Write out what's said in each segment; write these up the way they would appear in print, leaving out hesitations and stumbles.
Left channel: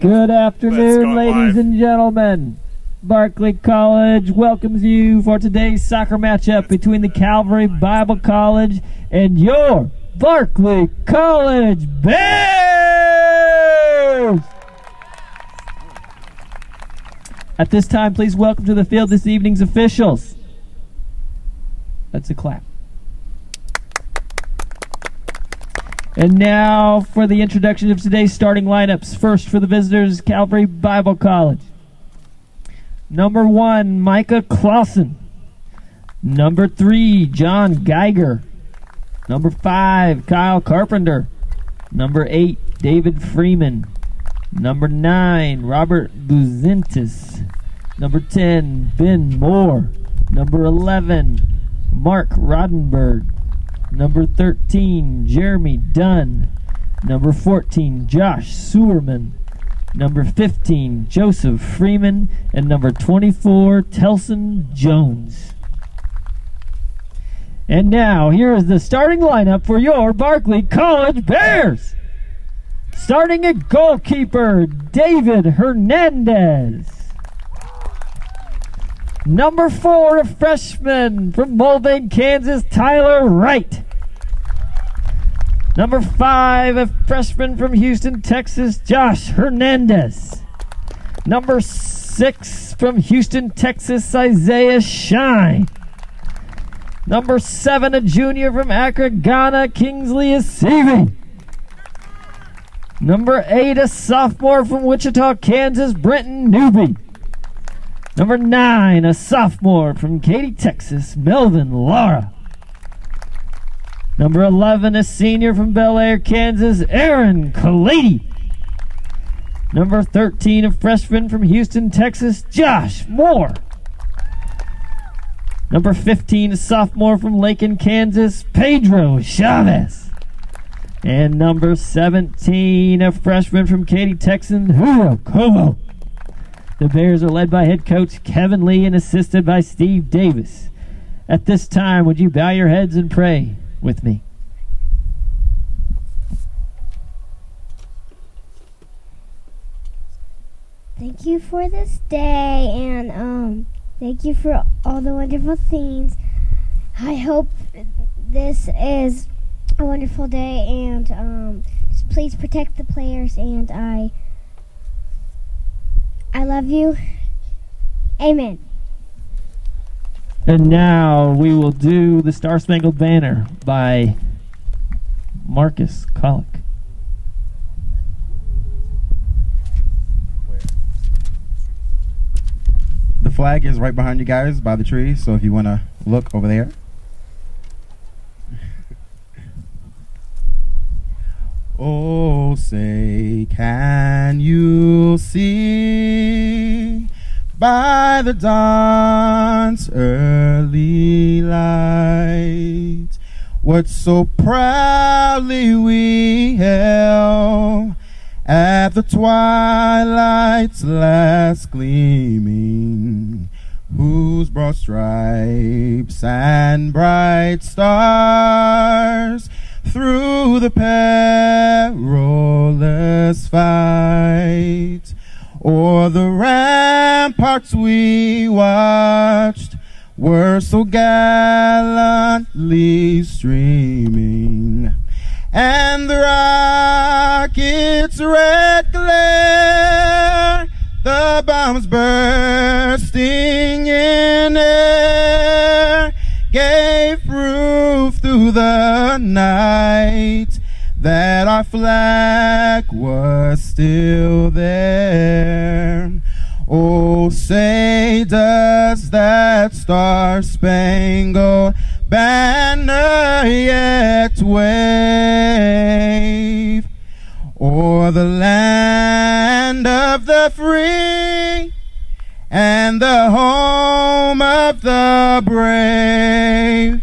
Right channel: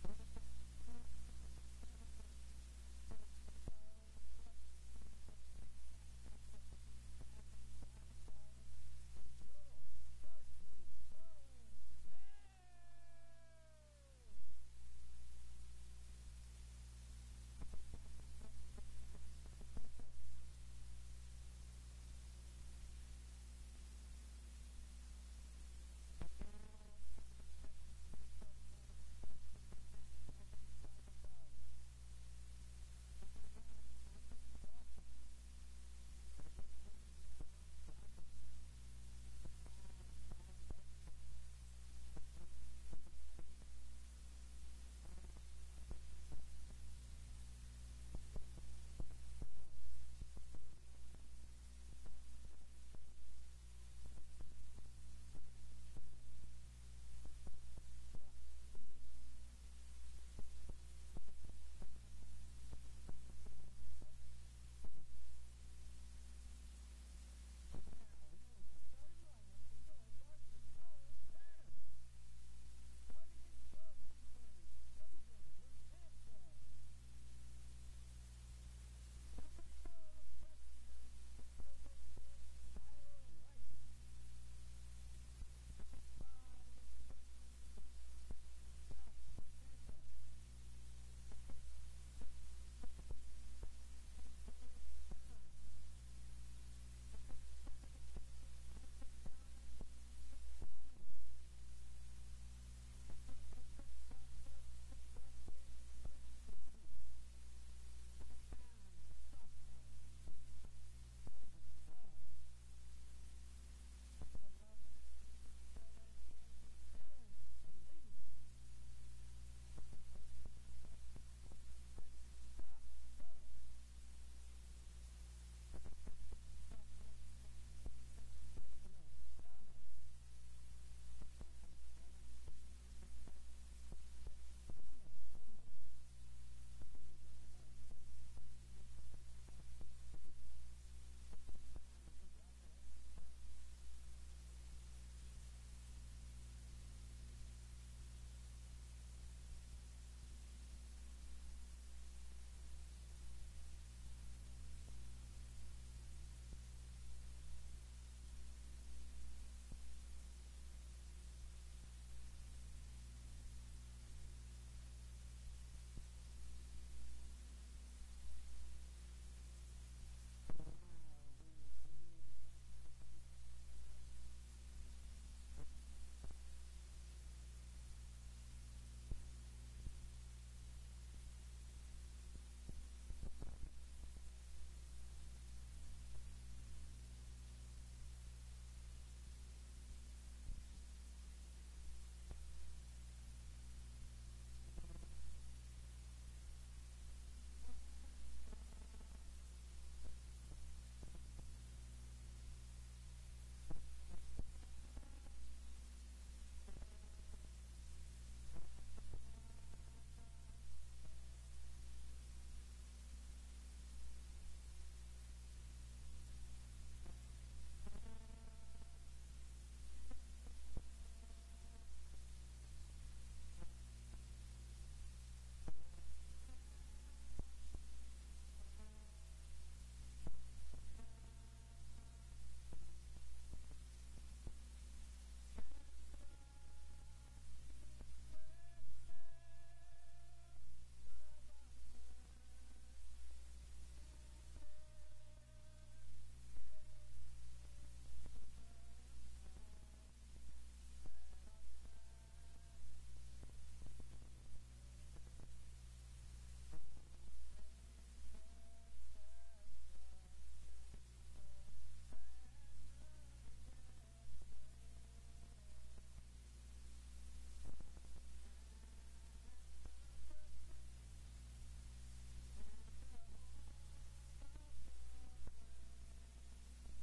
Good afternoon, ladies and gentlemen. Barclay College welcomes you for today's soccer matchup between the Calvary Bible College and your Barclay College Bears. At this time, please welcome to the field this evening's officials. That's a clap. And now for the introduction of today's starting lineups. First for the visitors, Calvary Bible College. Number 1, Micah Clausen. Number 3, John Geiger. Number 5, Kyle Carpenter. Number 8, David Freeman. Number 9, Robert Buzintis. Number 10, Ben Moore. Number 11, Mark Rodenberg. Number 13, Jeremy Dunn. Number 14, Josh Sewerman. Number 15, Joseph Freeman. And number 24, Telson Jones. And now, here is the starting lineup for your Barclay College Bears. Starting at goalkeeper, David Hernandez. Number 4, a freshman from Mulvane, Kansas, Tyler Wright. Number 5, a freshman from Houston, Texas, Josh Hernandez. Number 6, from Houston, Texas, Isaiah Shine. Number 7, a junior from Accra, Ghana, Kingsley Asivi. Number 8, a sophomore from Wichita, Kansas, Brenton Newby. Number 9, a sophomore from Katy, Texas, Melvin Lara. Number 11, a senior from Bel Air, Kansas, Aaron Kalady. Number 13, a freshman from Houston, Texas, Josh Moore. Number 15, a sophomore from Lakin, Kansas, Pedro Chavez. And number 17, a freshman from Katy, Texas, Julio Como. The Bears are led by head coach Kevin Lee and assisted by Steve Davis. At this time, would you bow your heads and pray with me? Thank you for this day, and thank you for all the wonderful things. I hope this is a wonderful day, and just please protect the players, and I love you. Amen. And now we will do the Star Spangled Banner by Marcus Colick. The flag is right behind you guys by the tree, so if you want to look over there. Oh, say, can you see by the dawn's early light what so proudly we held at the twilight's last gleaming, whose broad stripes and bright stars through the perilous fight o'er the ramparts we watched were so gallantly streaming, and the rocket's red glare, the bombs bursting in air, gave proof through the night that our flag was still there. Oh, say, does that star-spangled banner yet wave o'er the land of the free and the home of the brave?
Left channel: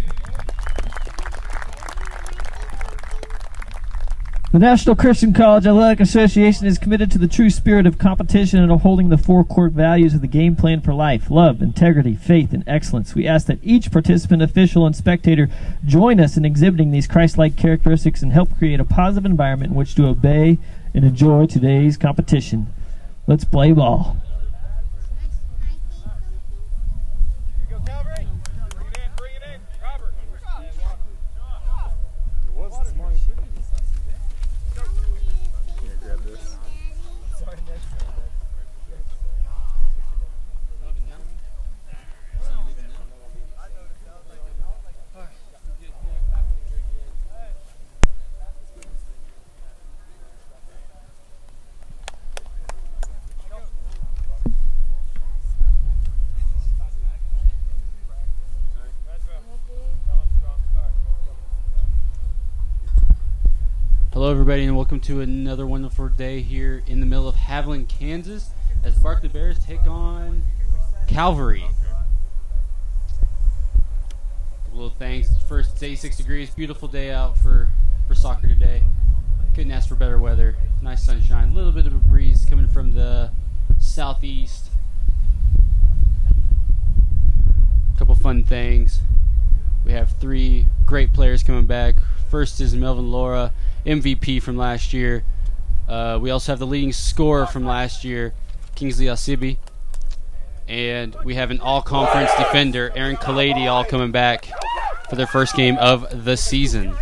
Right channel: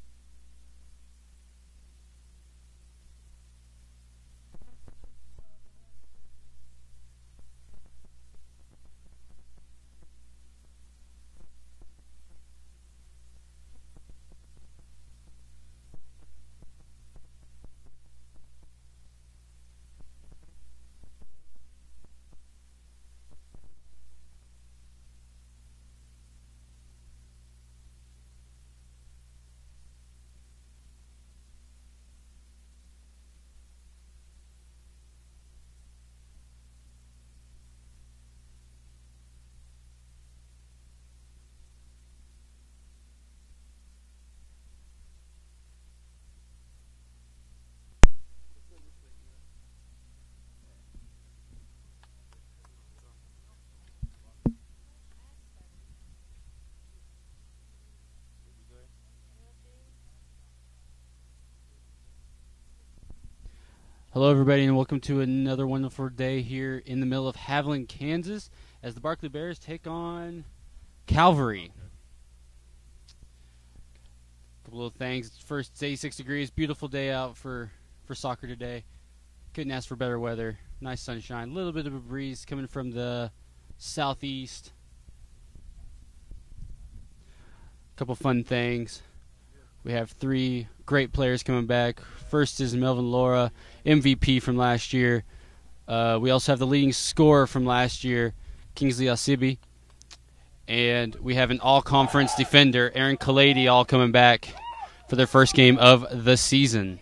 The National Christian College Athletic Association is committed to the true spirit of competition and upholding the four core values of the game plan for life: love, integrity, faith, and excellence. We ask that each participant, official, and spectator join us in exhibiting these Christ-like characteristics and help create a positive environment in which to obey and enjoy today's competition. Let's play ball. Go Calvary. Bring it in. Robert. Grab this. Hello everybody and welcome to another wonderful day here in the middle of Haviland, Kansas as the Barclay Bears take on Calvary. A couple little things. First, it's 86 degrees. Beautiful day out for soccer today. Couldn't ask for better weather. Nice sunshine. A little bit of a breeze coming from the southeast. A couple fun things. We have 3 great players coming back. First is Melvin Laura, MVP from last year. We also have the leading scorer from last year, Kingsley Asibi. And we have an all-conference defender, Aaron Kalady, all coming back for their first game of the season.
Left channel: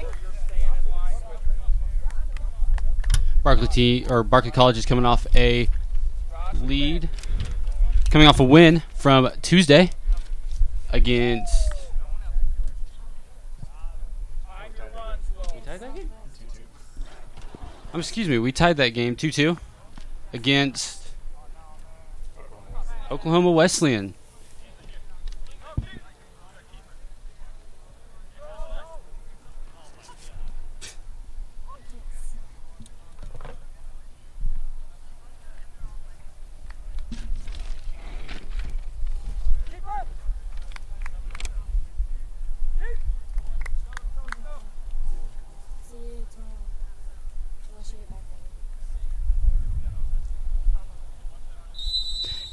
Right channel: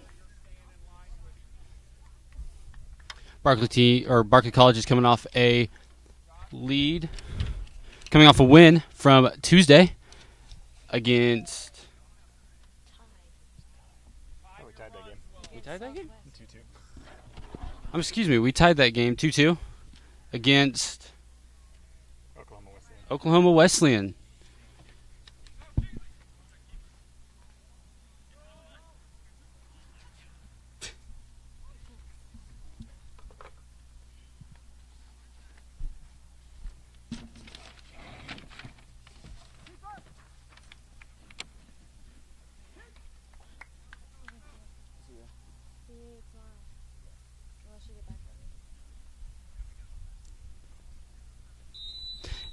Barclay College is coming off a win from Tuesday against... We tied that game 2-2 against Oklahoma Wesleyan.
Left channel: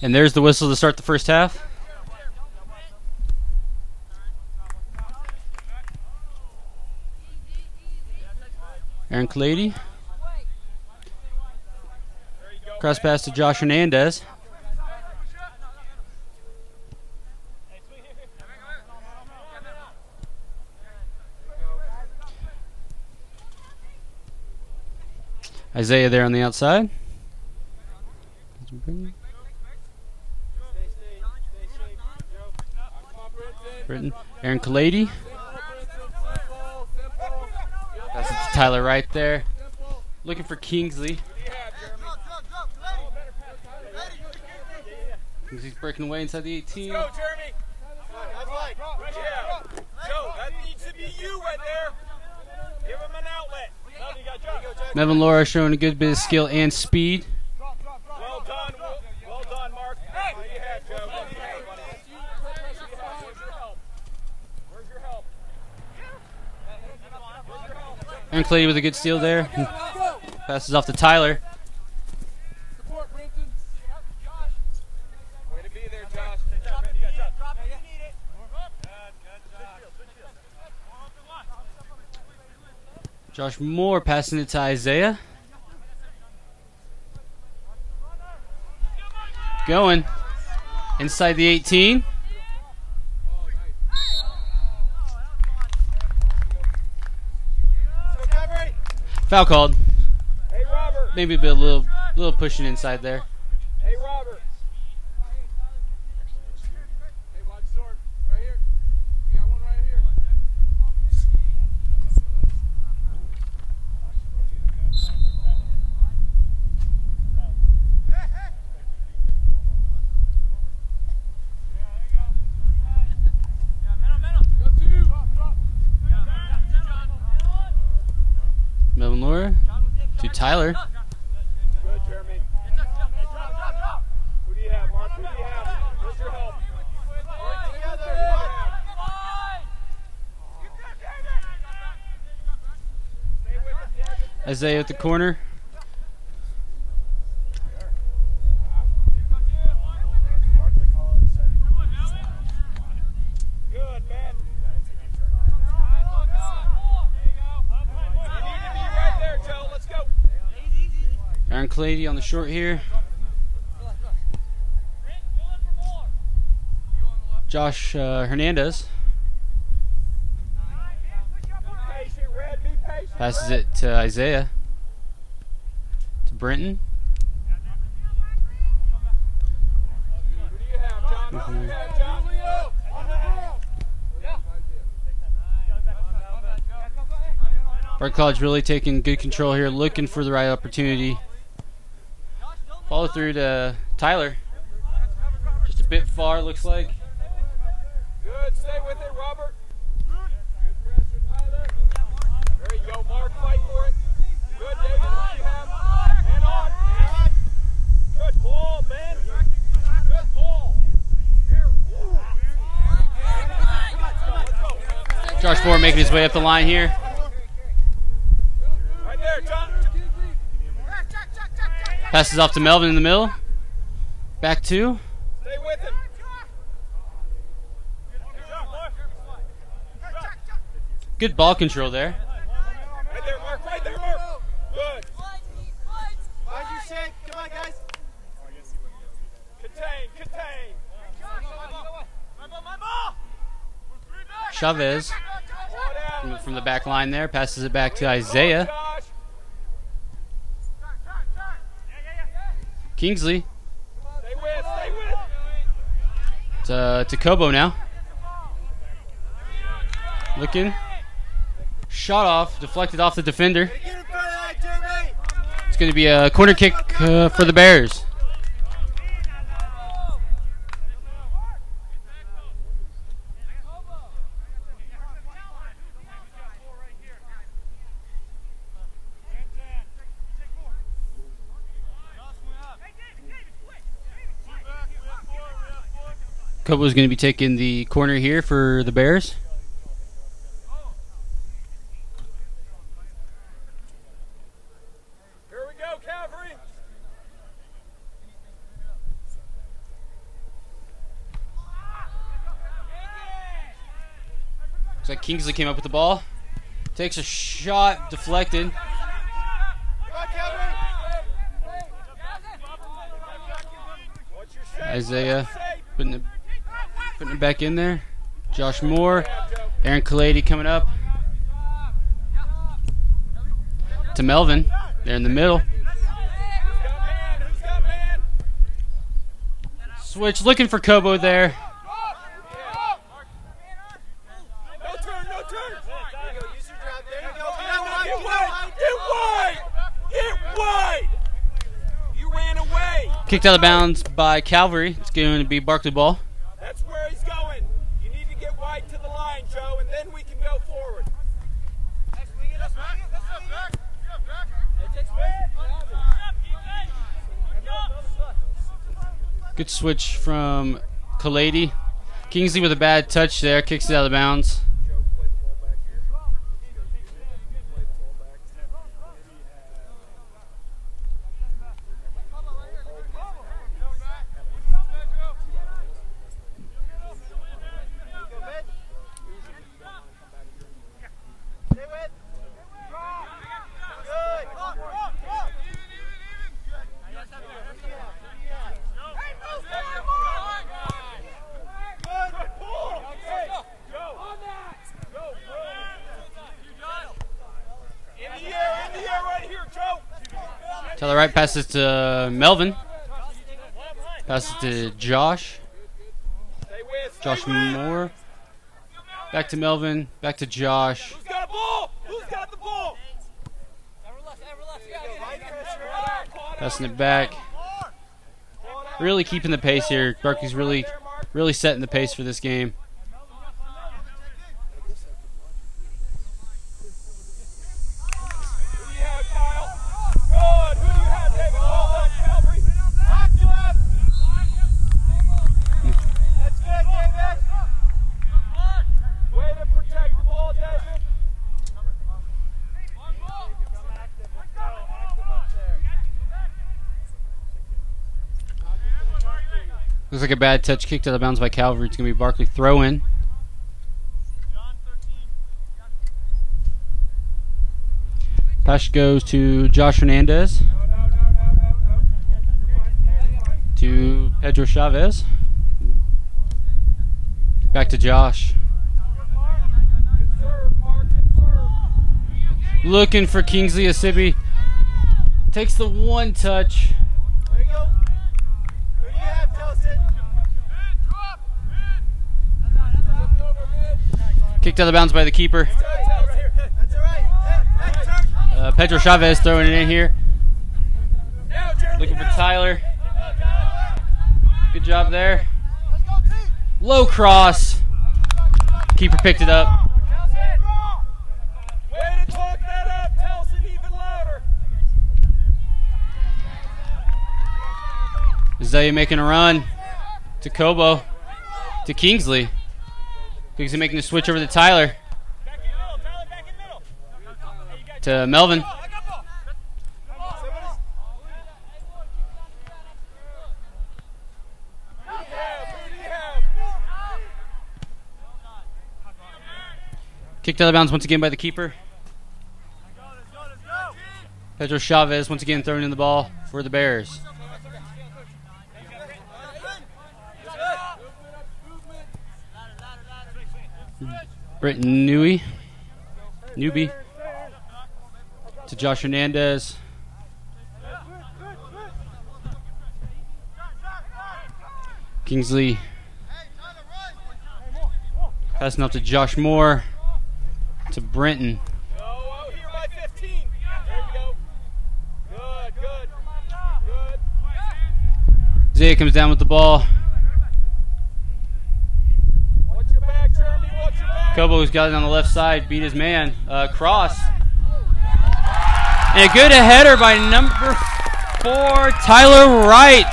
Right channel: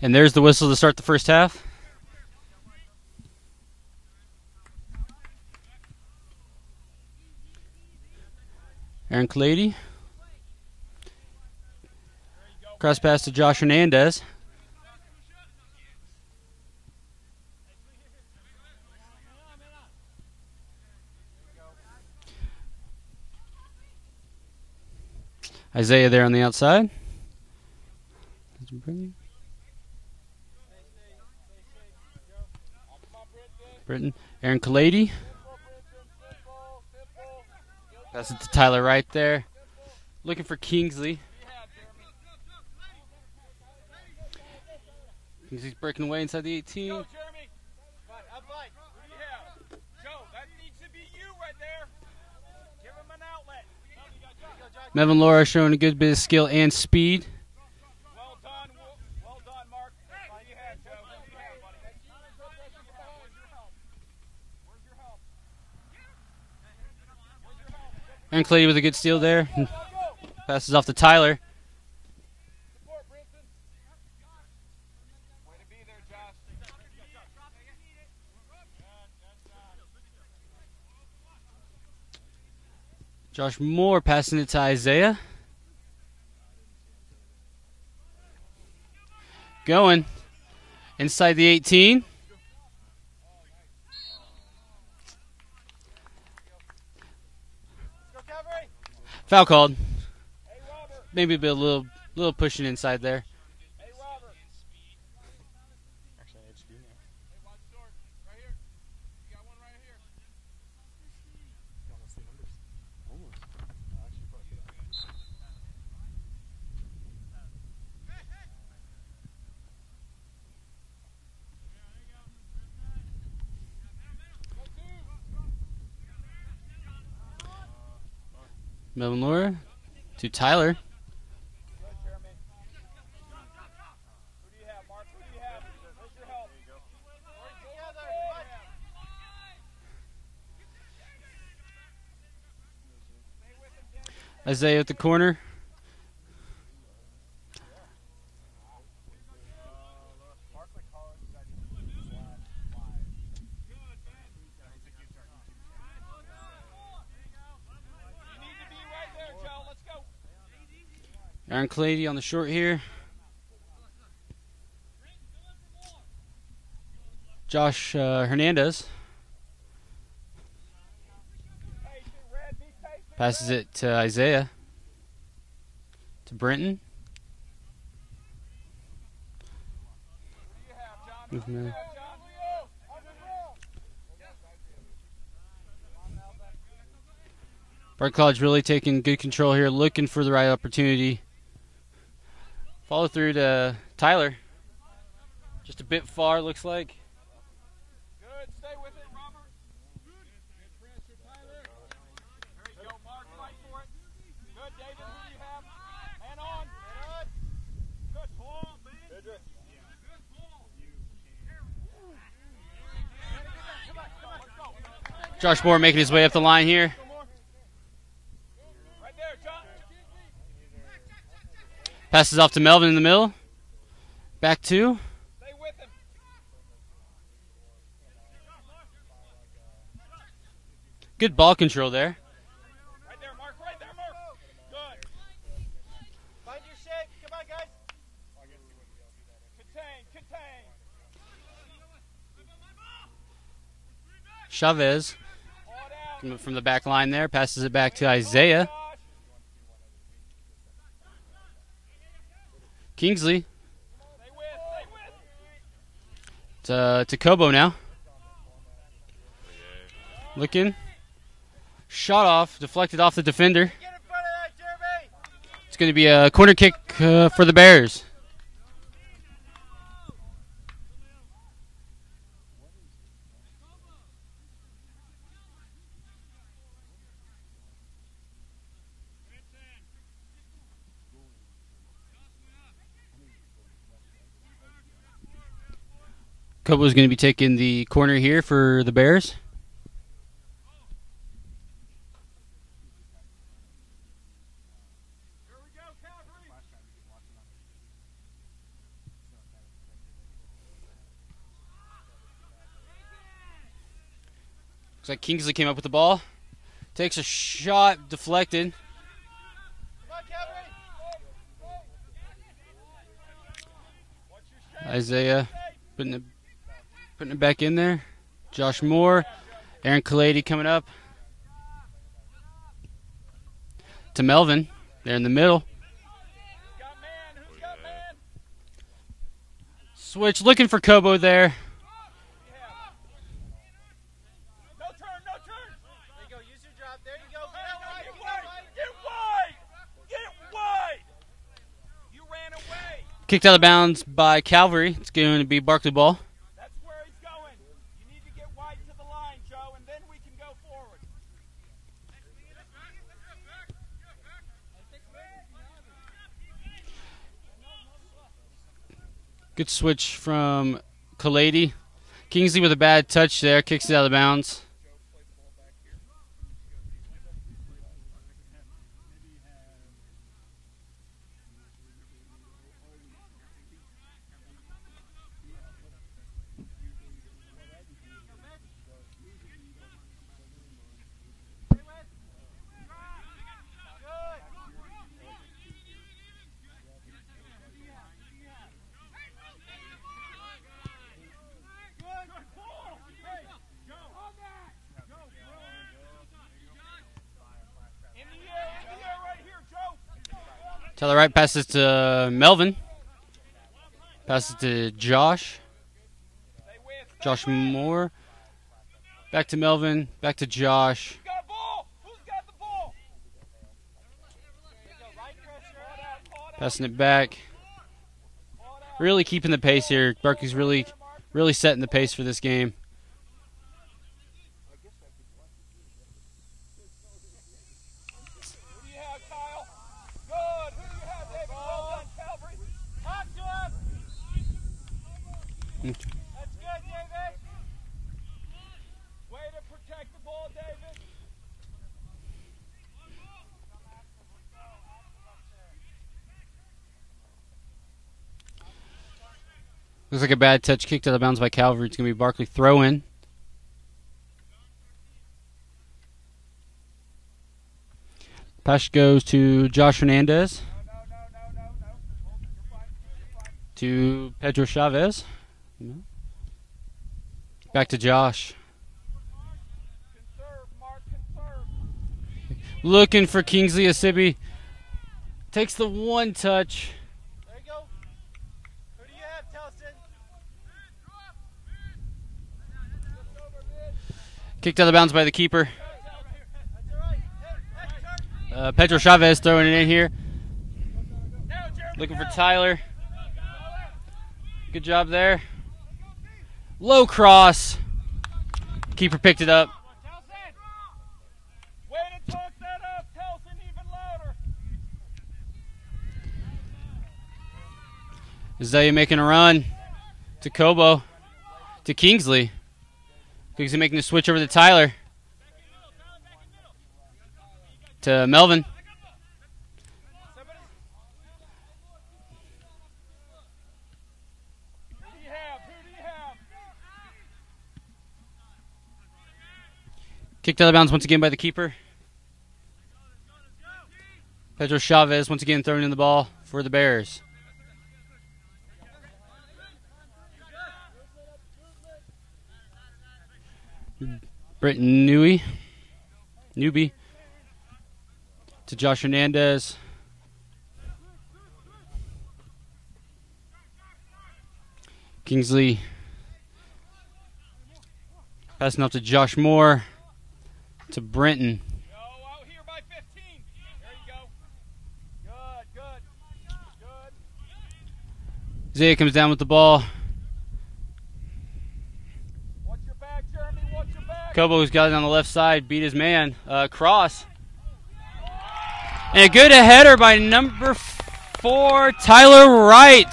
And there's the whistle to start the first half. Aaron Kalady. Cross pass to Josh Hernandez. Isaiah there on the outside. Aaron Kalady. Pass it to Tyler right there. Looking for Kingsley. Kingsley's breaking away inside the 18. Melvin Laura showing a good bit of skill and speed. Aaron Kalady with a good steal there. Passes off to Tyler. Josh Moore passing it to Isaiah. Going inside the 18. Foul called. Hey, Robert. Maybe a little pushing inside there. Hey, Robert. Hey, watch short. Right here. You got one right here. Melvin Laura to Tyler. Good, Jeremy. Who do you have, Mark? Who do you have? Where's your help? Isaiah at the corner. Good, man. Let's go. Aaron Kalady on the short here. Josh Hernandez. Passes it to Isaiah. To Brenton. Barclay's really taking good control here, looking for the right opportunity. Follow through to Tyler. Just a bit far, looks like. Good, stay with it, Robert. There you go, Mark, fight for it. Good, David, you have. And on. Good ball, man. Good ball. Josh Moore making his way up the line here. Right there, John. Passes off to Melvin in the middle. Back two. Stay with him. Good ball control there. Right there, Mark, right there, Mark. Good. Find your shape. Come on, guys. Contain. Chavez from the back line there. Passes it back to Isaiah. Kingsley. Stay with. To Kobo now. Looking. Shot off. Deflected off the defender. It's going to be a corner kick for the Bears. Kobo's going to be taking the corner here for the Bears. Here we go, Calvary. Looks like Kingsley came up with the ball. Takes a shot, deflected. Isaiah putting it back in there. Josh Moore. Aaron Kalady coming up. To Melvin. There in the middle. Switch looking for Kobo there. Kicked out of bounds by Calvary. It's going to be Barclay ball. That's where he's going. You need to get wide to the line, Joe, and then we can go forward. Good switch from Kalady. Kingsley with a bad touch there. Kicks it out of bounds. To the right, passes to Melvin. Passes to Josh. Josh Moore. Back to Melvin. Back to Josh. Who's got a ball? Who's got the ball? Passing it back. Really keeping the pace here. Barkley's really setting the pace for this game. Looks like a bad touch kicked out of bounds by Calvary. It's going to be Barclay throw in. Pass goes to Josh Hernandez. To Pedro Chavez. Back to Josh. Looking for Kingsley Asibi. Takes the one touch. Kicked out of bounds by the keeper. Pedro Chavez throwing it in here. Looking for Tyler. Good job there. Low cross. Keeper picked it up. Azalea making a run to Kobo, to Kingsley. Kingsley making the switch over to Tyler. To Melvin. Kicked out of bounds once again by the keeper. Pedro Chavez once again throwing in the ball for the Bears. Britton Newby to Josh Hernandez. Kingsley passing off to Josh Moore to Brenton. Zaya comes down with the ball. Kobo's got it on the left side, beat his man. Cross. And a good header by number 4, Tyler Wright.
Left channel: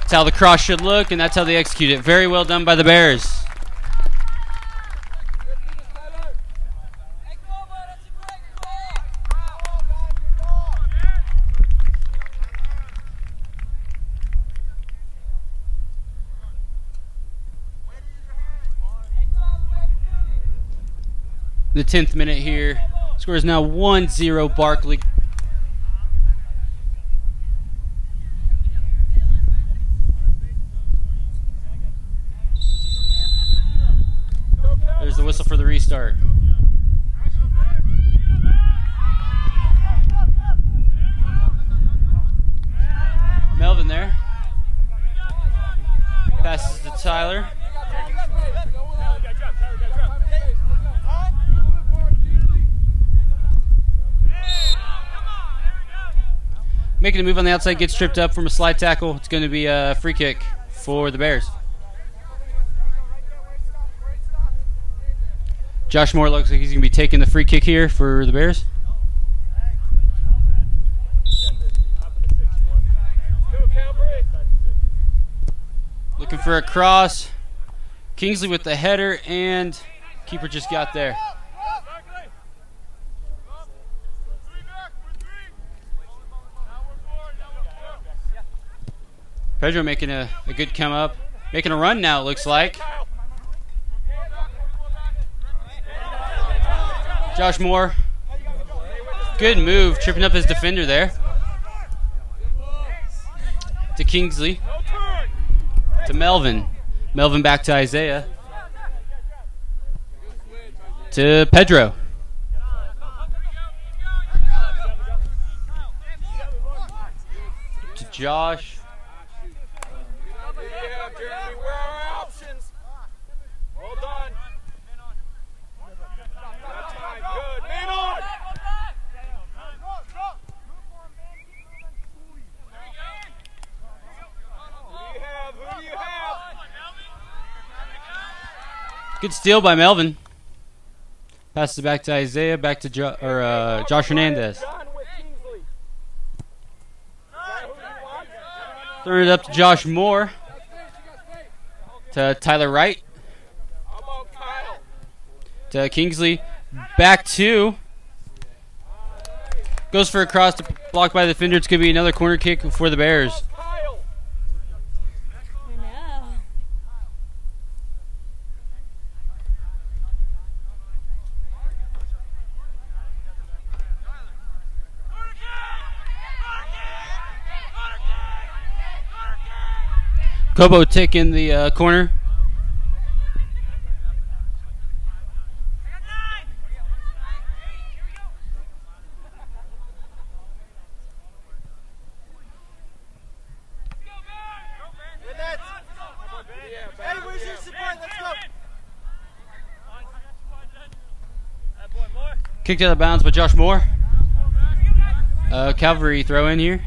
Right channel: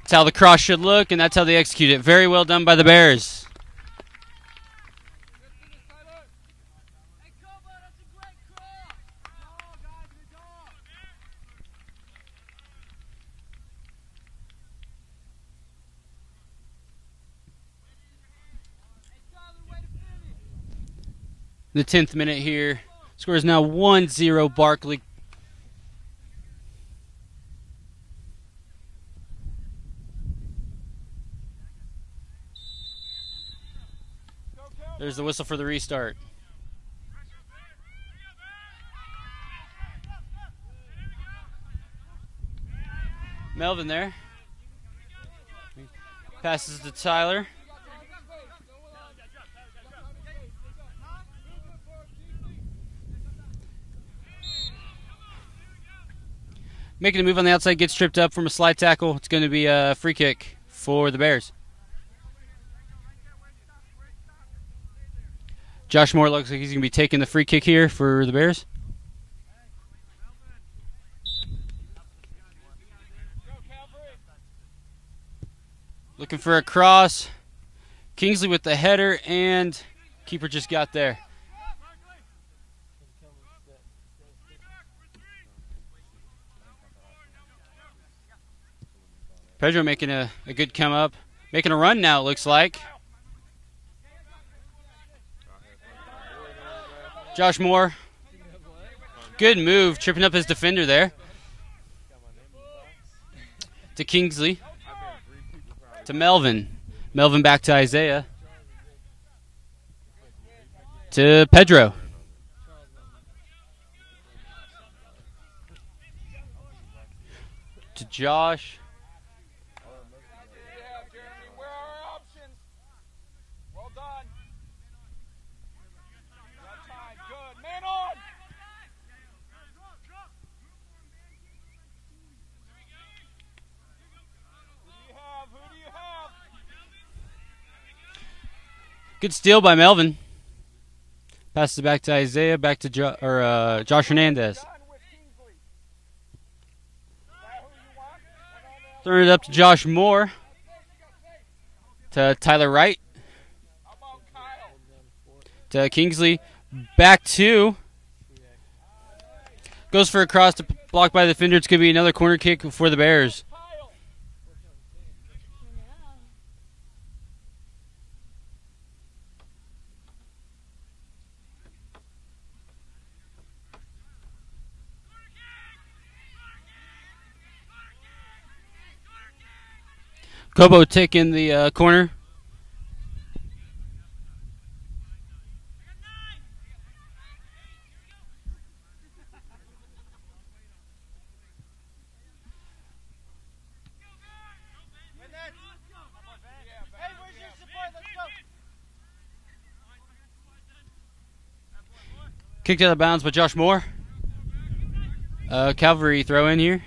That's how the cross should look, and that's how they execute it. Very well done by the Bears. The 10th minute here. Score is now 1-0 Barclay. There's the whistle for the restart. Melvin there. Passes to Tyler. Making a move on the outside, gets tripped up from a slide tackle. It's going to be a free kick for the Bears. Josh Moore looks like he's going to be taking the free kick here for the Bears. Looking for a cross. Kingsley with the header, and keeper just got there. Pedro making a good come up. Making a run now, it looks like. Josh Moore. Good move, tripping up his defender there. To Kingsley. To Melvin. Melvin back to Isaiah. To Pedro. To Josh. Good steal by Melvin. Passes it back to Isaiah, back to Josh Hernandez. Throwing it up to Josh Moore. To Tyler Wright. To Kingsley. Back to. Goes for a cross to block by the defender. It's going to be another corner kick for the Bears. Kobo taking the corner. Kicked out of bounds by Josh Moore. Calvary throw in here.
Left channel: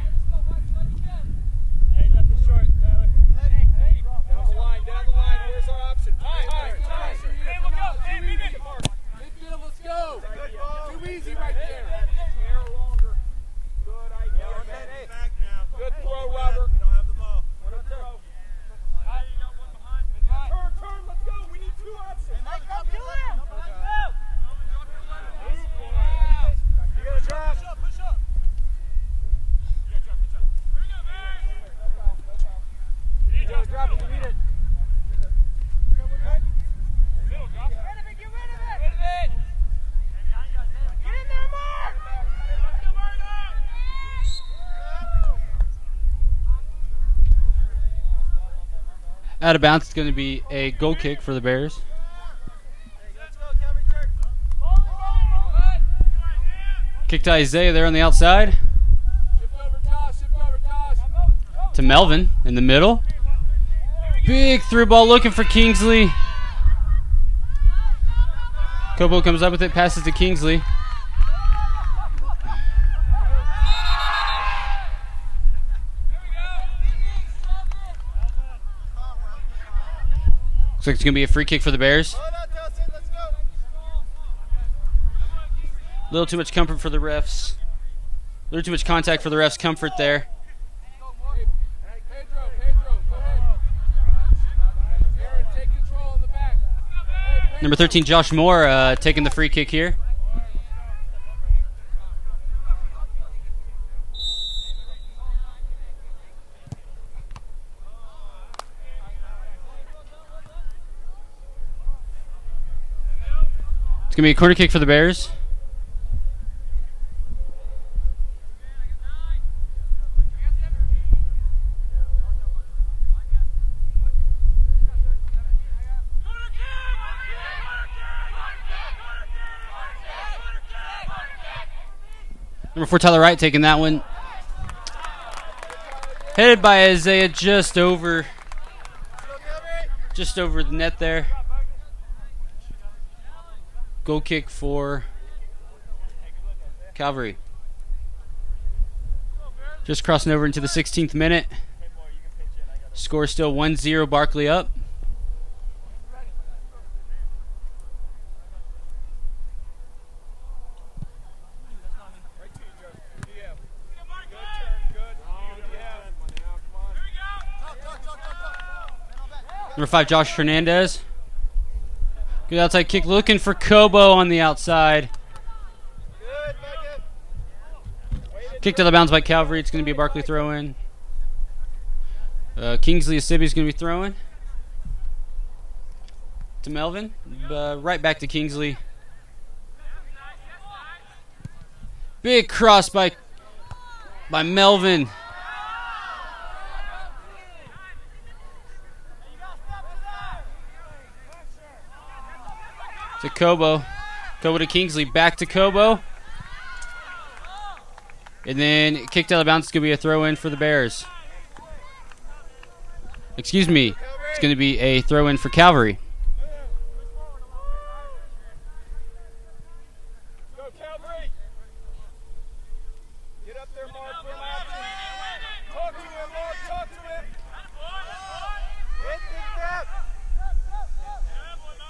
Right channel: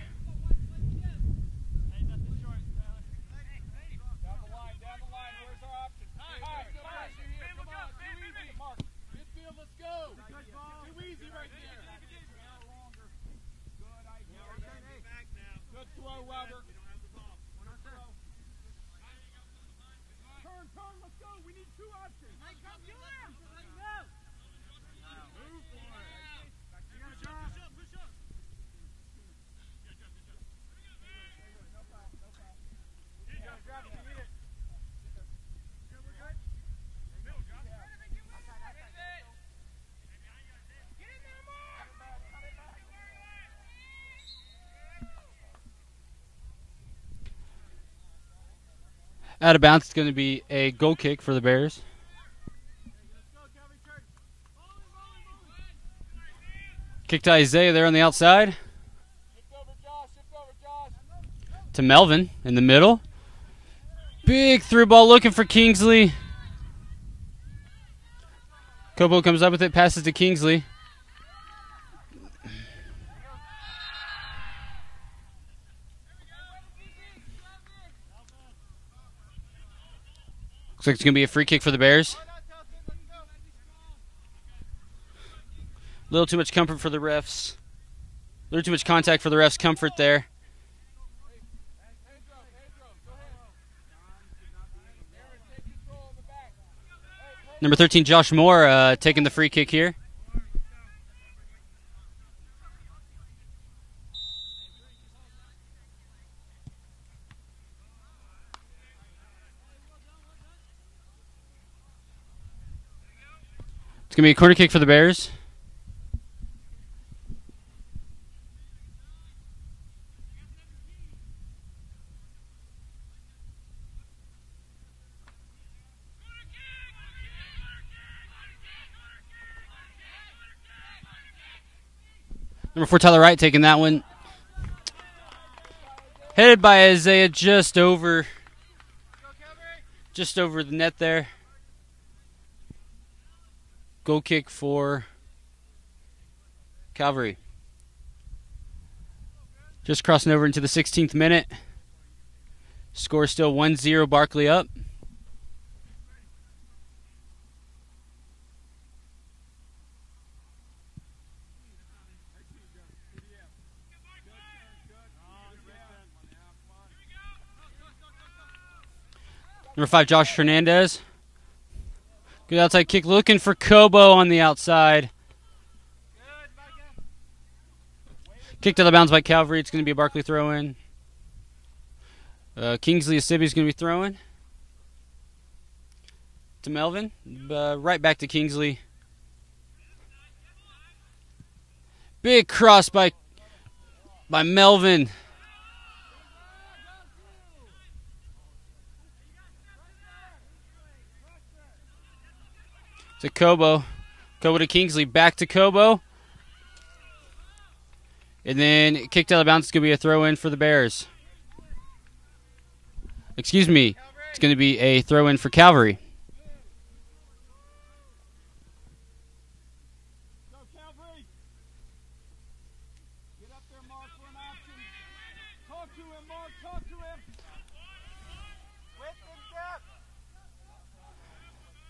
Out of bounds, it's going to be a goal kick for the Bears. Kick to Isaiah there on the outside. To Melvin in the middle. Big through ball looking for Kingsley. Kobo comes up with it, passes to Kingsley. Looks like it's going to be a free kick for the Bears. A little too much comfort for the refs. A little too much contact for the refs' comfort there. Number 13, Josh Moore, taking the free kick here. It's going to be a corner kick for the Bears. Number 4, Tyler Wright taking that one. Headed by Isaiah just over the net there. Goal kick for Calvary. Just crossing over into the 16th minute. Score still 1-0, Barclay up. Number 5, Josh Hernandez. Good outside kick, looking for Kobo on the outside. Kicked out of bounds by Calvary. It's going to be a Barclay throw-in. Kingsley Asibi is going to be throwing to Melvin. Right back to Kingsley. Big cross by Melvin. To Kobo. Kobo to Kingsley. Back to Kobo. And then kicked out of bounds. It's going to be a throw-in for the Bears. Excuse me. It's going to be a throw-in for Calvary.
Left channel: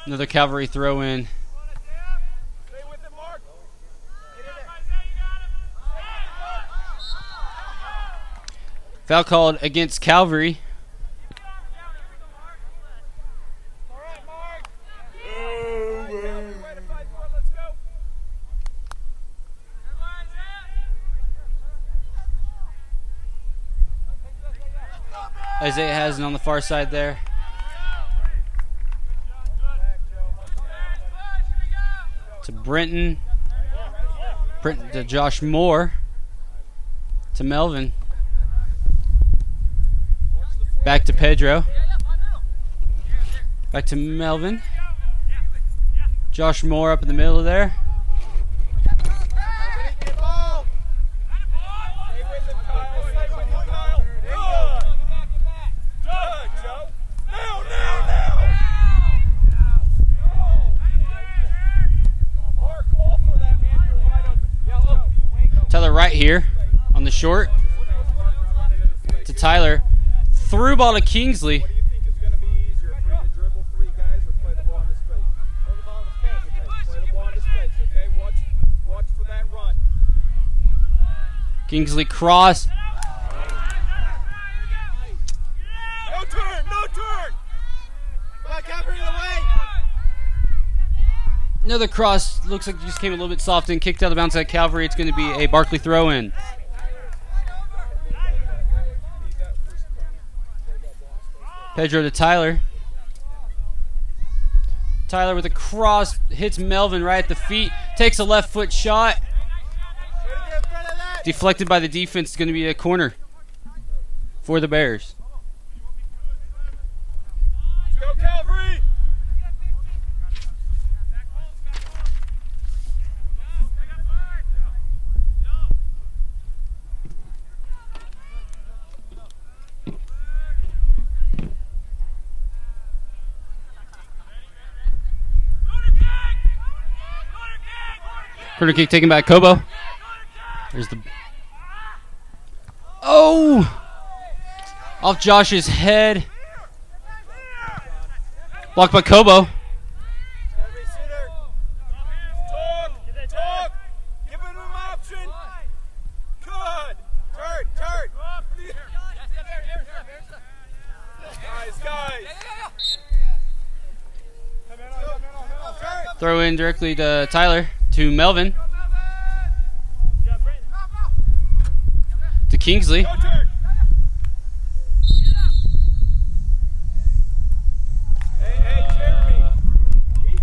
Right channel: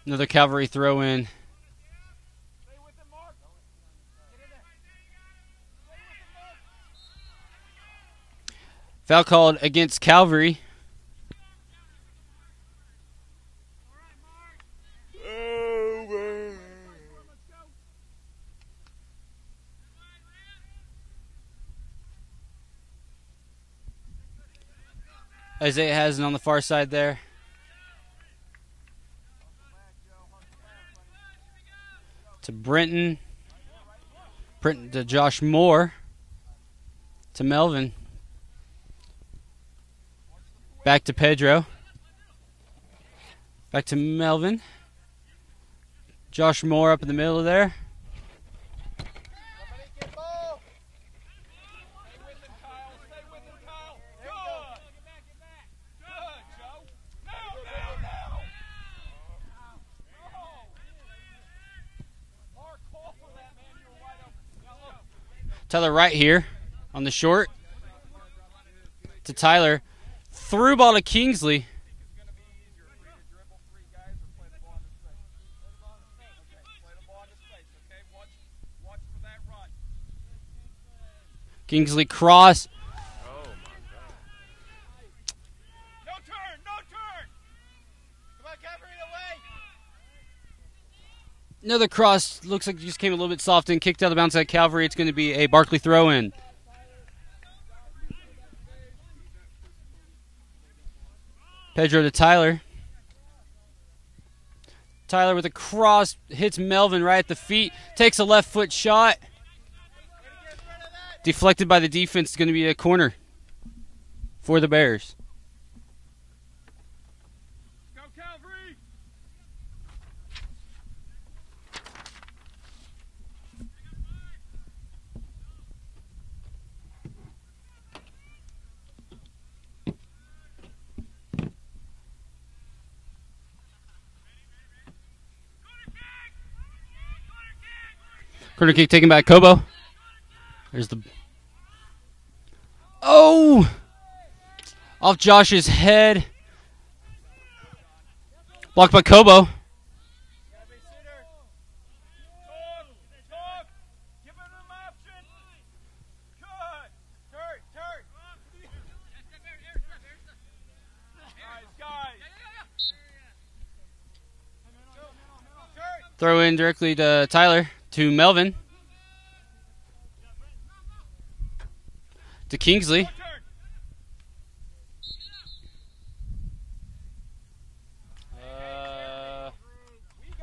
Another Calvary throw-in. Foul called against Calvary. Isaiah has it on the far side there. To Brenton to Josh Moore, to Melvin. Back to Pedro. Back to Melvin. Josh Moore up in the middle there. Tyler right here on the short to Tyler. Through ball to Kingsley. Kingsley cross. No turn, no turn. Come on, Calvary, away. Another cross. Looks like it just came a little bit soft and kicked out of bounds at Calvary. It's going to be a Barclay throw in. Pedro to Tyler. Tyler with a cross. Hits Melvin right at the feet. Takes a left foot shot. Deflected by the defense. It's going to be a corner for the Bears. Go, Calvary. Corner kick taken by Kobo. There's the... Oh! Off Josh's head. Blocked by Kobo. Talk. Give him an option. Good. Turn. Guys. Throw in directly to Tyler. To Melvin. To Kingsley.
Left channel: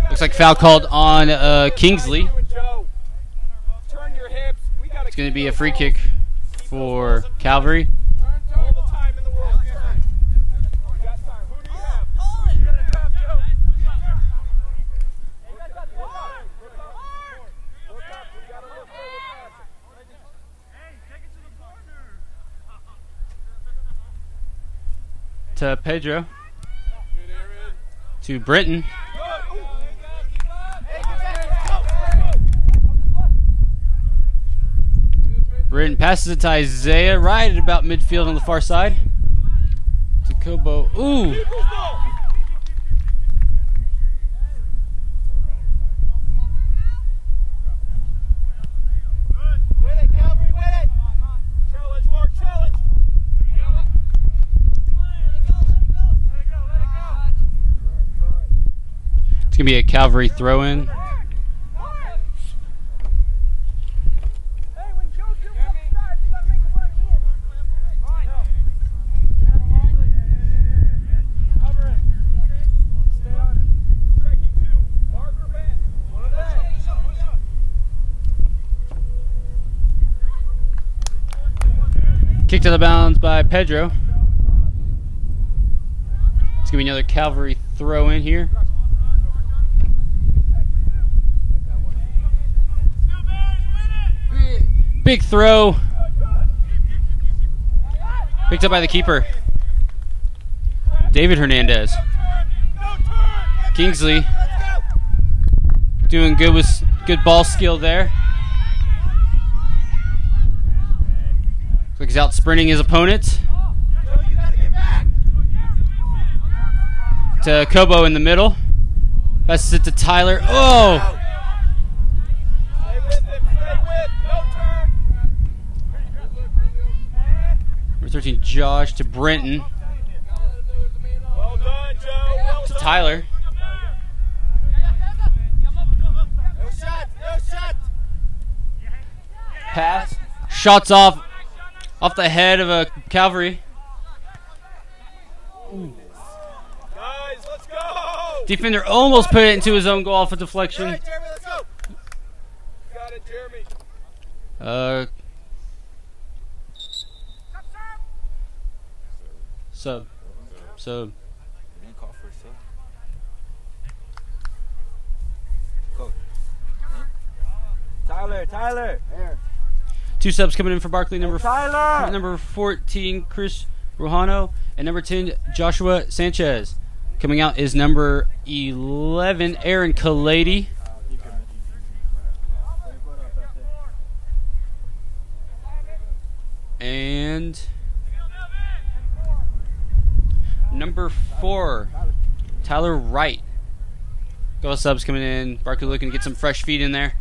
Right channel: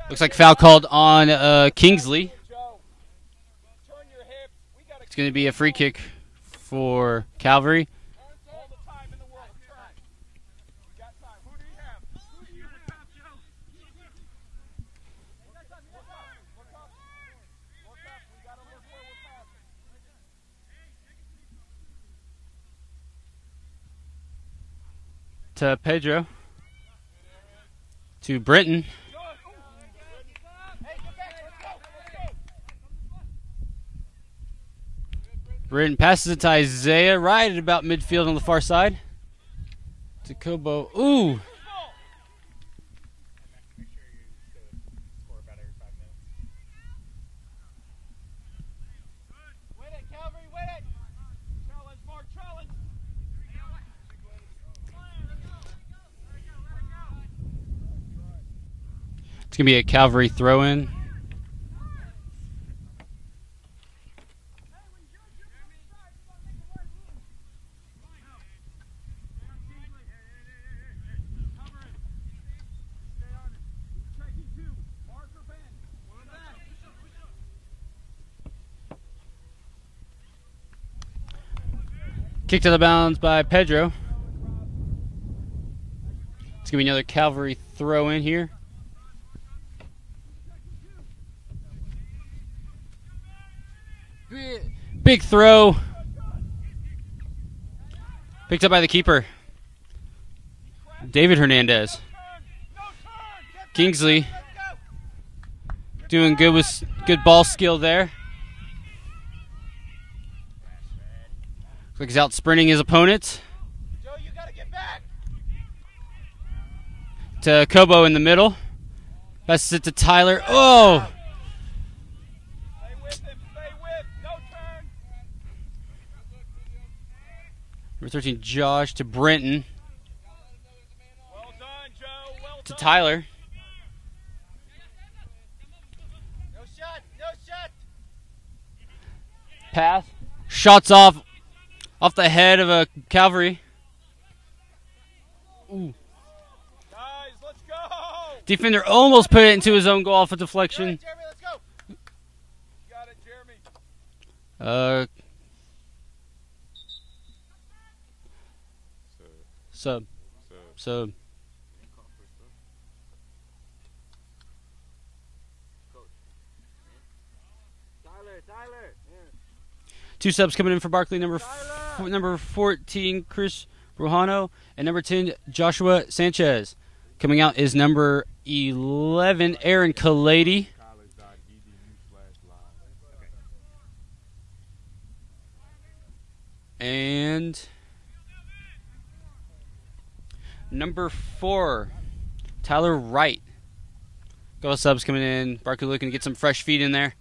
Looks like foul called on Kingsley. It's going to be a free kick for Calvary. To Pedro. To Britton. Britton passes it to Isaiah right at about midfield on the far side. To Kobo. Ooh! It's going to be a Calvary throw-in. Kicked out of bounds by Pedro. It's going to be another Calvary throw-in here. Big throw. Picked up by the keeper. David Hernandez. Kingsley doing good with good ball skill there. Looks like he's out sprinting his opponent. To Kobo in the middle. Passes it to Tyler. Oh! Number 13, Josh to Brenton. To Tyler. Pass. Shots off the head of a Calvary. Ooh. Let's go. Defender almost put it into his own goal off a deflection. Got it, Jeremy. Sub. So Tyler. 2 subs coming in for Barclay. Number 14, Chris Rojano, and number 10, Joshua Sanchez. Coming out is number 11, Aaron Kalady. And number 4, Tyler Wright. Couple subs coming in. Barclay looking to get some fresh feet in there.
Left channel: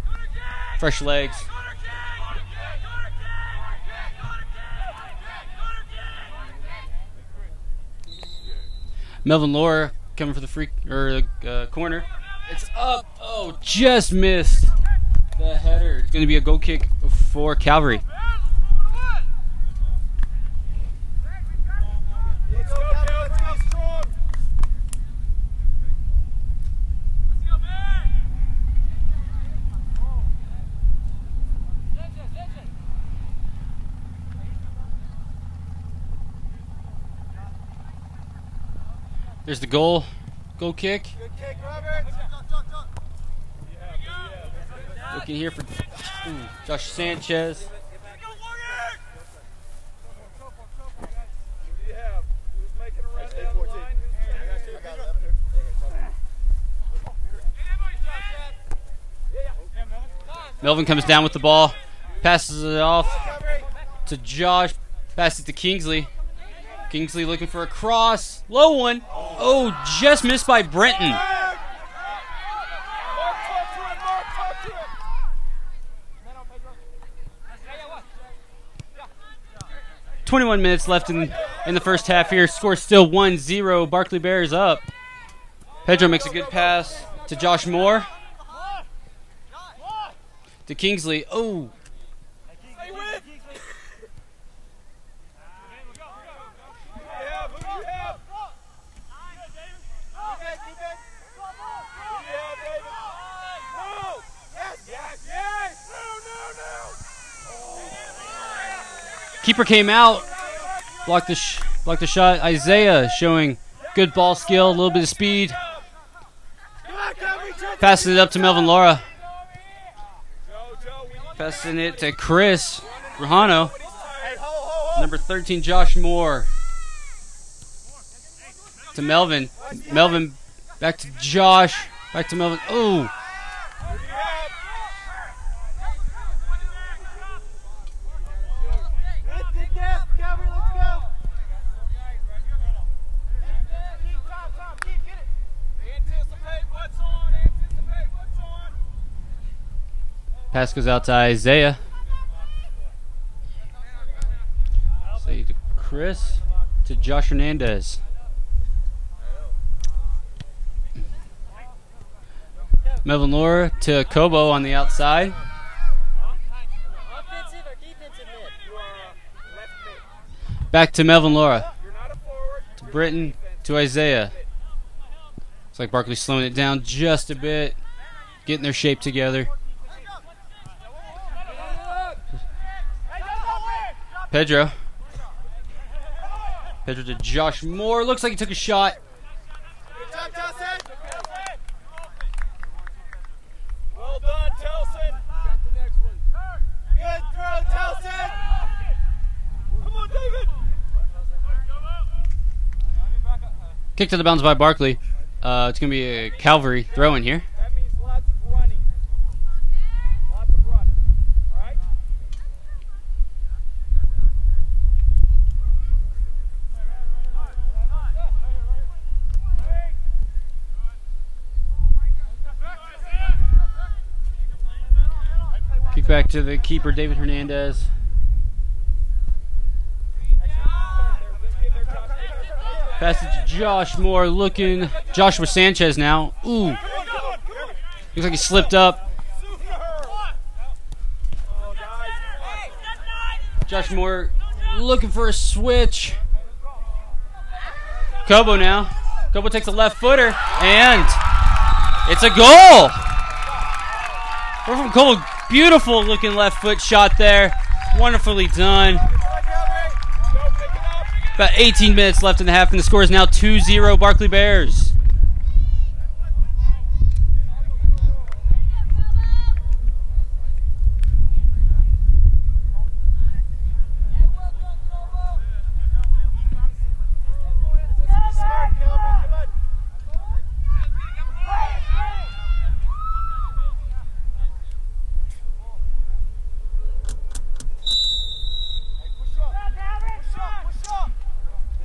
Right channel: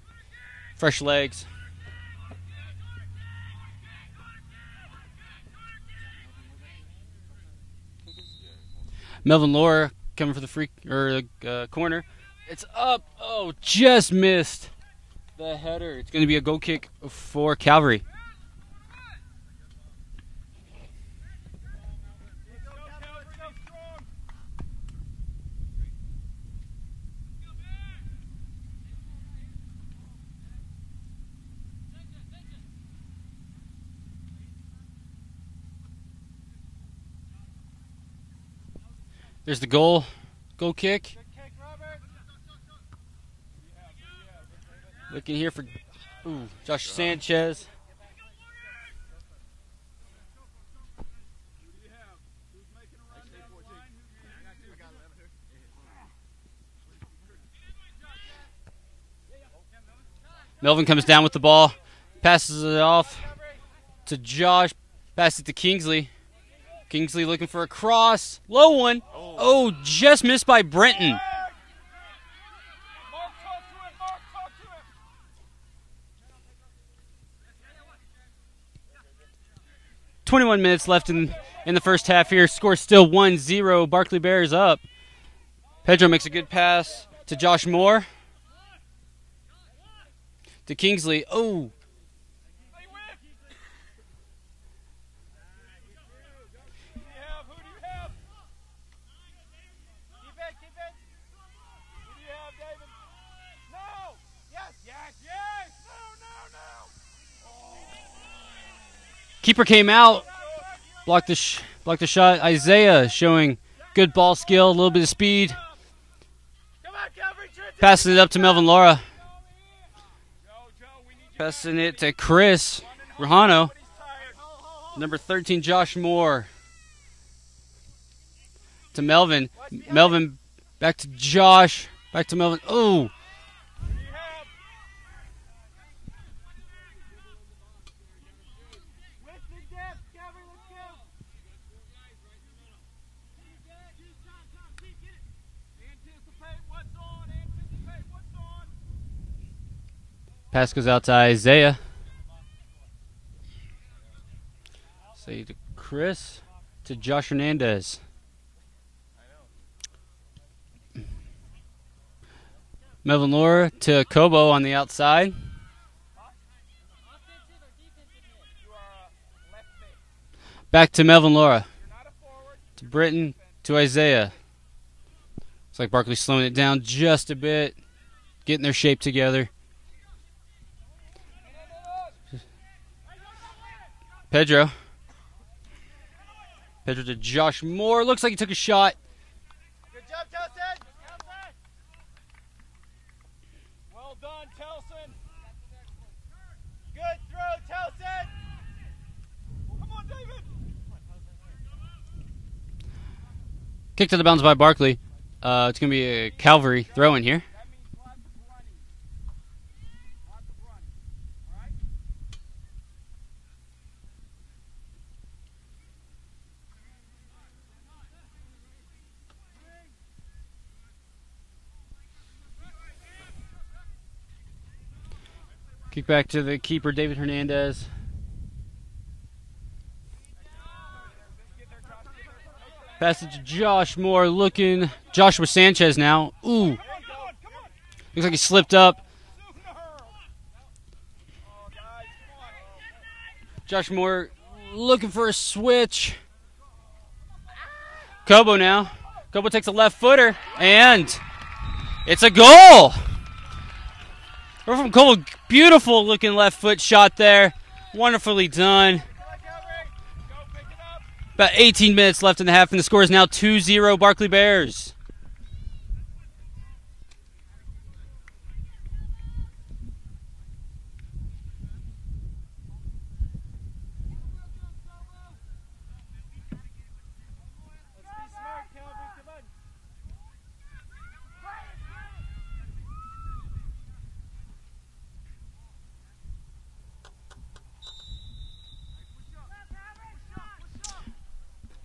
Fresh legs. Melvin Laura coming for the corner. It's up. Oh, just missed the header. It's going to be a goal kick for Calvary. There's the goal kick. Looking here for Josh Sanchez. Melvin comes down with the ball, passes it off to Josh, passes it to Kingsley. Kingsley looking for a cross. Low one. Oh, just missed by Brenton. "21 minutes left in the first half here. Score still 1-0. Barclay Bears up. Pedro makes a good pass to Josh Moore. To Kingsley. Oh. Keeper came out, blocked the shot. Isaiah showing good ball skill, a little bit of speed. Passing it up to Melvin Laura. Passing it to Chris Rojano. Number 13, Josh Moore. To Melvin. Melvin back to Josh. Back to Melvin. Oh. Pass goes out to Isaiah. Say to Chris. To Josh Hernandez. Melvin Laura to Kobo on the outside. Back to Melvin Laura. To Britton. To Isaiah. Looks like Barclay's slowing it down just a bit. Getting their shape together. Pedro to Josh Moore. Looks like he took a shot. Well done, Telson. Good throw, Telson. Come on, David. Kicked to the bounds by Barclay. It's going to be a Calvary throw in here. That means lots of running. Lots of running. All right? Kick back to the keeper, David Hernandez. Pass it to Josh Moore, looking. Joshua Sanchez now. Ooh. Looks like he slipped up. Josh Moore looking for a switch. Kobo now. Kobo takes a left footer, and it's a goal. We're from Kobo. Beautiful looking left foot shot there. Wonderfully done. About 18 minutes left in the half, and the score is now 2-0 Barclay Bears.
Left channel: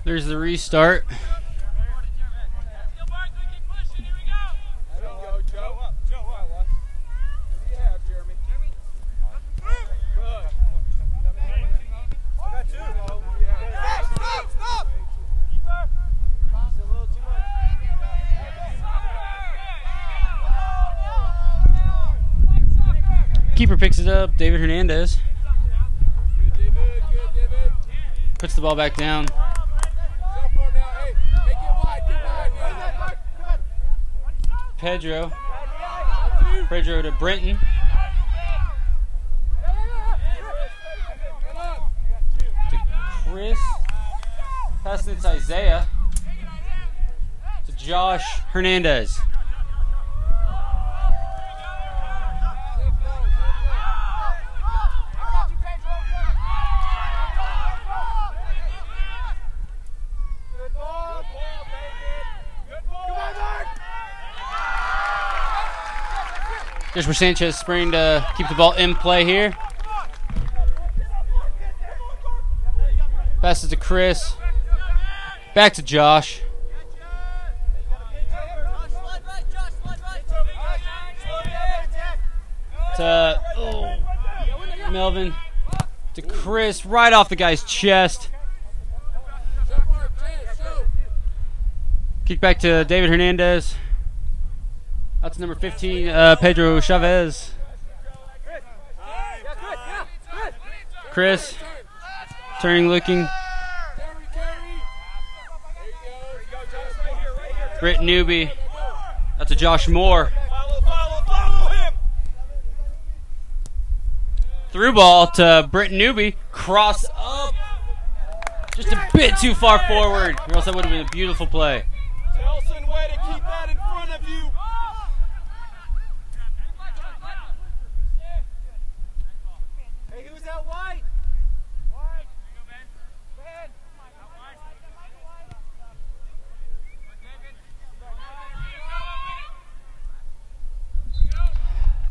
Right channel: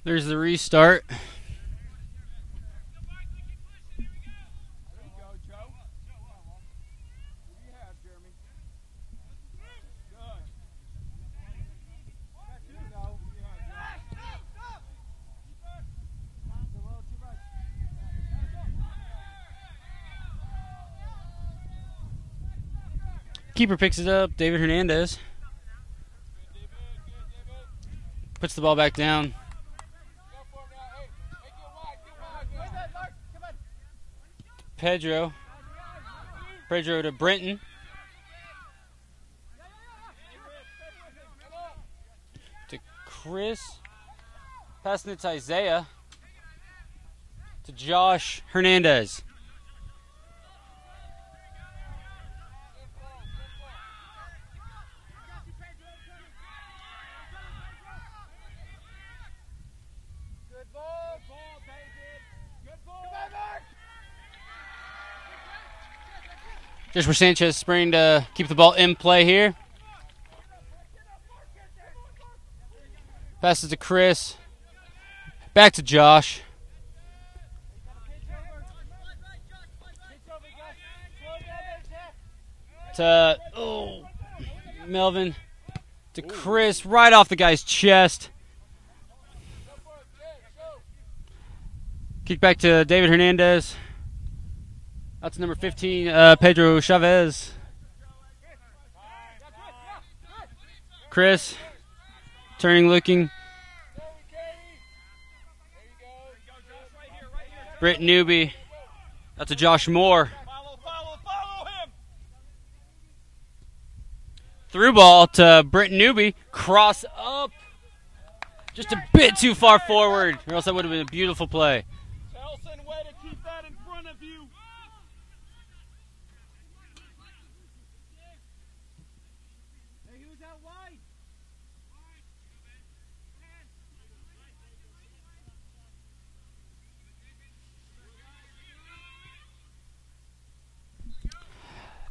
There's the restart. Keeper picks it up, David Hernandez. Puts the ball back down. Pedro to Brenton. To Chris. Passing it to Isaiah. To Josh Hernandez. Joshua Sanchez spraying to keep the ball in play here. Passes to Chris. Back to Josh. To Melvin. To Chris. Right off the guy's chest. Kick back to David Hernandez. Out to number 15, Pedro Chavez. Chris, turning, looking. Britt Newby. Out to Josh Moore. Through ball to Britt Newby. Cross up. Just a bit too far forward, or else that would have been a beautiful play.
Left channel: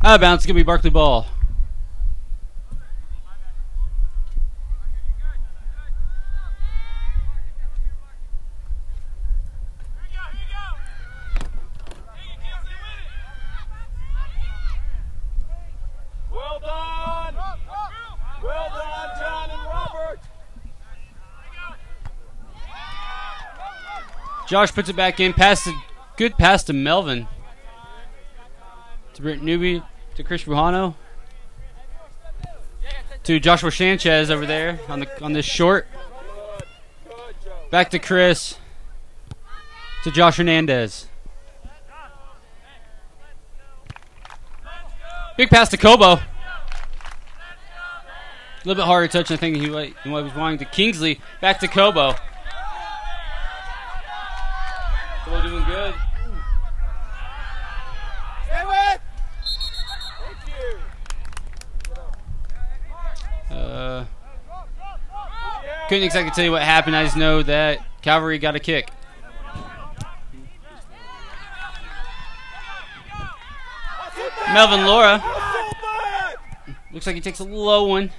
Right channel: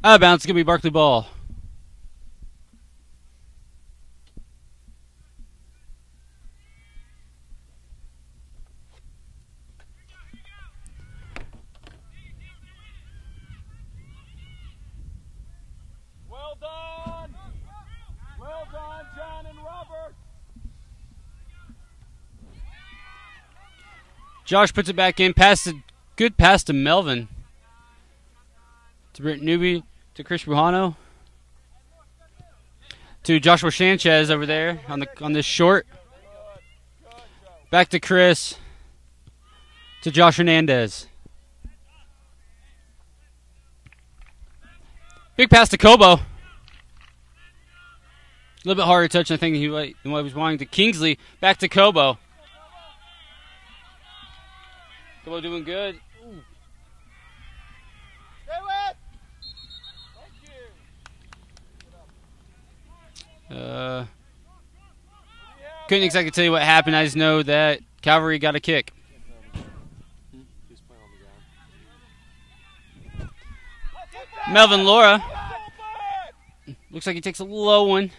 Out of bounds, it's going to be Barclay ball. Well done. Well done, John and Robert. Josh puts it back in. Good pass to Melvin. To Britt Newby. To Chris Buhano. To Joshua Sanchez over there on this short. Back to Chris. To Josh Hernandez. Big pass to Kobo. A little bit harder touch, I think, than what he was wanting. To Kingsley. Back to Kobo. Kobo doing good. Couldn't exactly tell you what happened. I just know that Calvary got a kick. Melvin Laura. Looks like he takes a low one.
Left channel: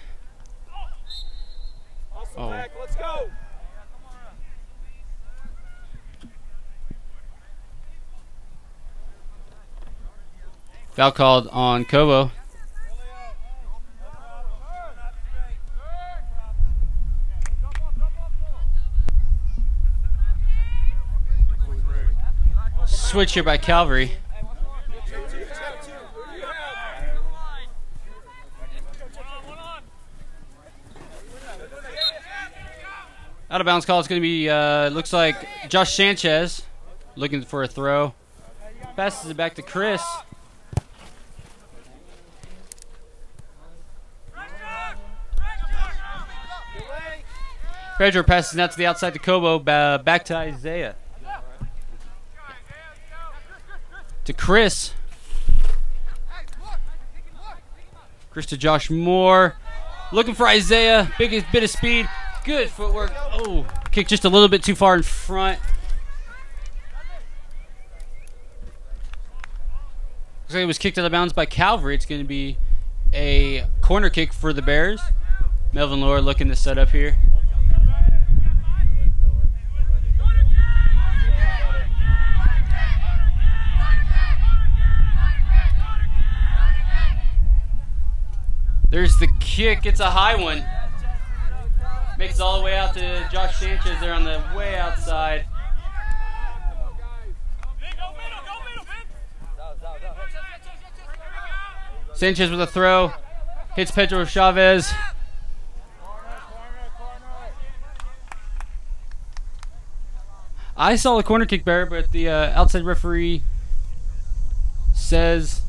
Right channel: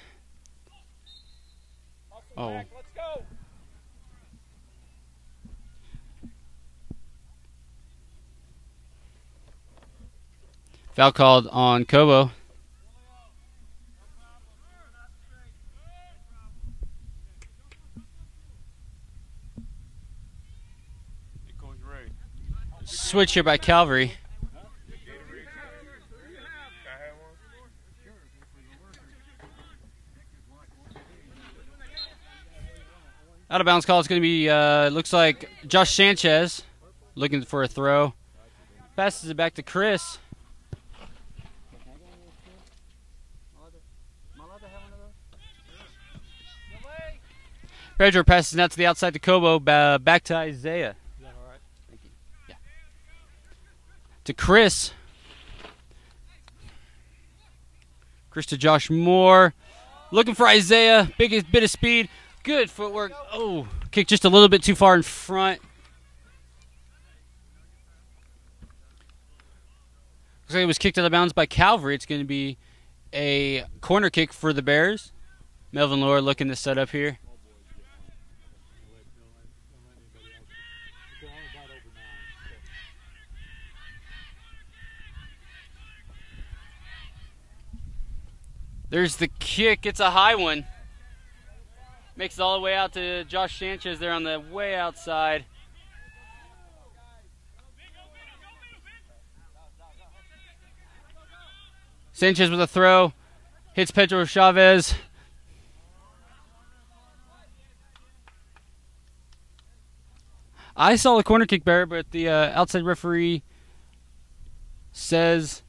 Oh. Foul called on Kobo. Switch here by Calvary. Out of bounds call. It's going to be, looks like Josh Sanchez looking for a throw. Passes it back to Chris. Pedro passes out to the outside to Kobo. Back to Isaiah. To Chris. Chris to Josh Moore. Looking for Isaiah. Biggest bit of speed. Good footwork. Oh, kick just a little bit too far in front. Looks like it was kicked out of bounds by Calvary. It's going to be a corner kick for the Bears. Melvin Laura looking to set up here. There's the kick. It's a high one. Makes it all the way out to Josh Sanchez there on the way outside. Sanchez with a throw. Hits Pedro Chavez. I saw the corner kick there, but the outside referee says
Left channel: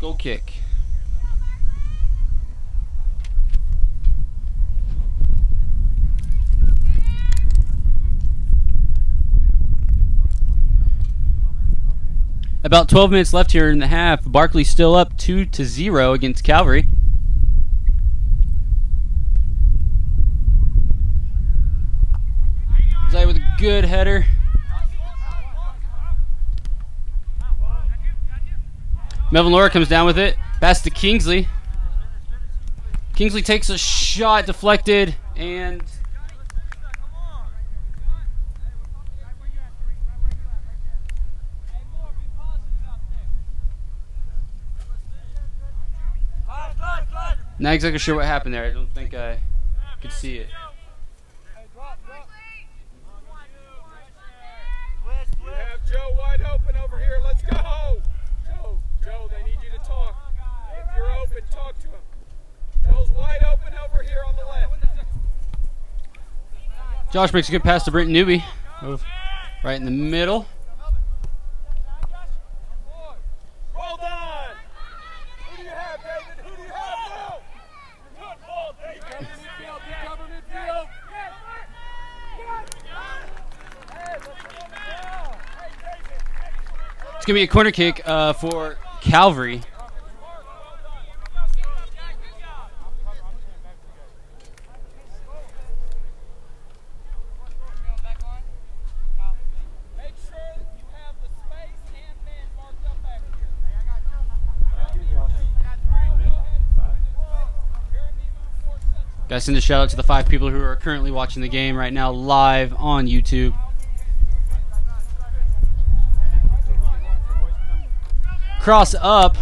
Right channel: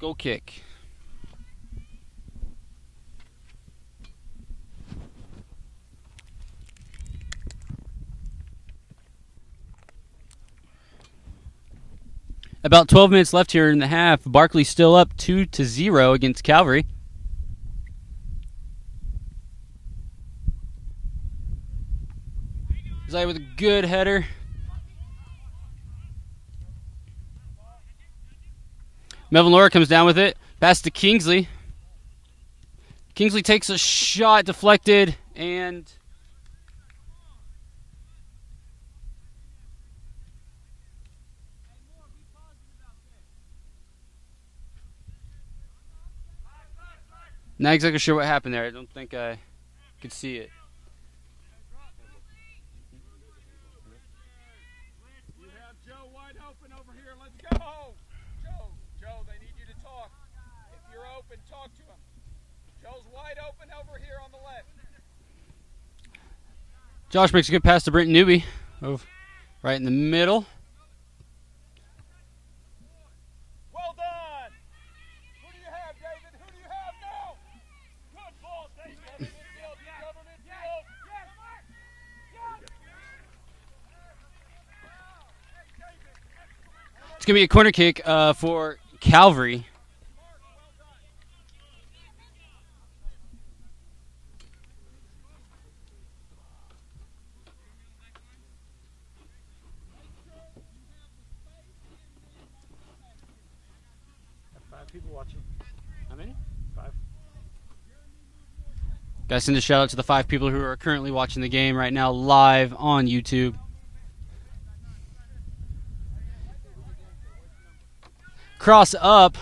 goal kick. About 12 minutes left here in the half. Barclay still up 2-0 against Calvary. Zay with a good header. Melvin Laura comes down with it. Pass to Kingsley. Kingsley takes a shot, deflected, and not exactly sure what happened there. I don't think I could see it. You have Joe wide open over here. Let's go. Joe, they need you to talk. If you're open, talk to him. Joe's wide open over here on the left. Josh makes a good pass to Brent Newby. Right in the middle. Well done. Who do you have, David? Who do you have now? Good ball, David. Cover midfield. It's going to be a corner kick for Calvary. Make sure you have the space and men marked up back here. Got to send a shout out to the 5 people who are currently watching the game right now live on YouTube. Cross up.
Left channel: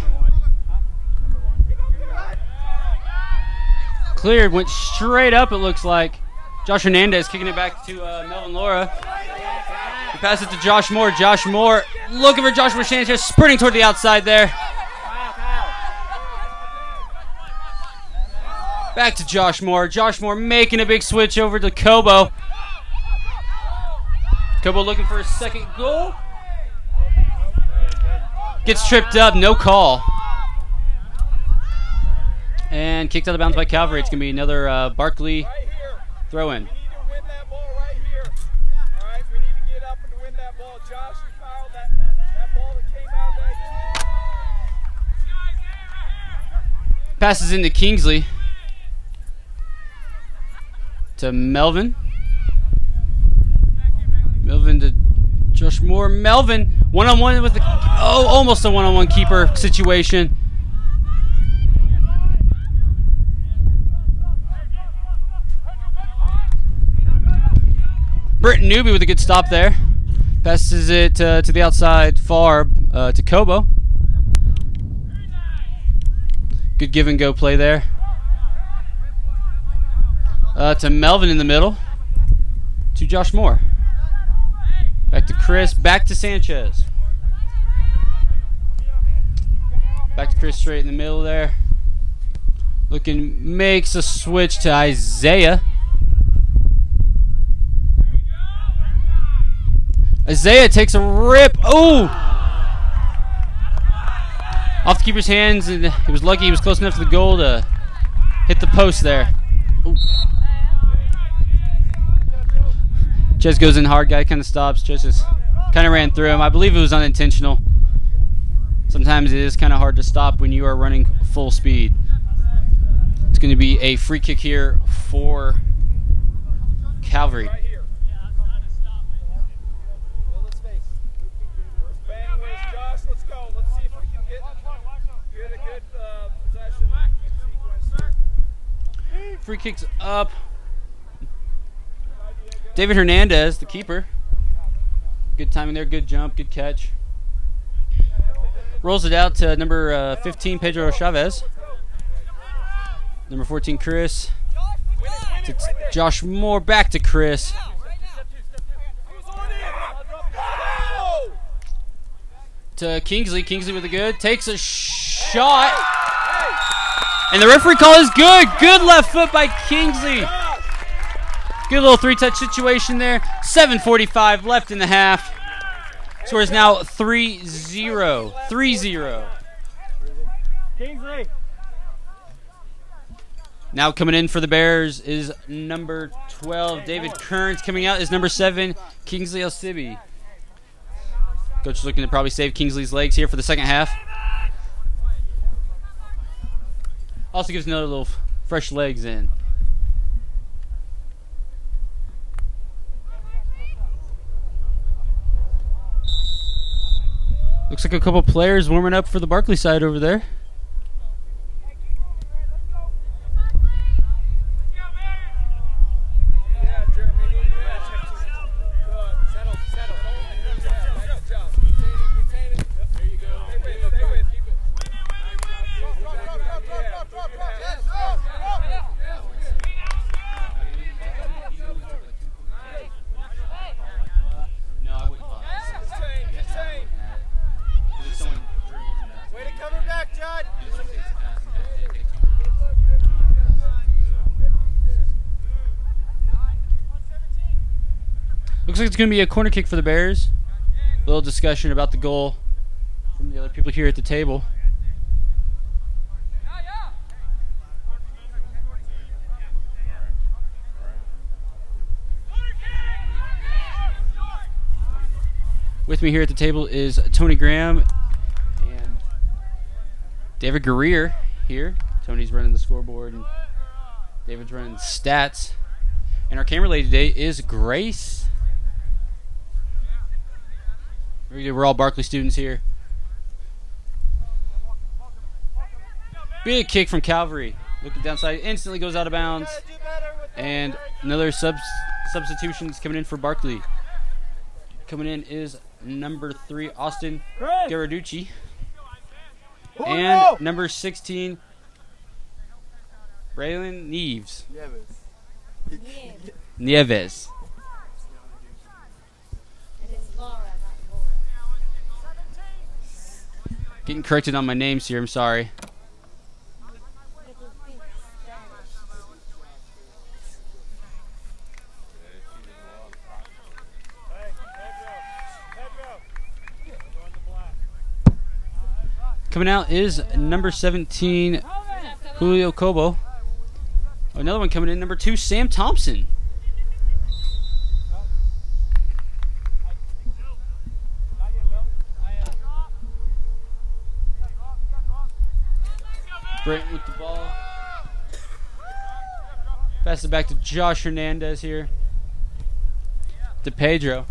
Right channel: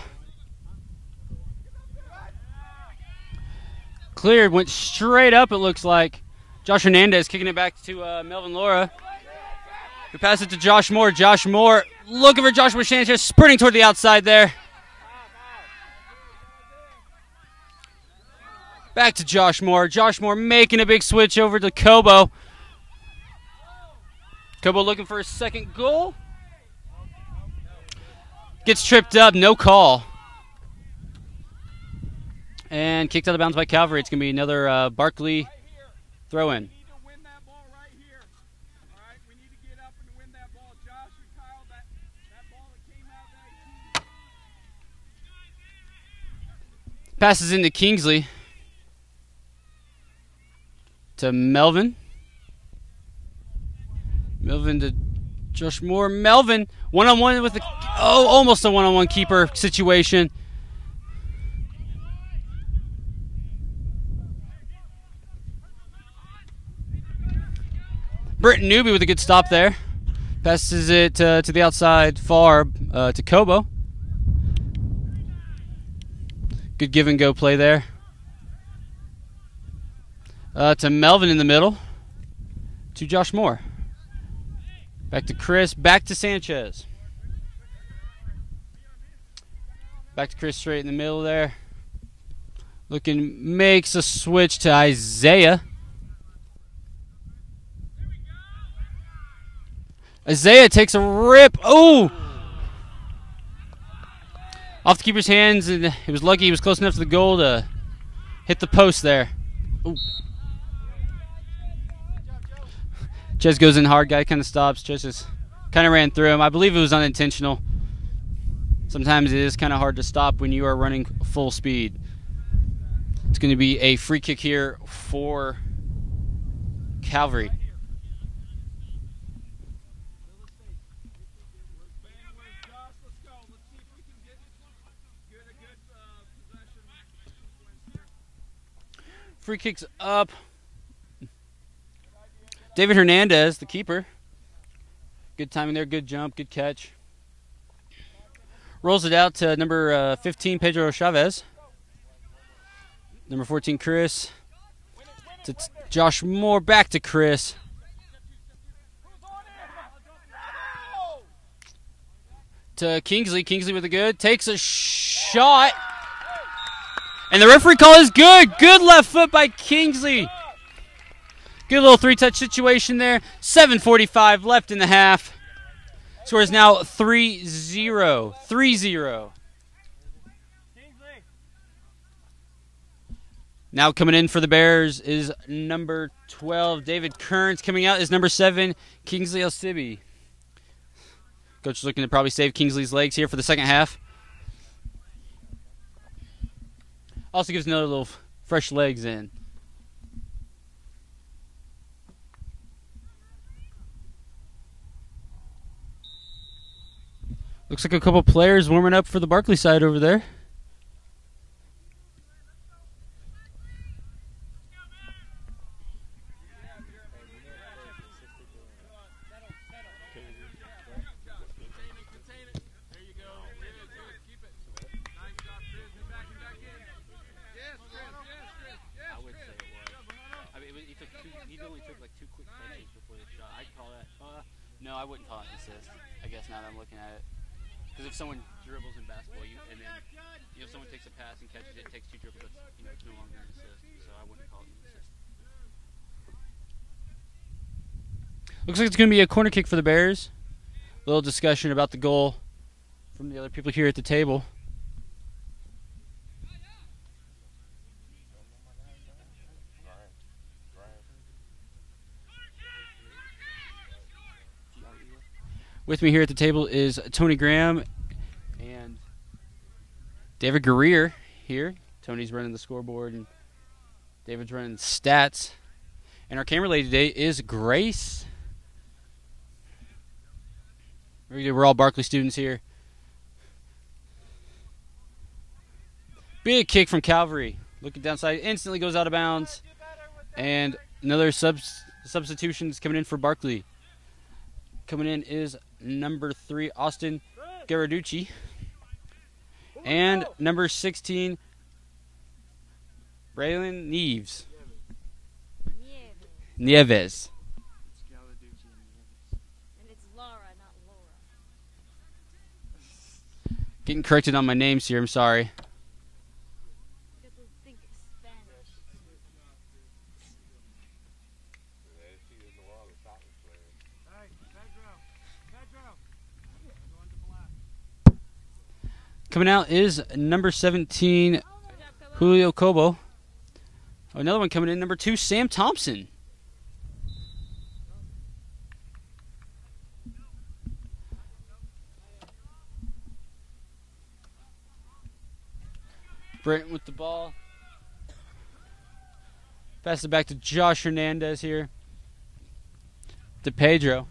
Cleared, went straight up, it looks like. Josh Hernandez kicking it back to Melvin Laura. We pass it to Josh Moore. Josh Moore looking for Joshua Sanchez, sprinting toward the outside there. Back to Josh Moore. Josh Moore making a big switch over to Kobo. Kobo looking for his second goal. Gets tripped up, no call. And kicked out of bounds by Calvary. It's going to be another Barclay throw in. We need to win that ball right here. All right, we need to get up and win that ball. Josh, you fouled that ball that came out of that. Passes into Kingsley. To Melvin. Melvin to Josh Moore. Melvin, one-on-one with the... Oh, almost a one-on-one keeper situation. Brent Newby with a good stop there. Passes it to the outside far to Kobo. Good give-and-go play there. To Melvin in the middle. To Josh Moore. Back to Chris. Back to Sanchez. Back to Chris straight in the middle there. Makes a switch to Isaiah. Isaiah takes a rip. Oh! Off the keeper's hands, and he was lucky he was close enough to the goal to hit the post there. Ooh. Ches goes in hard. Guy kind of stops. Ches just kind of ran through him. I believe it was unintentional. Sometimes it is kind of hard to stop when you are running full speed. It's going to be a free kick here for Calvary. Free kicks up. David Hernandez, the keeper. Good timing there, good jump, good catch. Rolls it out to number 15, Pedro Chavez. Number 14, Chris. To Josh Moore, back to Chris. To Kingsley. Kingsley with a good. Takes a shot. And the referee call is good. Good left foot by Kingsley. Good little three-touch situation there. 7:45 left in the half. Score is now 3-0. 3-0. Now coming in for the Bears is number 12, David Kearns. Coming out is number 7, Kingsley Elsibi. Coach is looking to probably save Kingsley's legs here for the second half. Also gives another little fresh legs in. Looks like a couple players warming up for the Barclay side over there. Looks like it's going to be a corner kick for the Bears. A little discussion about the goal from the other people here at the table. With me here at the table is Tony Graham and David Guerrier here. Tony's running the scoreboard and David's running stats. And our camera lady today is Grace. We're all Barclay students here. Big kick from Calvary. Looking downside, instantly goes out of bounds. And another substitutions coming in for Barclay. Coming in is number 3, Austin Garaducci. And number 16, Braylon Nieves. Getting corrected on my names here, I'm sorry. Coming out is number 17, Julio Cobo. Another one coming in, number 2, Sam Thompson. Brent with the ball. Pass it back to Josh Hernandez here. To Pedro.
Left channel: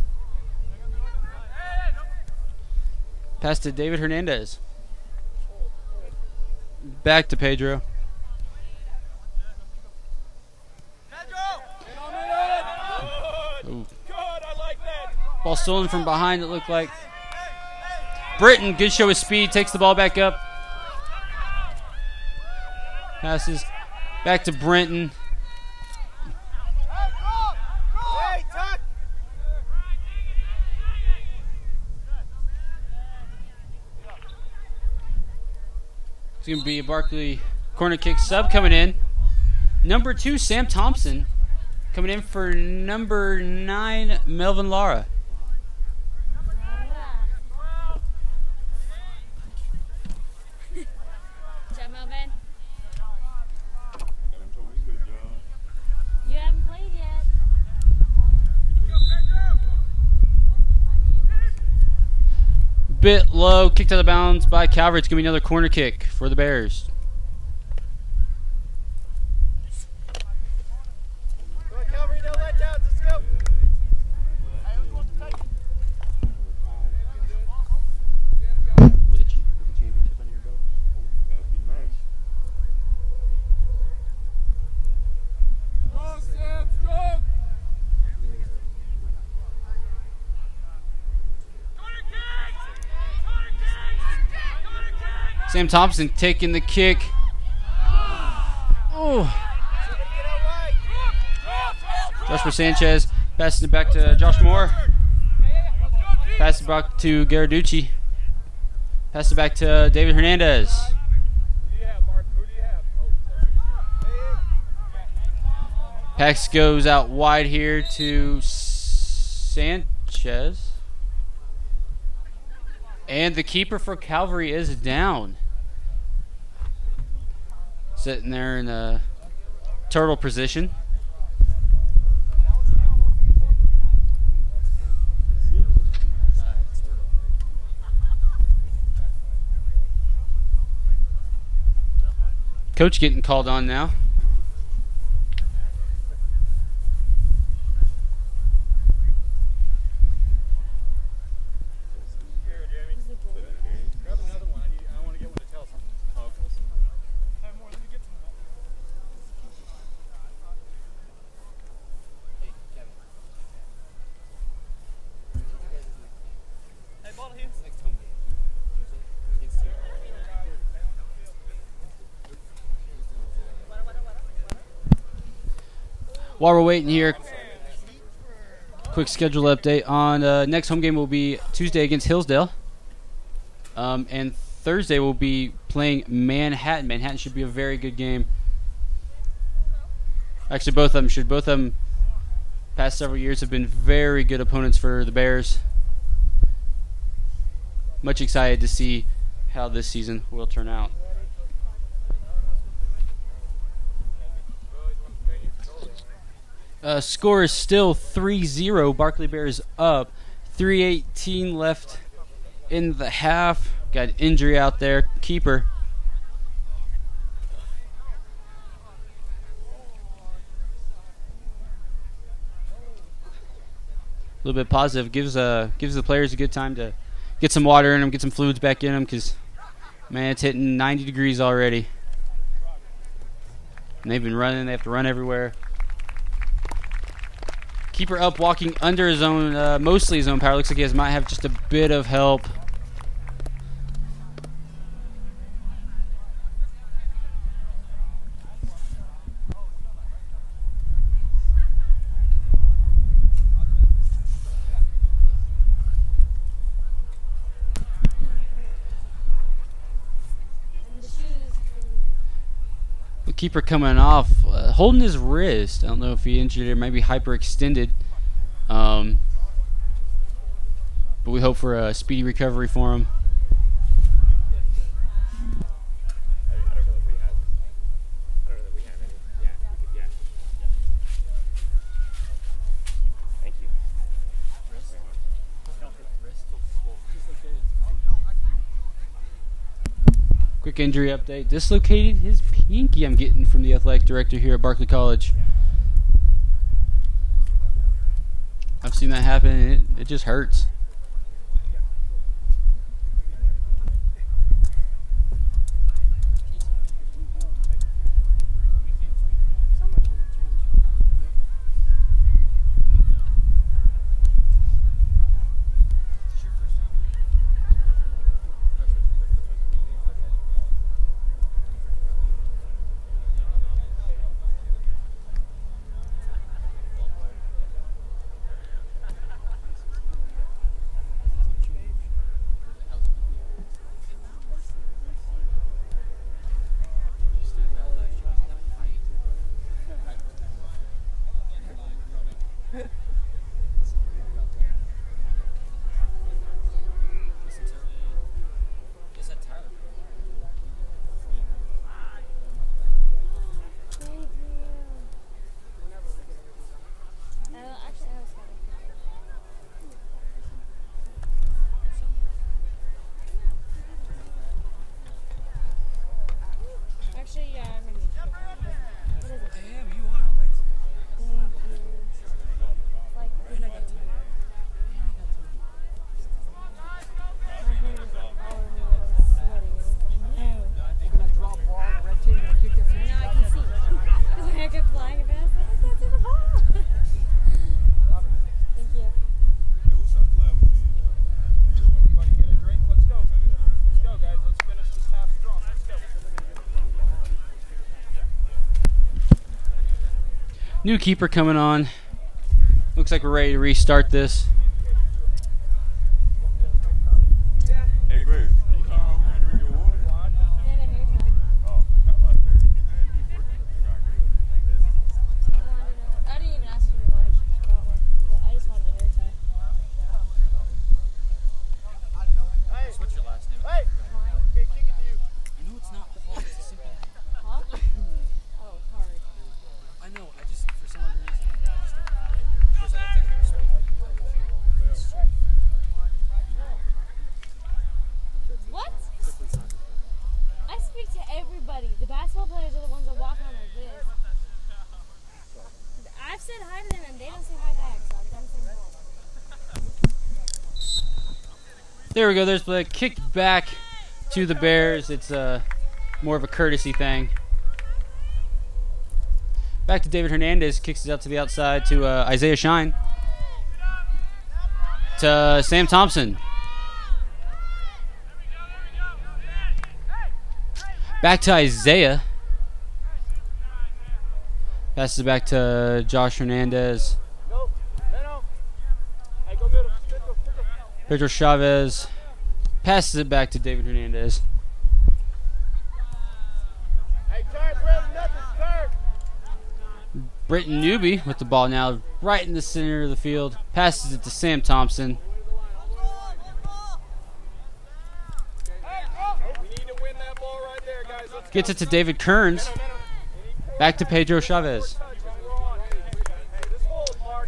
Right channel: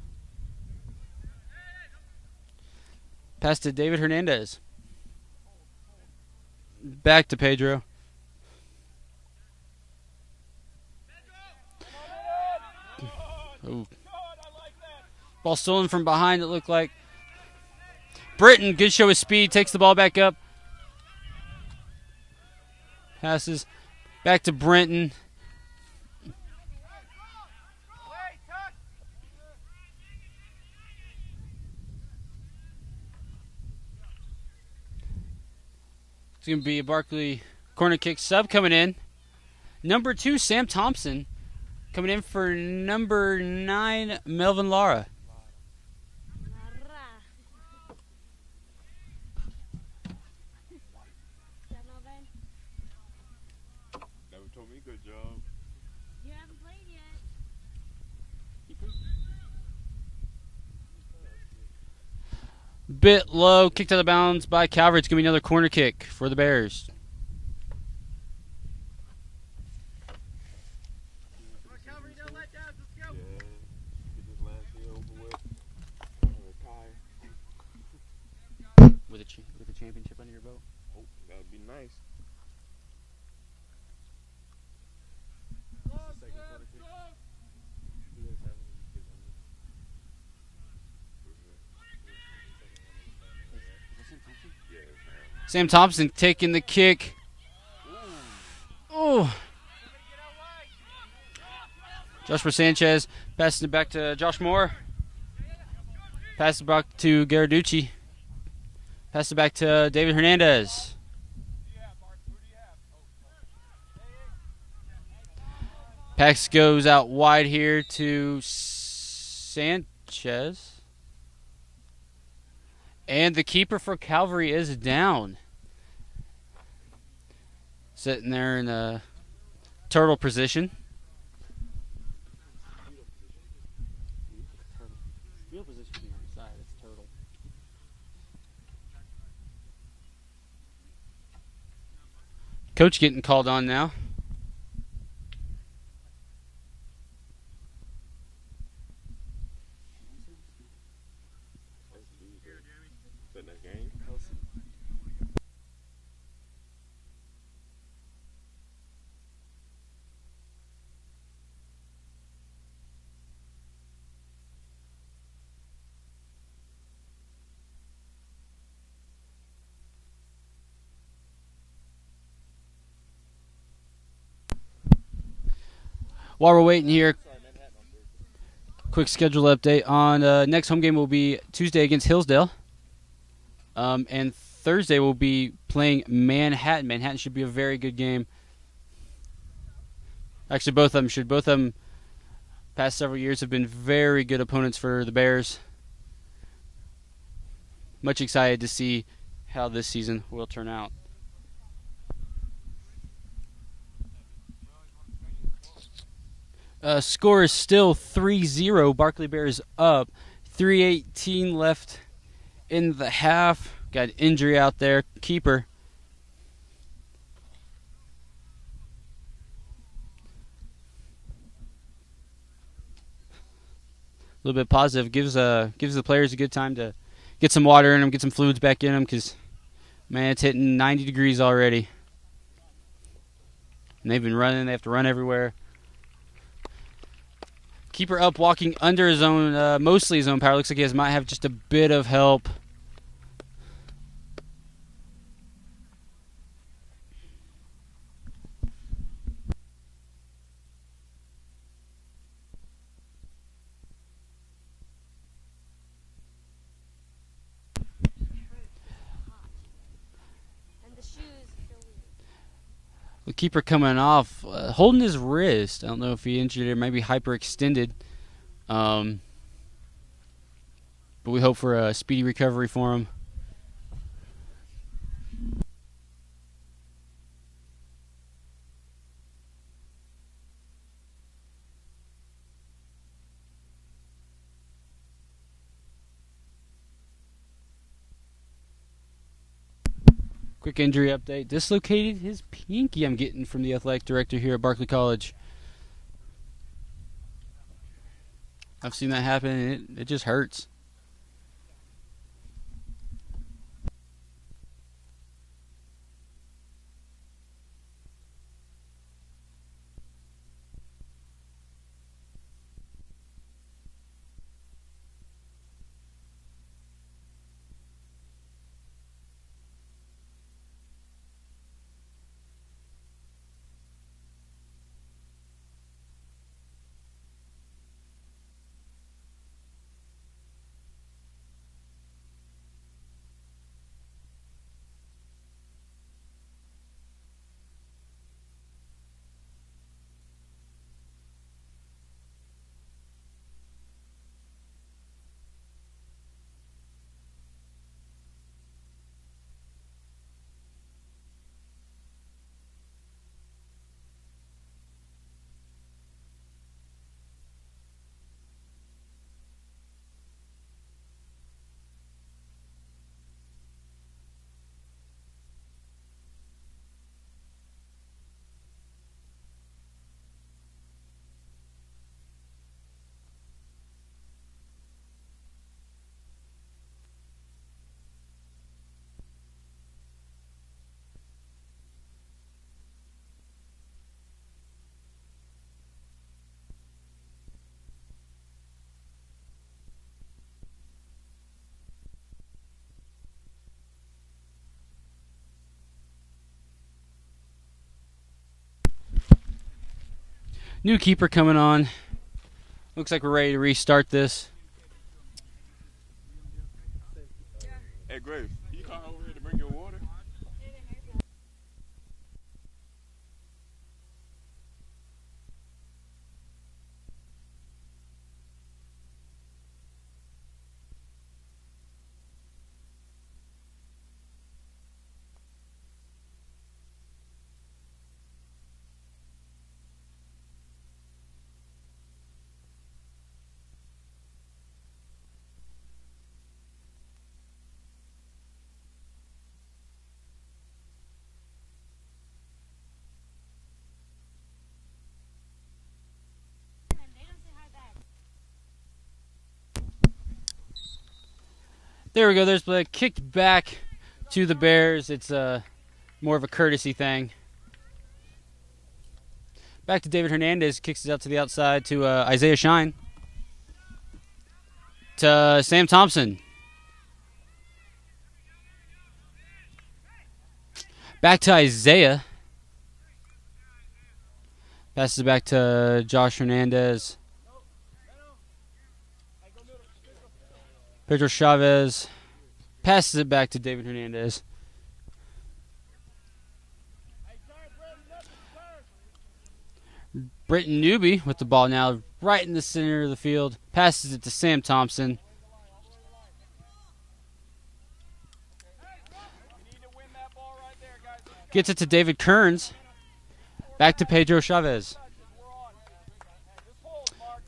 Pass to David Hernandez. Back to Pedro. Ooh. Ball stolen from behind, it looked like. Britton, good show of speed, takes the ball back up. Passes back to Brenton. It's going to be a Barclay corner kick sub coming in. Number 2, Sam Thompson. Coming in for number 9, Melvin Lara. bit low, kicked out of bounds by Calvary. It's going to be another corner kick for the Bears. With a championship under your belt. Oh, that'd be nice. Sam Thompson taking the kick. Oh. Joshua Sanchez passing it back to Josh Moore. Pass it back to Garaducci. Pass it back to David Hernandez. Pax goes out wide here to Sanchez. And the keeper for Calvary is down. Sitting there in a turtle position. Coach getting called on now. While we're waiting here, quick schedule update on next home game will be Tuesday against Hillsdale, and Thursday we'll be playing Manhattan. Manhattan should be a very good game. Actually, both of them should. Both of them, past several years, have been very good opponents for the Bears. Much excited to see how this season will turn out. Score is still 3-0. Barclay Bears up. 3:18 left in the half. Got an injury out there. Keeper. A little bit positive. Gives the players a good time to get some water in them, get some fluids back in them, because, man, it's hitting 90 degrees already. And they've been running. They have to run everywhere. Keeper up, walking under his own, mostly his own power. Looks like he might have just a bit of help. The keeper coming off, holding his wrist. I don't know if he injured it, maybe hyperextended. But we hope for a speedy recovery for him. Quick injury update. Dislocated his pinky, I'm getting from the athletic director here at Barclay College. I've seen that happen, and it just hurts. New keeper coming on. Looks like we're ready to restart this. Hey, Grace, you come over here to drink your water? Oh, I didn't even ask for your water. She got one, but I just wanted a hair tie. What's your last name? Mine? No, it's not. Oh, it's a simple name. Huh? Oh, it's hard. I know. I just, for some other reason, because I don't think I've spoken to you. What? I speak to everybody. The basketball players are the ones that walk around like this. I've said hi to them and they don't say hi back, so I'm done saying hi. There we go. There's the kicked back to the Bears. It's more of a courtesy thing. Back to David Hernandez. Kicks it out to the outside to Isaiah Shine. To Sam Thompson. Back to Isaiah. Passes it back to Josh Hernandez. Pedro Chavez passes it back to David Hernandez. Britton Newby with the ball now right in the center of the field. Passes it to Sam Thompson. Gets it to David Kearns. Back to Pedro Chavez.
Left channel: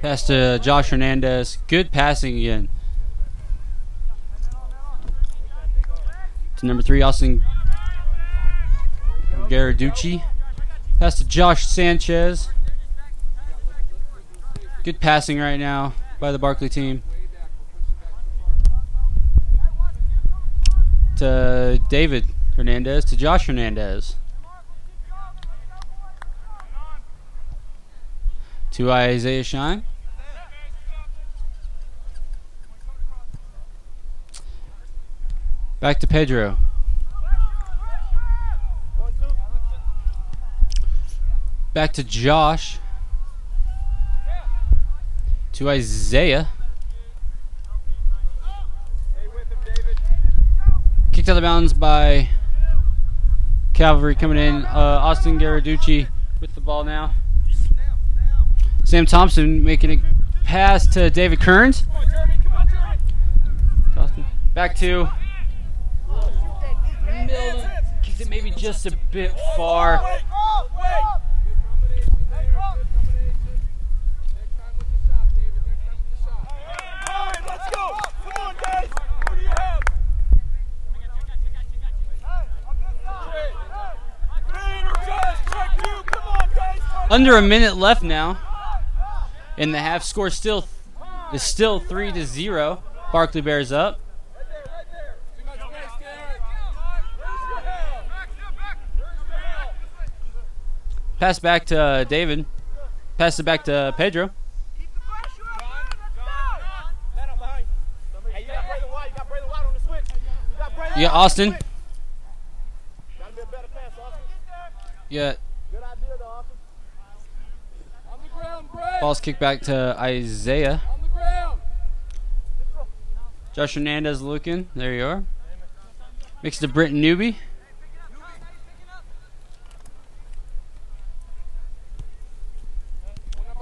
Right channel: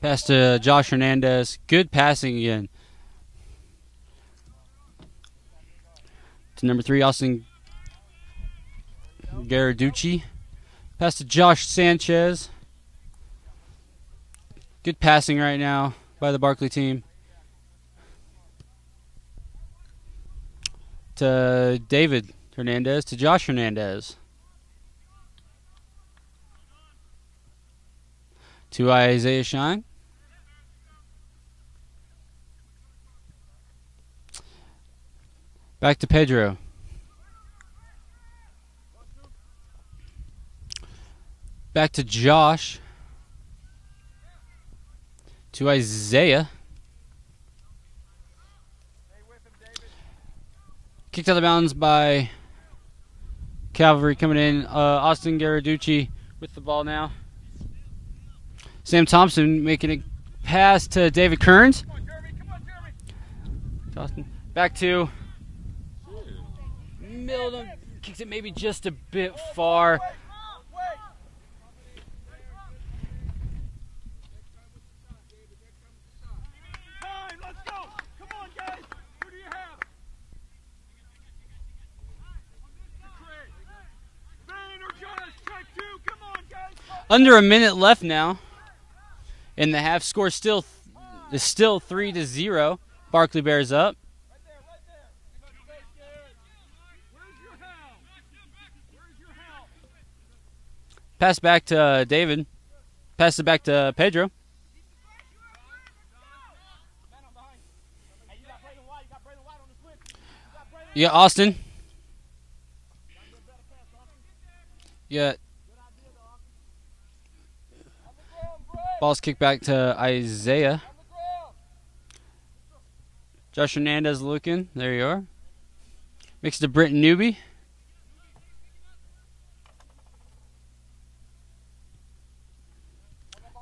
Pass to Josh Hernandez. Good passing again. To number 3, Austin Garaducci. Pass to Josh Sanchez. Good passing right now by the Barclay team. To David Hernandez. To Josh Hernandez. To Isaiah Shine. Back to Pedro. Back to Josh. To Isaiah. Kicked out of bounds by Calvary coming in. Austin Garaducci with the ball now. Sam Thompson making a pass to David Kearns. Back to Milton. Kicks it maybe just a bit far. Under a minute left now in the half. Score is still 3-0. Barclay Bears up. Pass back to David. Pass it back to Pedro. Yeah, Austin. Yeah. Ball's kicked back to Isaiah. Josh Hernandez looking. There you are. Makes it to Britton Newby.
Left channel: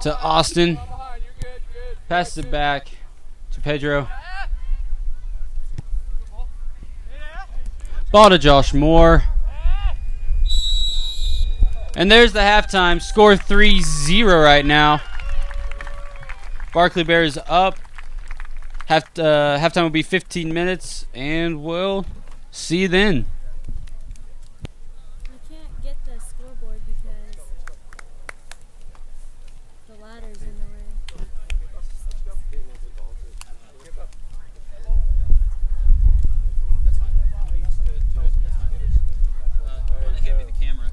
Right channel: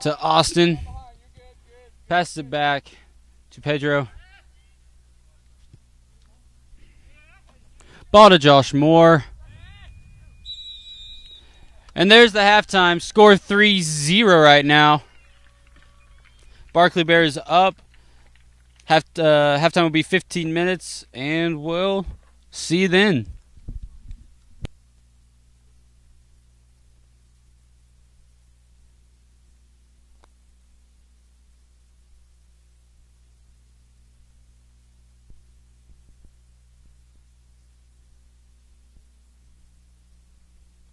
To Austin. Passes it back to Pedro. Ball to Josh Moore. And there's the halftime. Score 3-0 right now. Barclay Bears up. Halftime will be 15 minutes, and we'll see you then. I can't get the scoreboard because the ladder's in the way. Hand me the camera.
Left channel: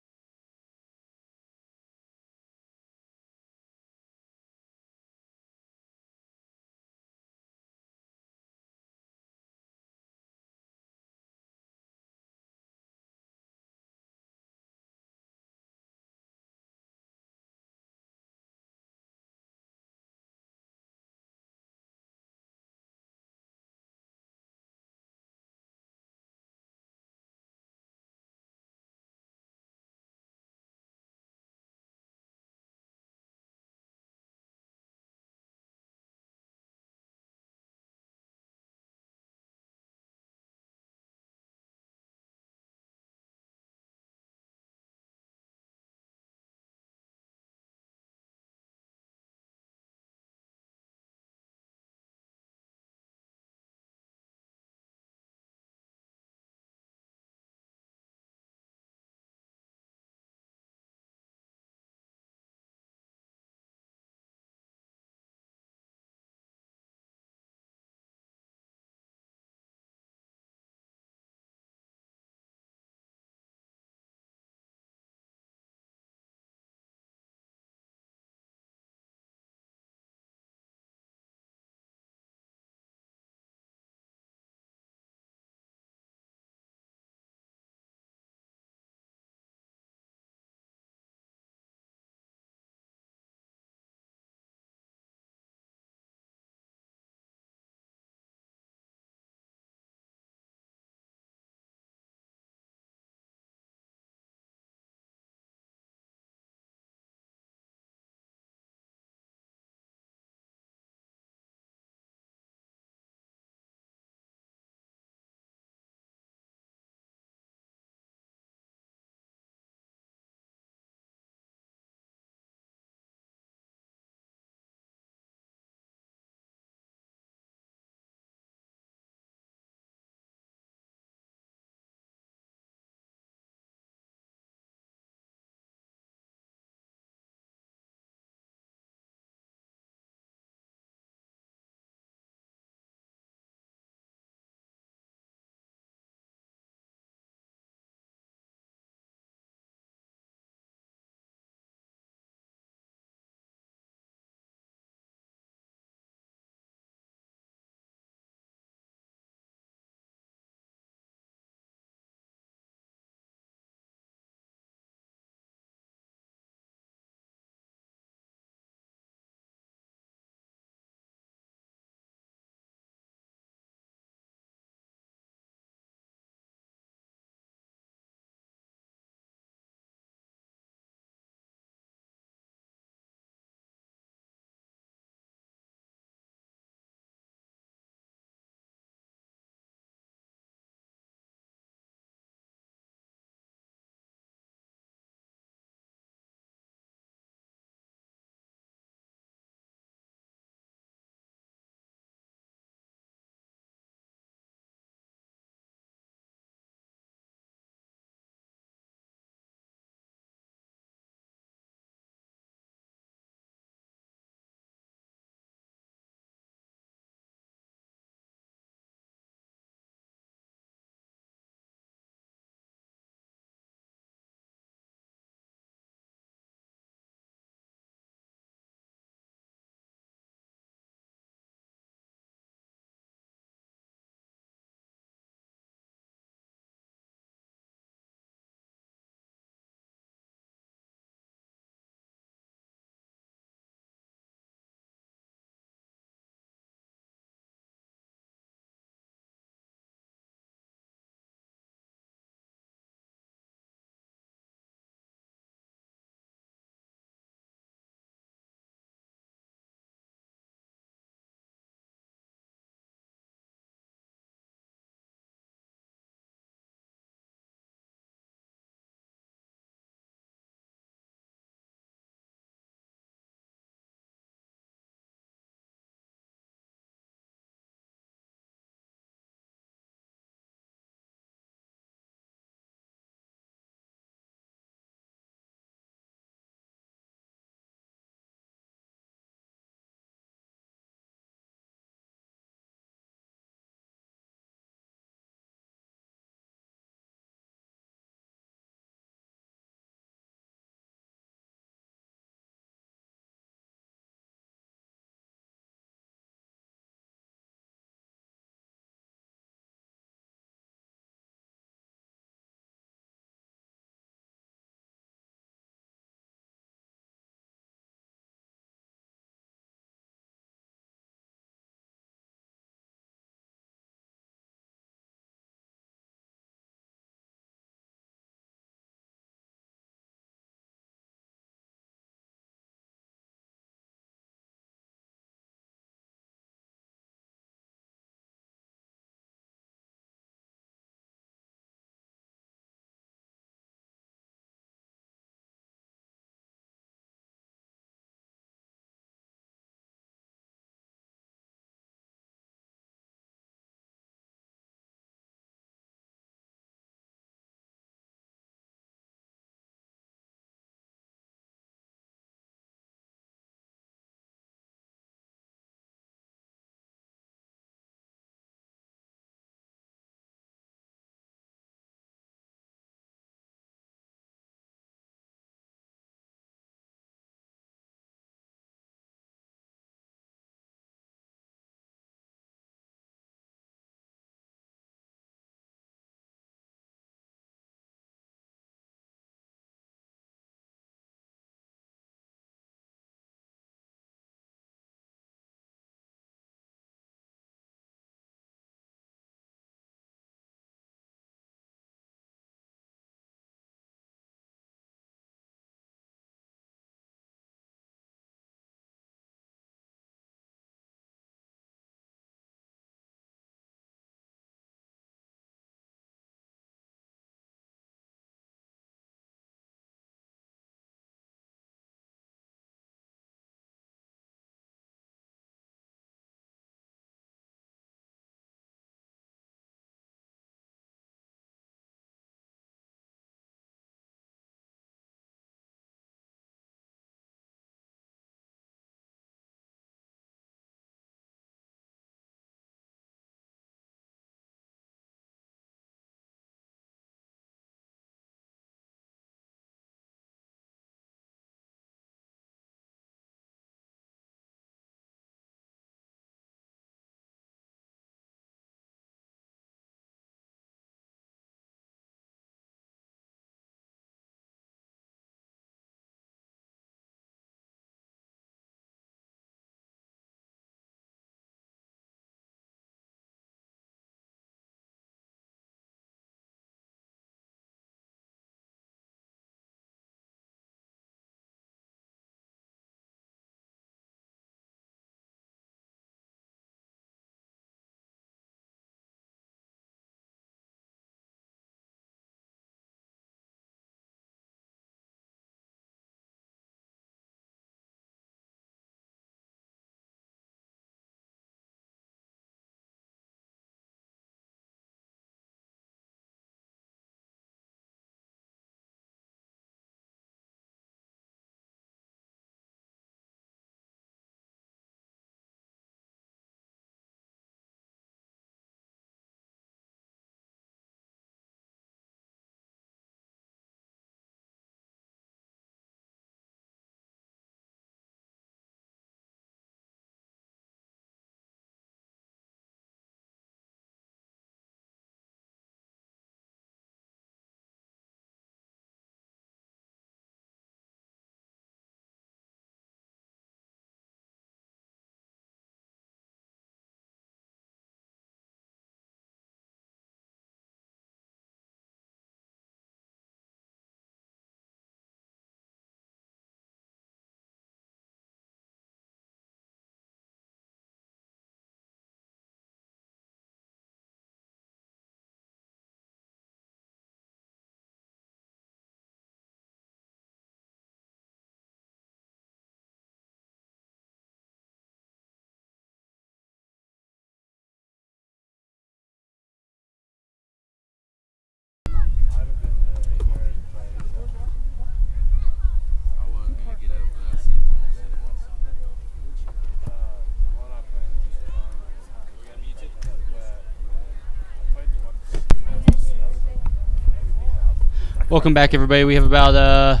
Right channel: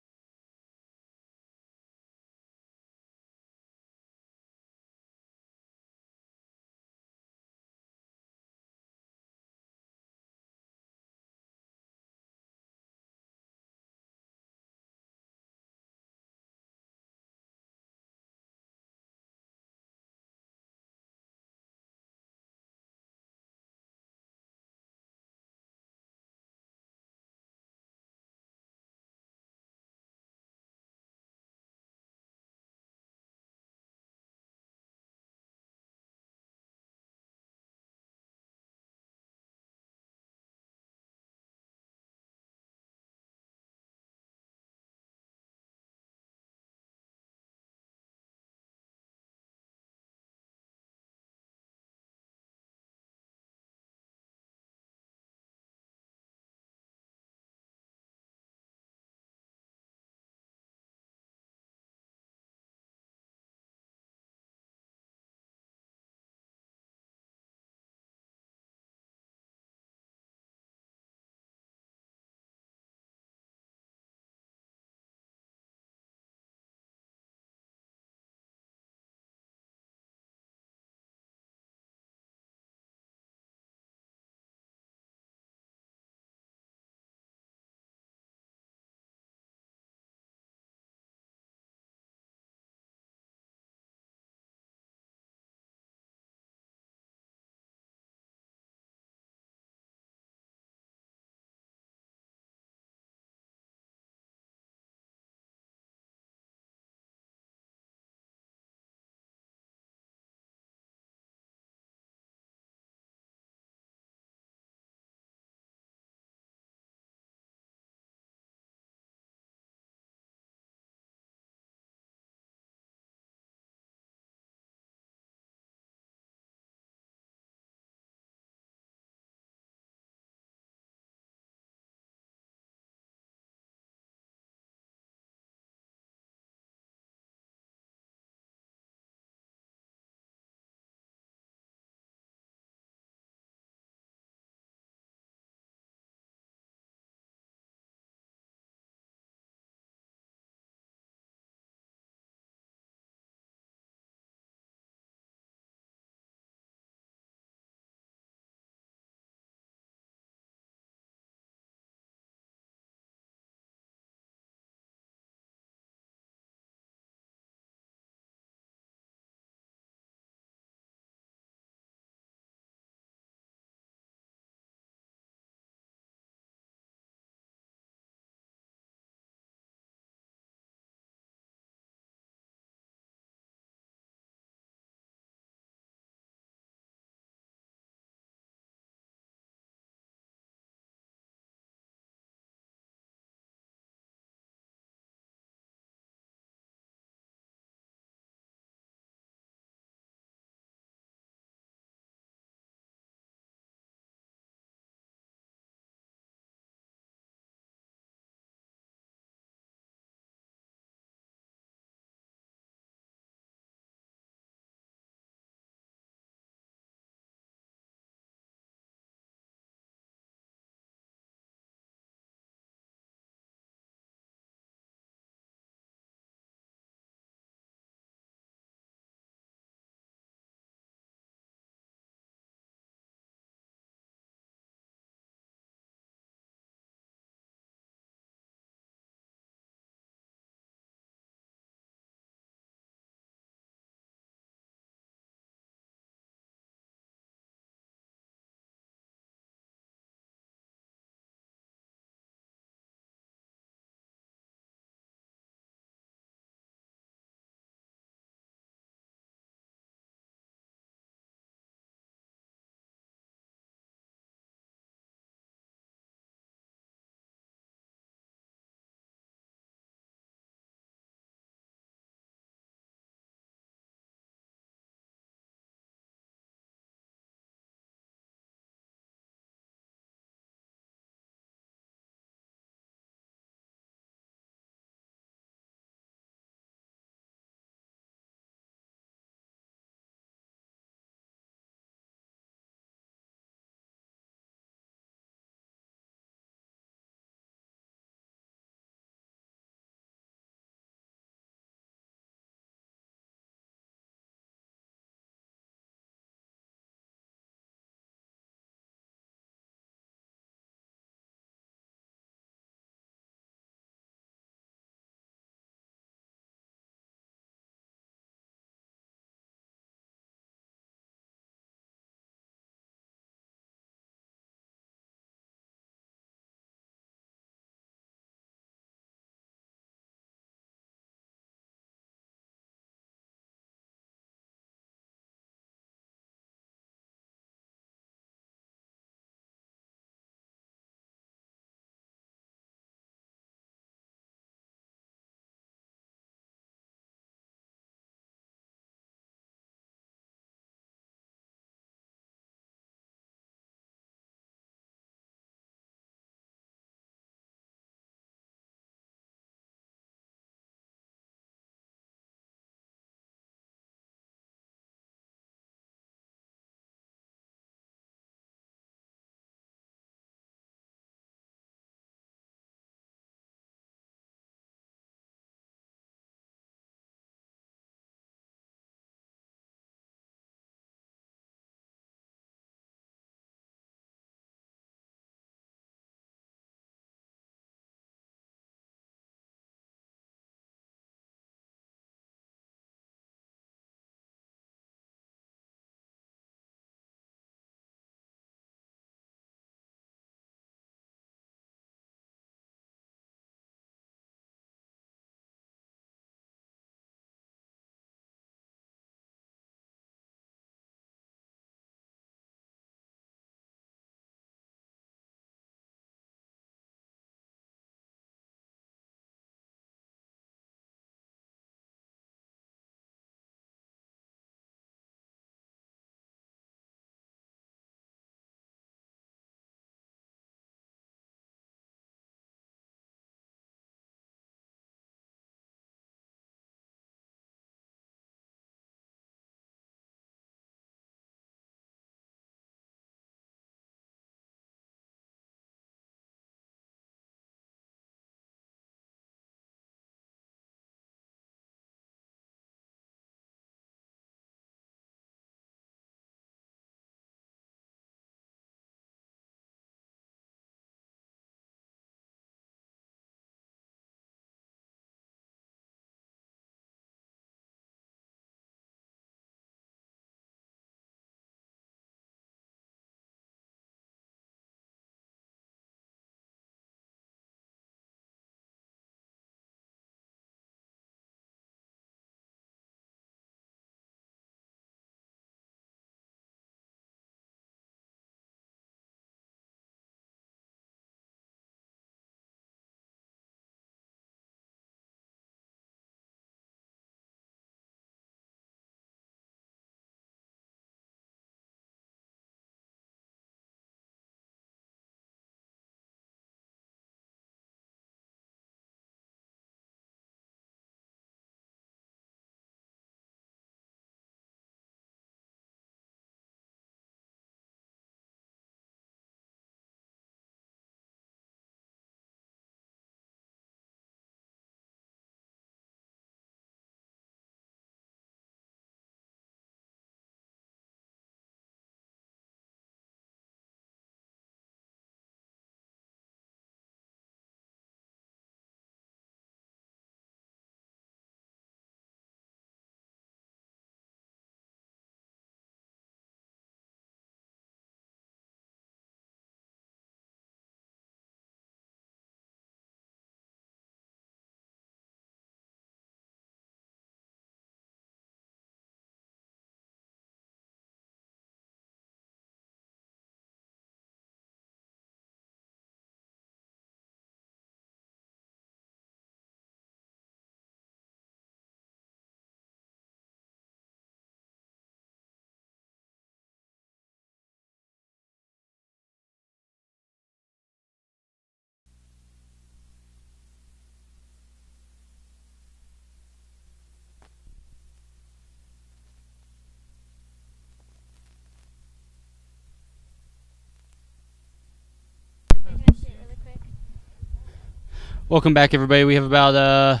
Welcome back, everybody. We have about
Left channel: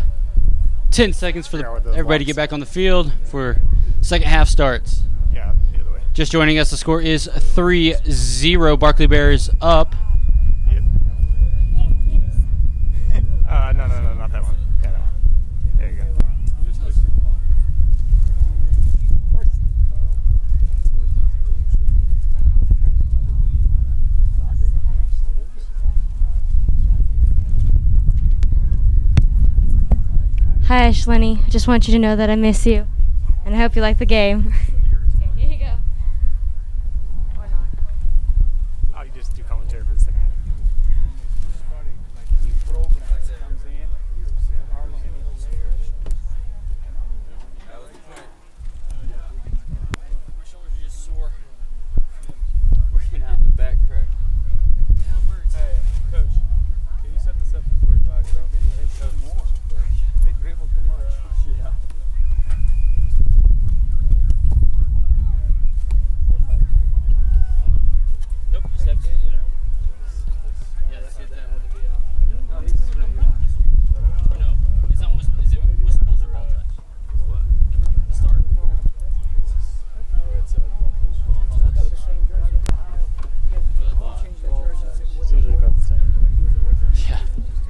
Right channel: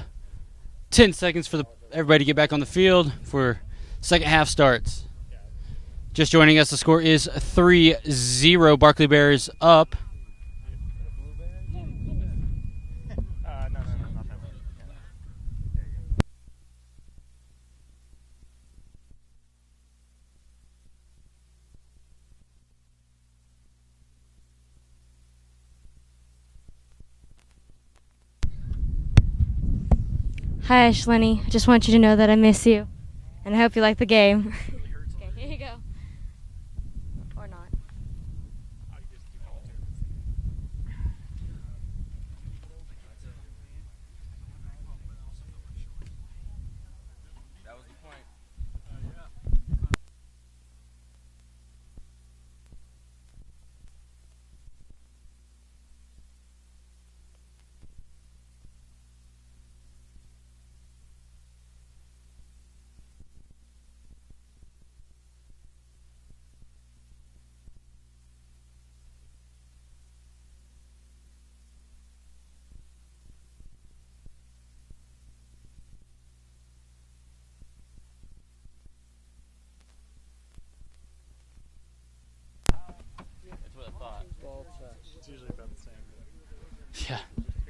10 seconds for everybody to get back on the field for second half starts. Yeah, the other way. Just joining us, the score is 3-0. Barclay Bears up. No, not that one. Yeah, that one. There you go. Hi, Ashley. I just want you to know that I miss you, and I hope you like the game. Okay, here you go. Or not. Oh, you just do commentary for the second half.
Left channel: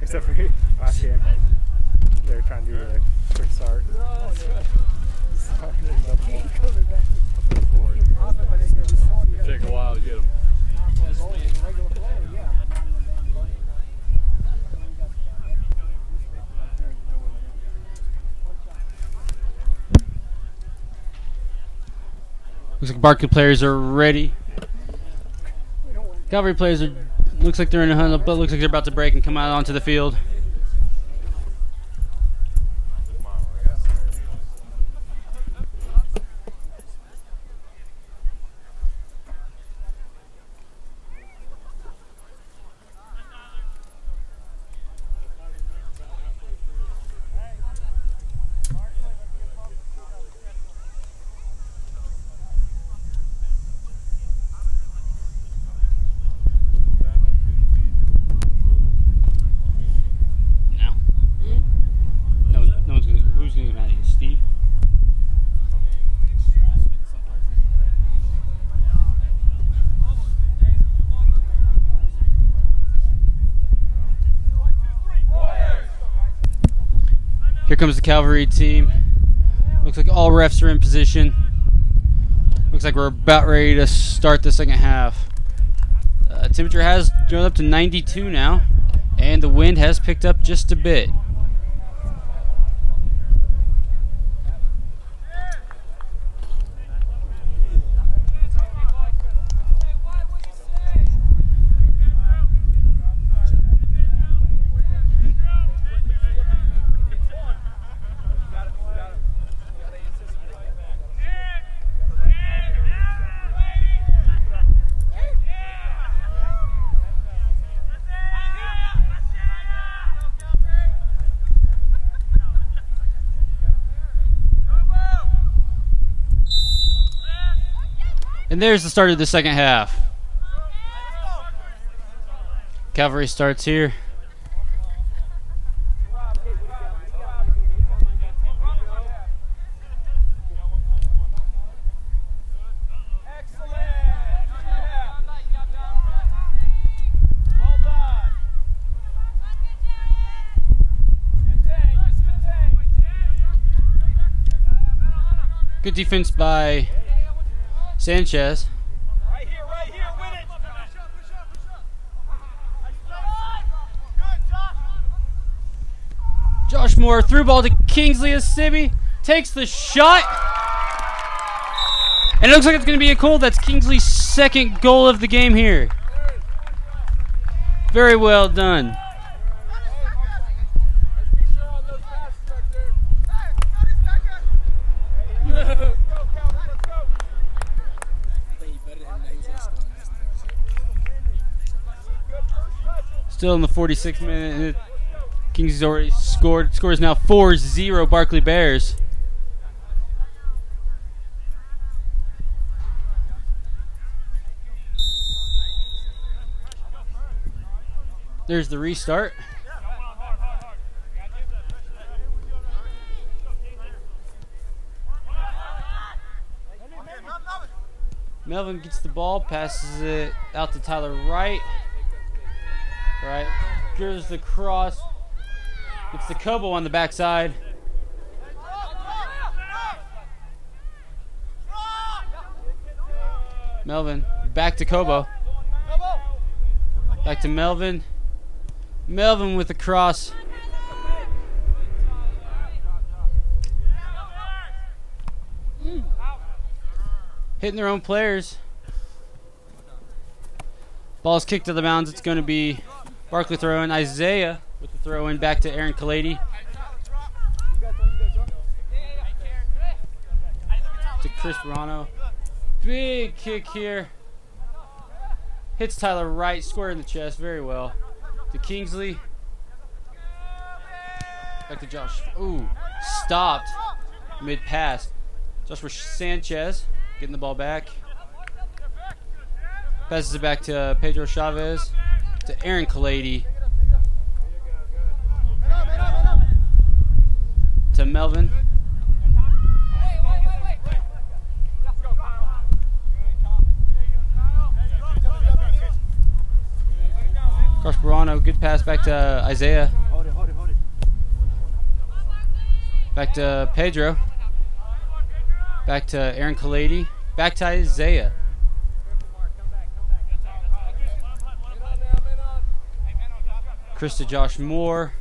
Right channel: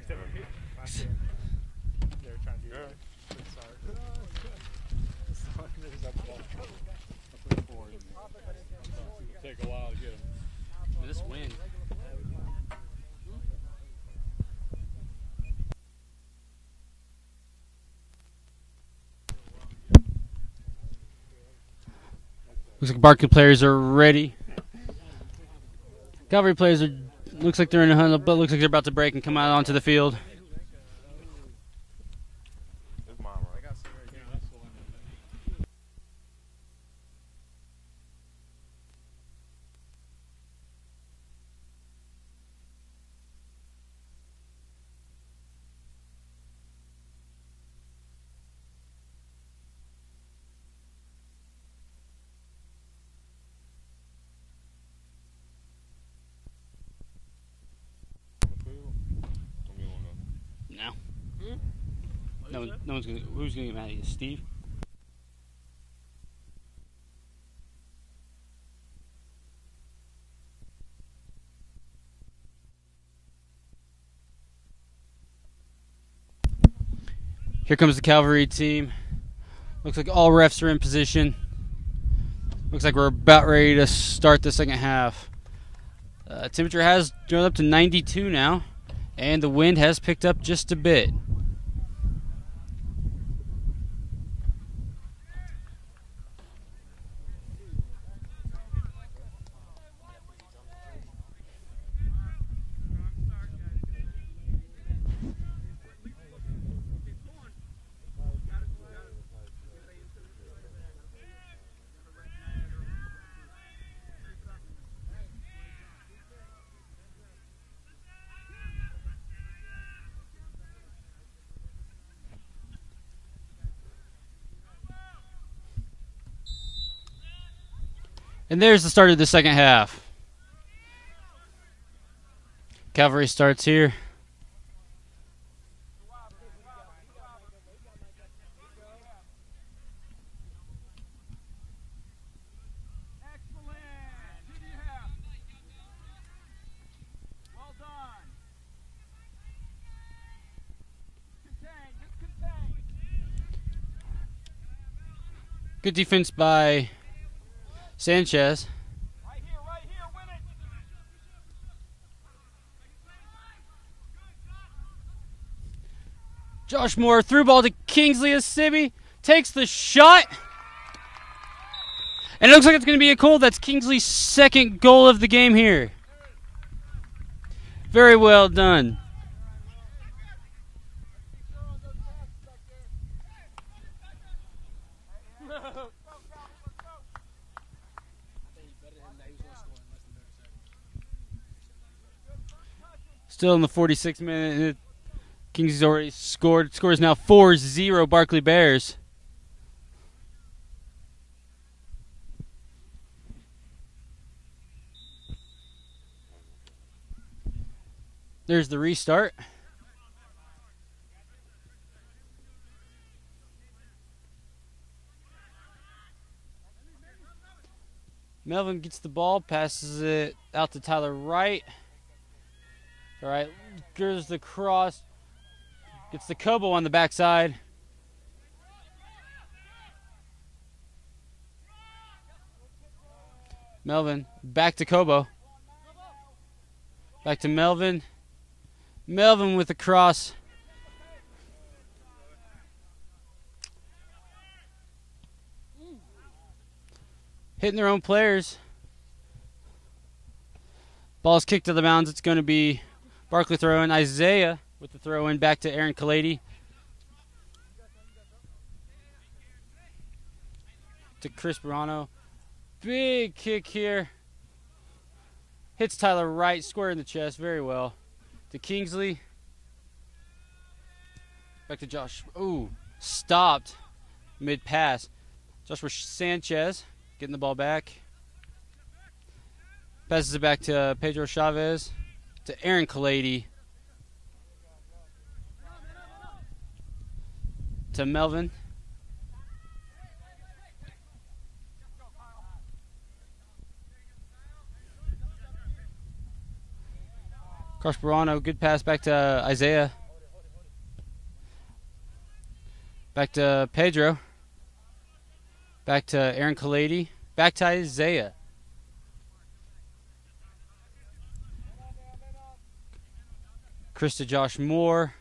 Except for last game, they were trying to do a quick start. Take a while to get them. This win. Looks like Barclay players are ready. Calvary players are. Looks like they're in a hunt, but looks like they're about to break and come out onto the field. Who's going to get mad at you, Steve? Here comes the Calvary team. Looks like all refs are in position. Looks like we're about ready to start the second half. Temperature has gone up to 92 now, and the wind has picked up just a bit. And there's the start of the second half. Calvary starts here. Good defense by Sanchez. Right here, win it. Josh Moore through ball to Kingsley Asibi. Takes the shot. And it looks like it's going to be a goal. That's Kingsley's second goal of the game here. Very well done. Still in the 46th minute. Kingsley's already scored. Score is now 4-0 Barclay Bears. There's the restart. Melvin gets the ball, passes it out to Tyler Wright. All right, goes the cross, gets the Kobo on the backside. Melvin back to Kobo. Back to Melvin. Melvin with the cross. Hitting their own players. Ball's kicked to the bounds. It's going to be Barclay throw-in. Isaiah with the throw-in back to Aaron Kalady. To Chris Barano. Big kick here. Hits Tyler Wright square in the chest. Very well. To Kingsley. Back to Josh. Ooh, stopped mid-pass. Joshua Sanchez getting the ball back. Passes it back to Pedro Chavez. To Aaron Kalady. To Melvin. Barano, good pass back to Isaiah. Back to Pedro. Back to Aaron Kalady. Back to Isaiah. Chris to Josh Moore.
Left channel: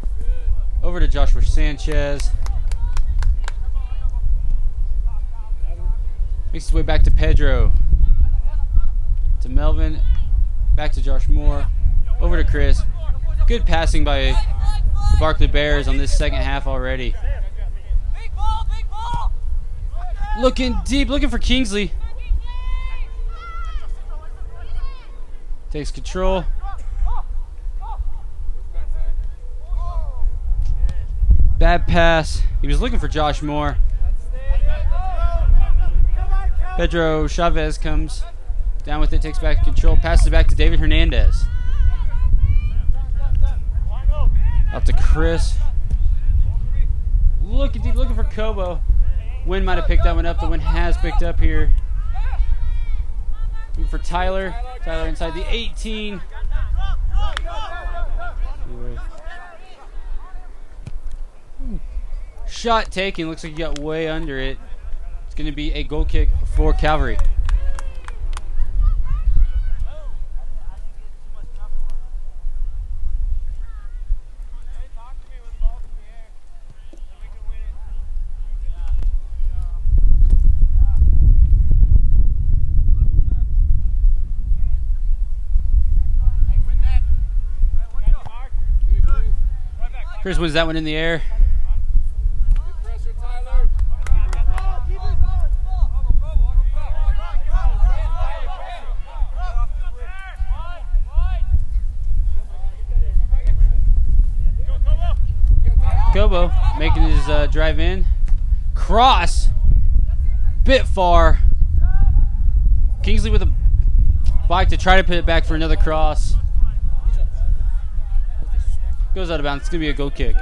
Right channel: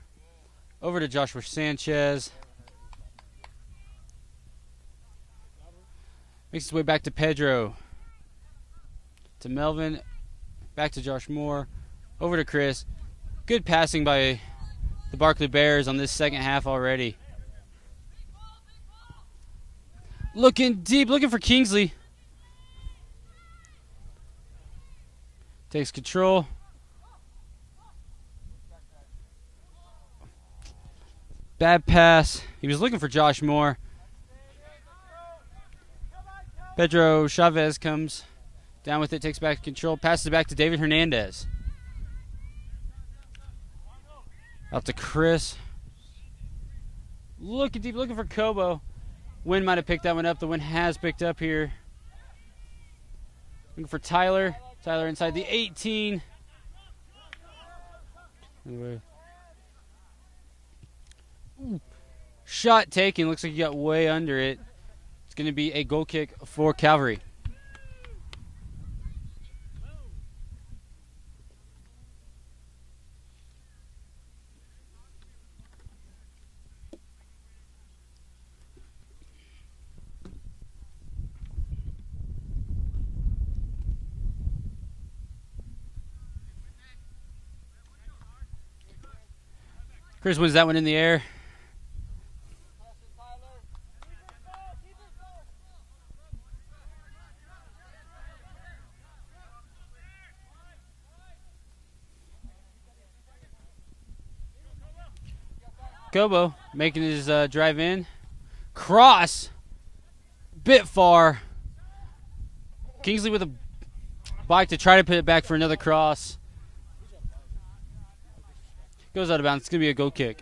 Over to Joshua Sanchez. Makes his way back to Pedro. To Melvin. Back to Josh Moore. Over to Chris. Good passing by the Barclay Bears on this second half already. Looking deep, looking for Kingsley. Takes control. Bad pass. He was looking for Josh Moore. Pedro Chavez comes down with it, takes back control, passes it back to David Hernandez. Out to Chris. Looking deep, looking for Kobo. Wynn might have picked that one up. The Wynn has picked up here. Looking for Tyler. Tyler inside the 18. Shot taken. Looks like he got way under it. It's going to be a goal kick for Calvary. Chris wins that one in the air. Kobo making his drive in. Cross. Bit far. Kingsley with a bike to try to put it back for another cross. Goes out of bounds. It's going to be a goal kick.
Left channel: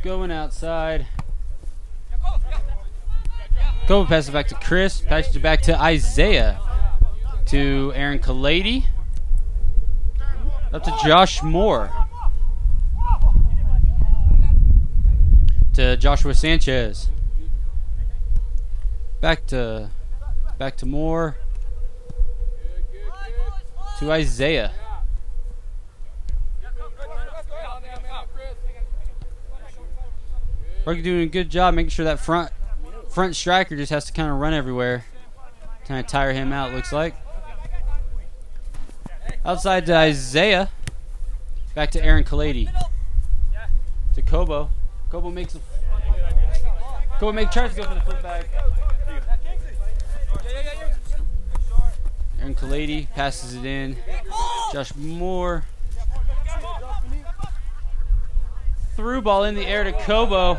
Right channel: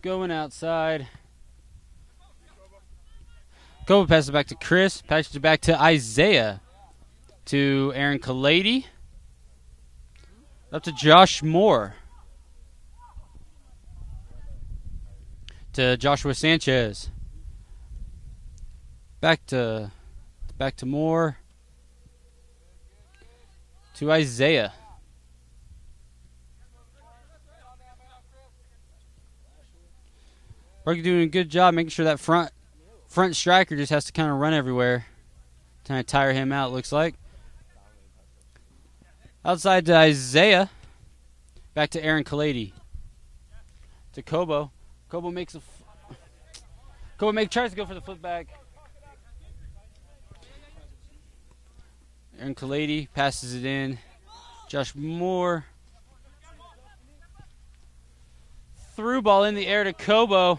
Going outside. Kobo passes it back to Chris. Passes it back to Isaiah. To Aaron Kalady. Up to Josh Moore. To Joshua Sanchez. Back to Moore. To Isaiah. We're doing a good job making sure that front striker just has to kind of run everywhere. Kind of tire him out, looks like. Outside to Isaiah. Back to Aaron Kalady. To Kobo. Kobo makes a... tries to go for the flip back. Aaron Kalady passes it in. Josh Moore. Through ball in the air to Kobo.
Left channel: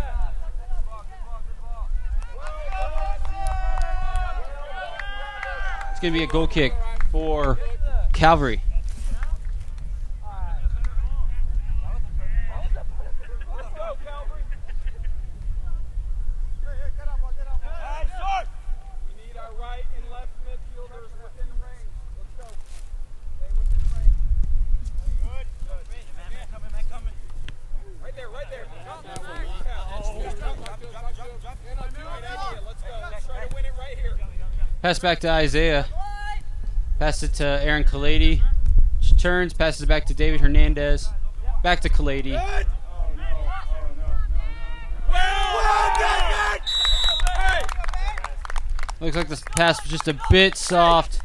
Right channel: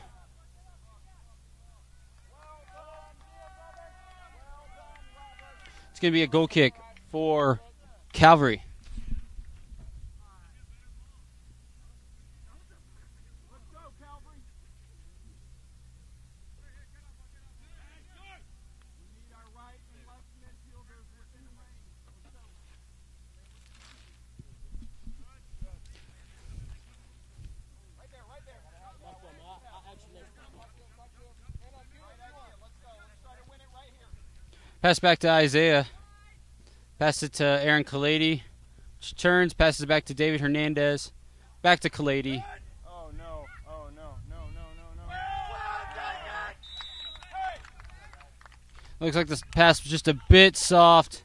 It's going to be a goal kick for Calvary. Pass back to Isaiah. Pass it to Aaron Kalady. Turns, passes it back to David Hernandez. Back to Kalady. Looks like this pass was just a bit soft,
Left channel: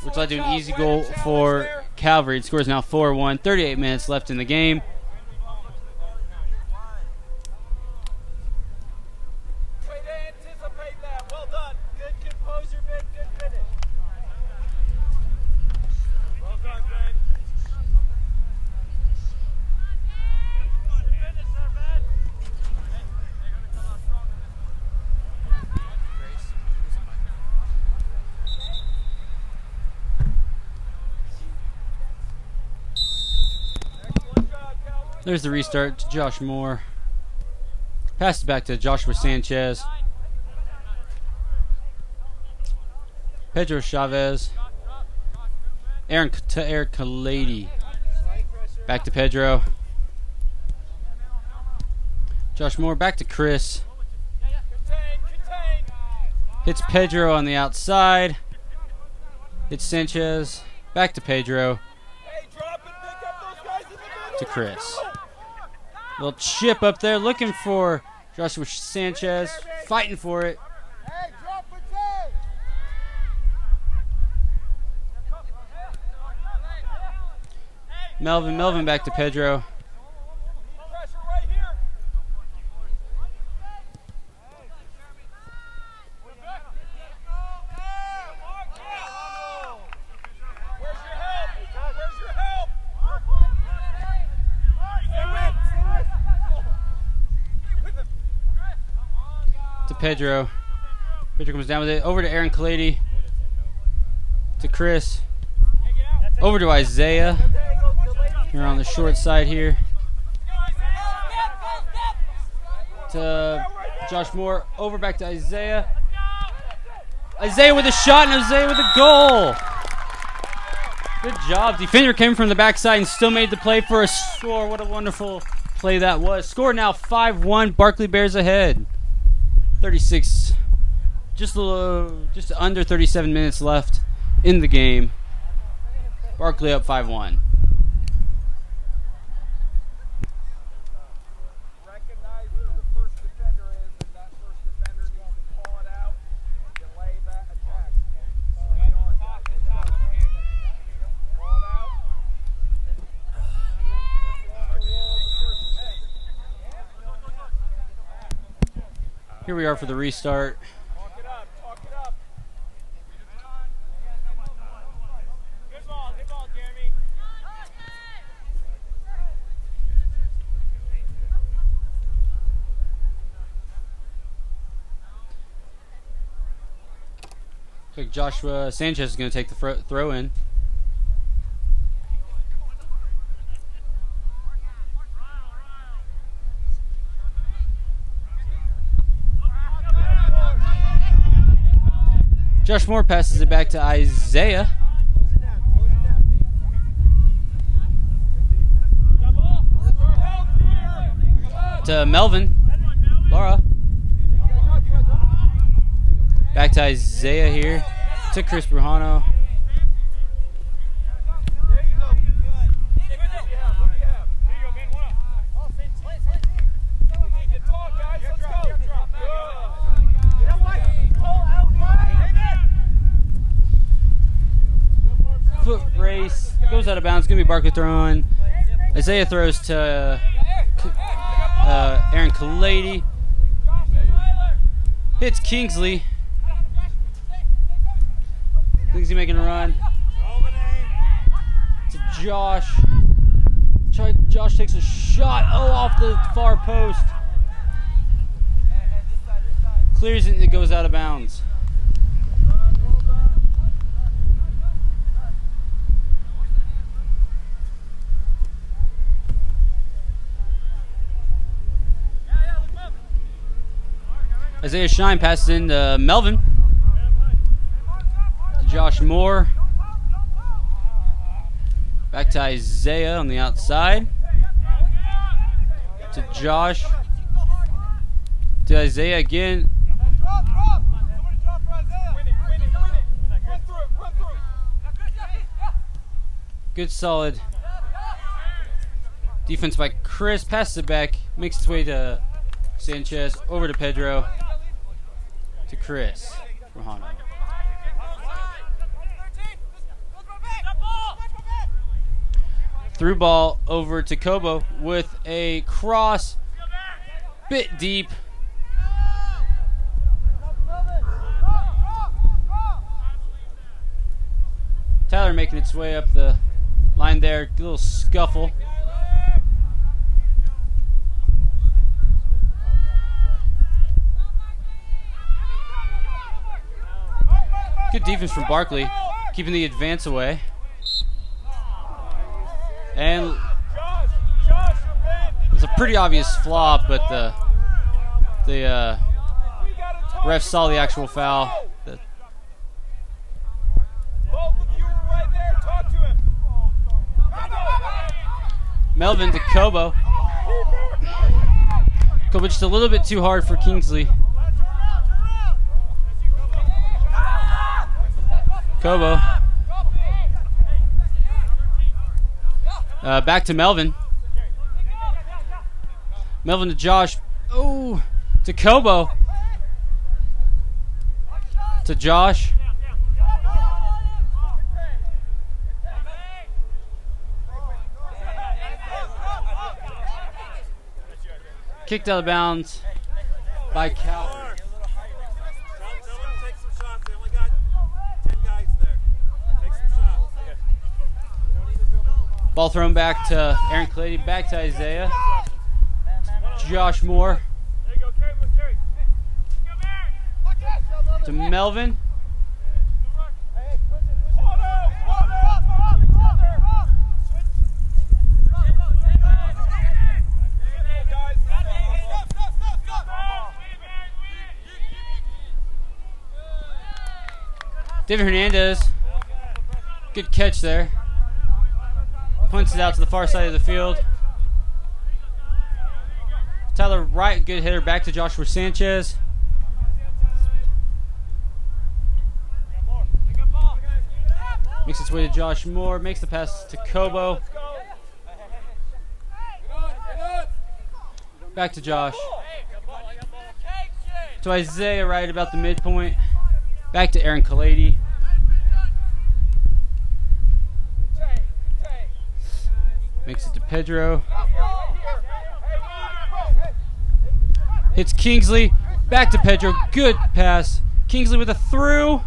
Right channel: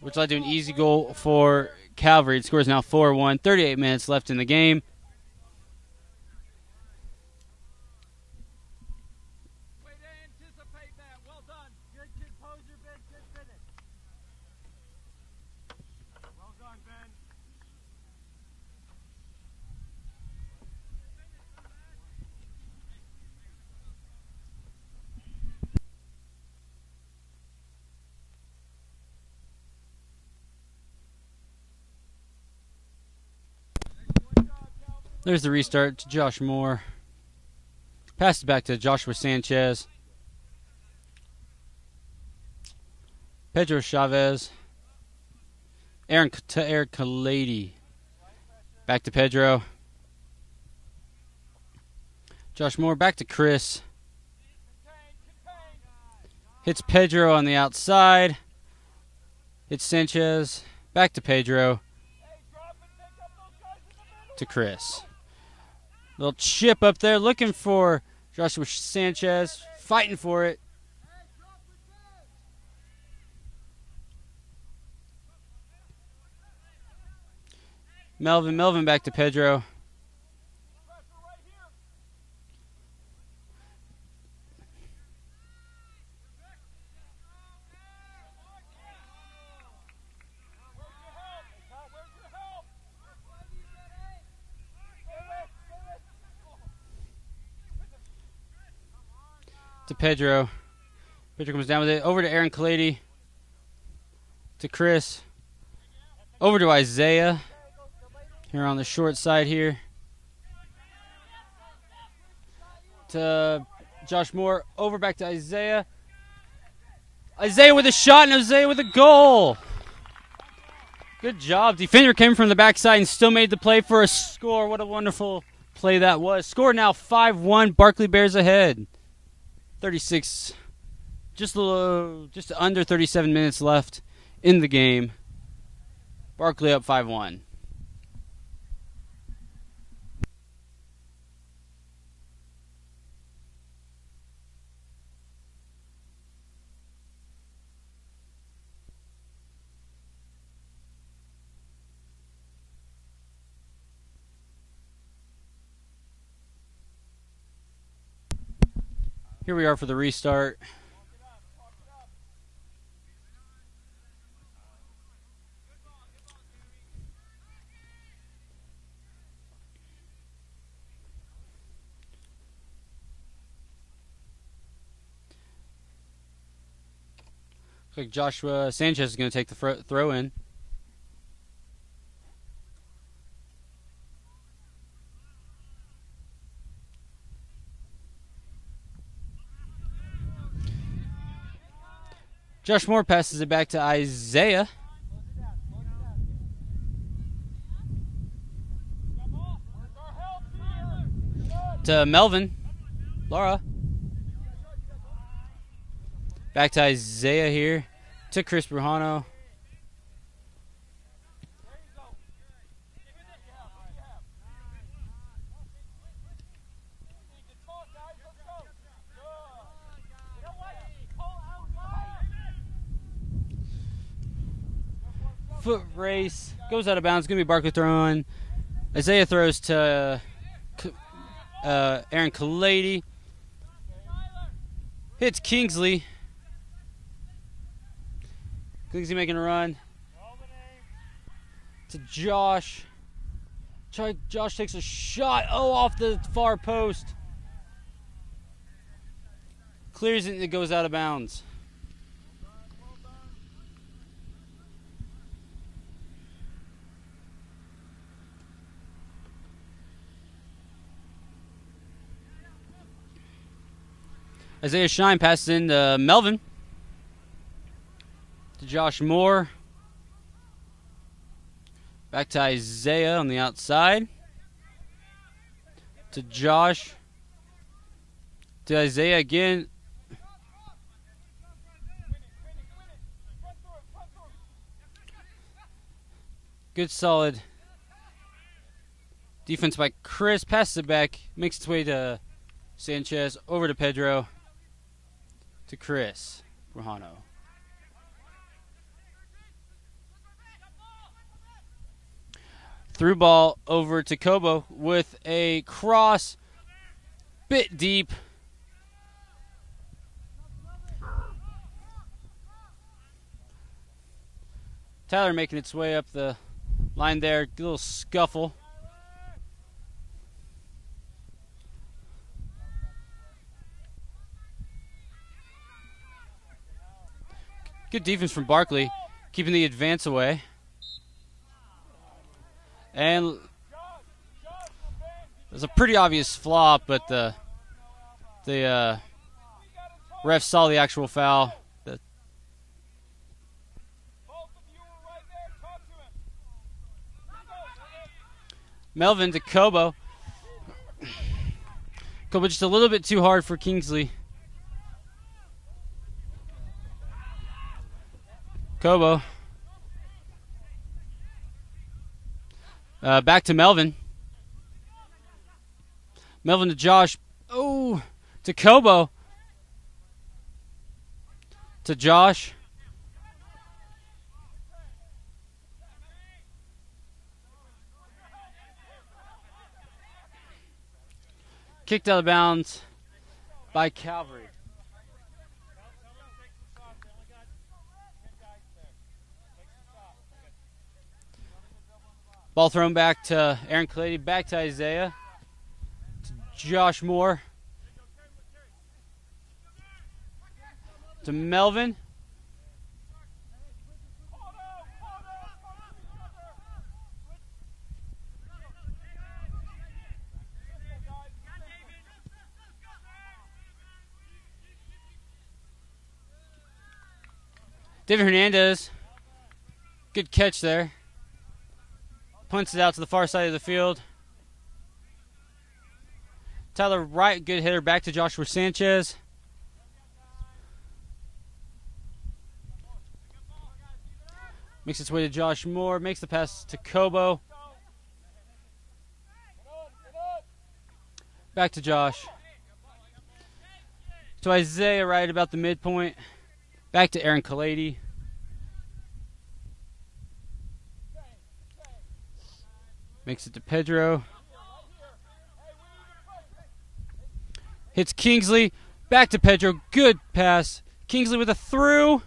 which led to an easy goal for Calvary. It scores now 4-1. 38 minutes left in the game. There's the restart to Josh Moore. Pass it back to Joshua Sanchez. Pedro Chavez. Aaron Kalady. Back to Pedro. Josh Moore back to Chris. Hits Pedro on the outside. Hits Sanchez. Back to Pedro. To Chris. Little chip up there looking for Joshua Sanchez. Fighting for it. Melvin back to Pedro. To Pedro. Pedro comes down with it. Over to Aaron Kalady. To Chris. Over to Isaiah. Here on the short side here. To Josh Moore. Over back to Isaiah. Isaiah with a shot and Isaiah with a goal. Good job. Defender came from the backside and still made the play for a score. What a wonderful play that was. Score now 5-1. Barclay Bears ahead. 36, just under 37 minutes left in the game. Barclay up 5-1. Here we are for the restart. Looks like Joshua Sanchez is going to take the throw in. Josh Moore passes it back to Isaiah. To Melvin. Laura. Back to Isaiah here. To Chris Brujano. Foot race. Goes out of bounds. Going to be Barclay throwing. Isaiah throws to Aaron Kalady. Hits Kingsley. Thinks he's making a run. To Josh. Josh takes a shot. Oh, off the far post. Clears it and it goes out of bounds. Isaiah Shine passes in to Melvin. To Josh Moore. Back to Isaiah on the outside. To Josh. To Isaiah again. Good solid defense by Chris. Passes it back. Makes its way to Sanchez. Over to Pedro. To Chris. Rojano. Through ball over to Kobo with a cross. Bit deep. Tyler making its way up the line there. A little scuffle. Good defense from Barclay, keeping the advance away. And it was a pretty obvious flop, but the ref saw the actual foul. Melvin to Kobo. Kobo just a little bit too hard for Kingsley. Kobo. Back to Melvin. Melvin to Josh. Oh, to Kobo. To Josh. Kicked out of bounds by Calvary. Ball thrown back to Aaron Clady, back to Isaiah. Josh Moore. To Melvin. David Hernandez. Good catch there. Punts it out to the far side of the field. Tyler Wright, good hitter, back to Joshua Sanchez. Makes its way to Josh Moore, makes the pass to Kobo. Back to Josh. To Isaiah right about the midpoint. Back to Aaron Kalady. Makes it to Pedro. Hits Kingsley. Back to Pedro. Good pass. Kingsley with a through.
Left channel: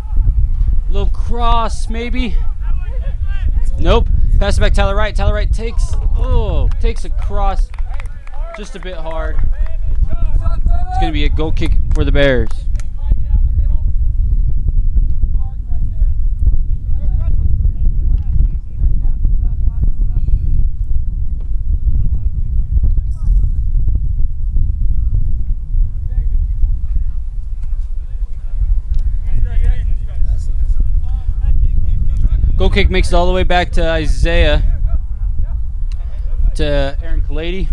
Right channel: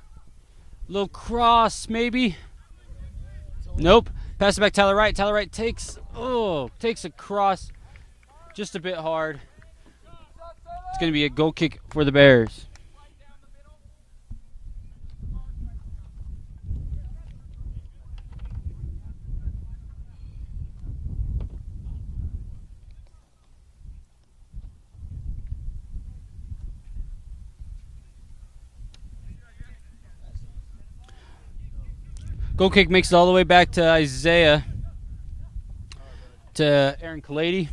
Little cross, maybe. Nope. Pass it back Tyler Wright. Tyler Wright takes a cross just a bit hard. It's going to be a goal kick for the Bears. Goal kick makes it all the way back to Isaiah. To Aaron Kalady.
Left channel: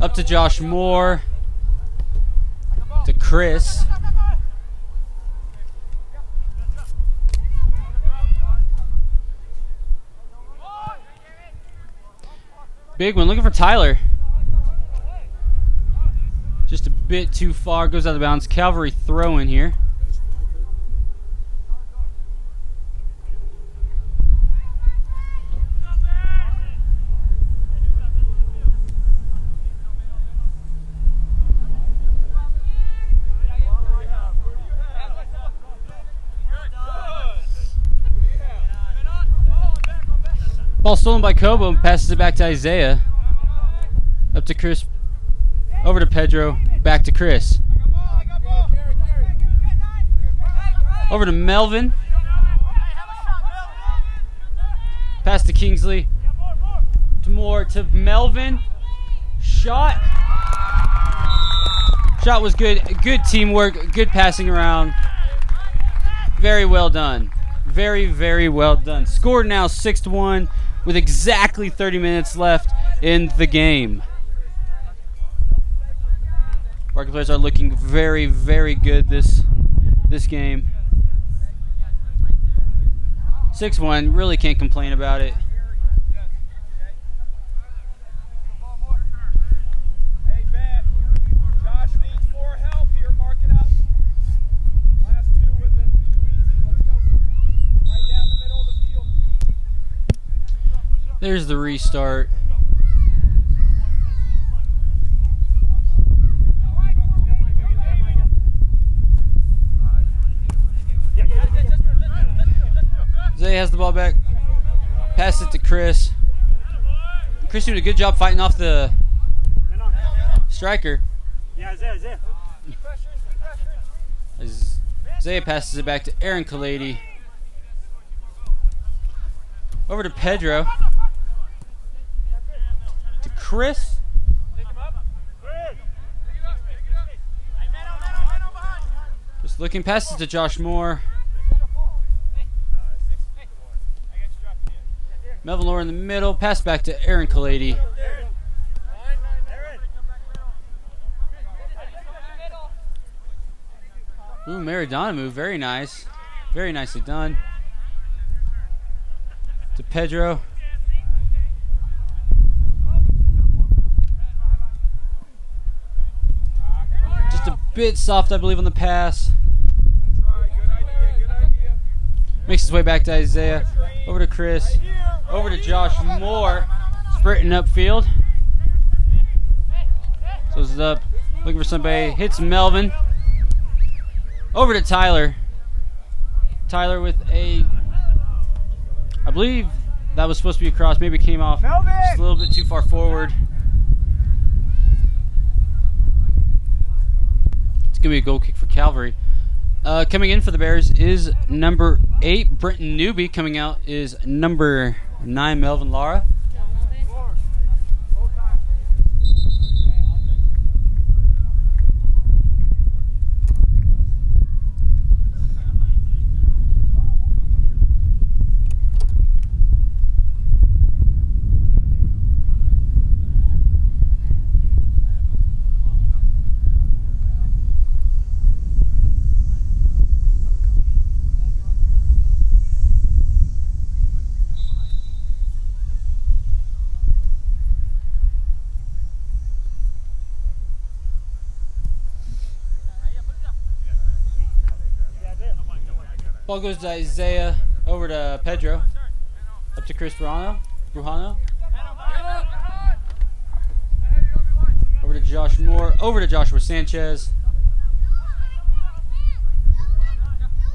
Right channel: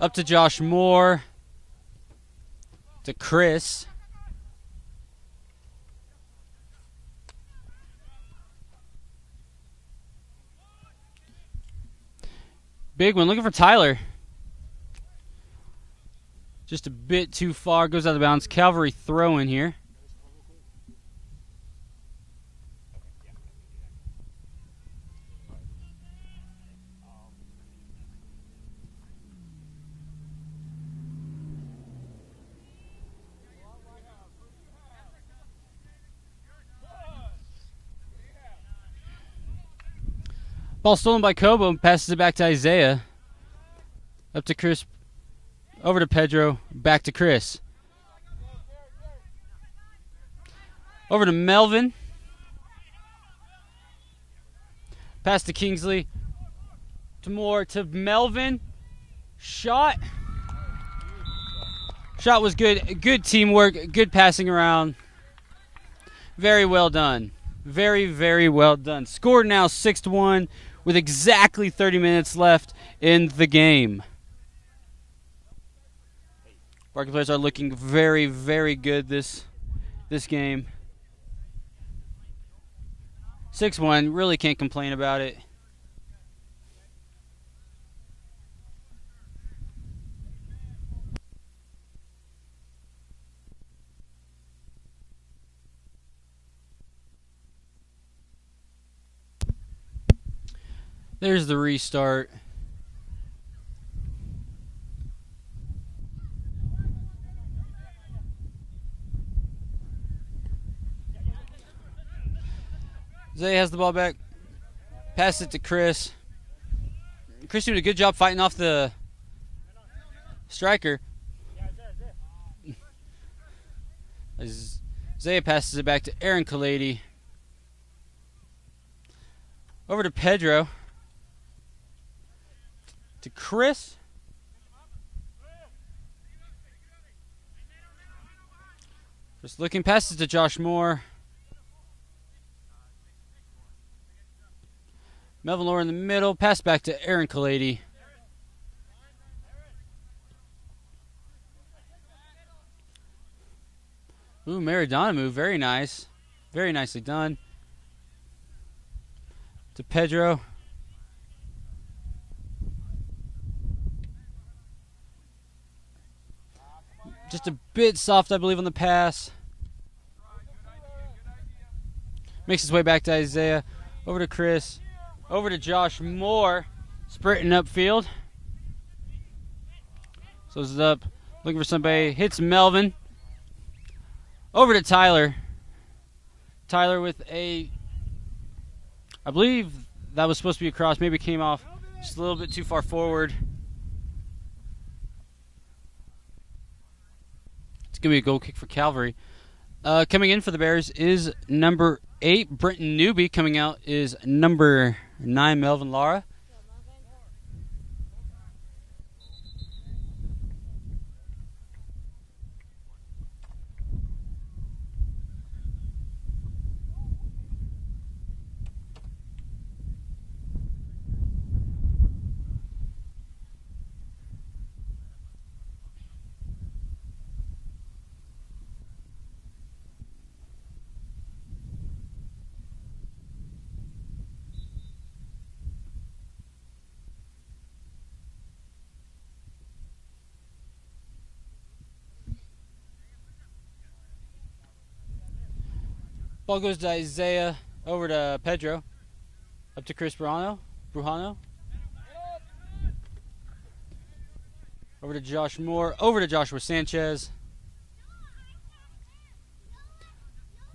Up to Josh Moore. To Chris. Big one, looking for Tyler. Just a bit too far, goes out of bounds. Calvary throw in here. Ball stolen by Kobo and passes it back to Isaiah. Up to Chris. Over to Pedro. Back to Chris. Over to Melvin. Pass to Kingsley. To Moore. To Melvin. Shot. Shot was good. Good teamwork. Good passing around. Very well done. Very, very well done. Scored now 6-1 with exactly 30 minutes left in the game. Barclay Bears are looking very, very good this game. 6-1. Really can't complain about it. There's the restart. Zay has the ball back. Pass it to Chris. Chris doing a good job fighting off the striker. Zay passes it back to Aaron Kalady. Over to Pedro. To Chris. Just looking, passes to Josh Moore. Melvin Lohr in the middle. Pass back to Aaron Kalady. Ooh, Maradona move. Very nice. Very nicely done. To Pedro. Just a bit soft, I believe, on the pass. Makes his way back to Isaiah. Over to Chris. Over to Josh Moore. Sprinting upfield. Slows it up. Looking for somebody. Hits Melvin. Over to Tyler. Tyler with a... I believe that was supposed to be a cross. Maybe it came off just a little bit too far forward. It's going to be a goal kick for Calvary. Coming in for the Bears is number 8, Brenton Newby. Coming out is number 9, Melvin Lara. Ball goes to Isaiah, over to Pedro, up to Chris Brujano, over to Josh Moore, over to Joshua Sanchez,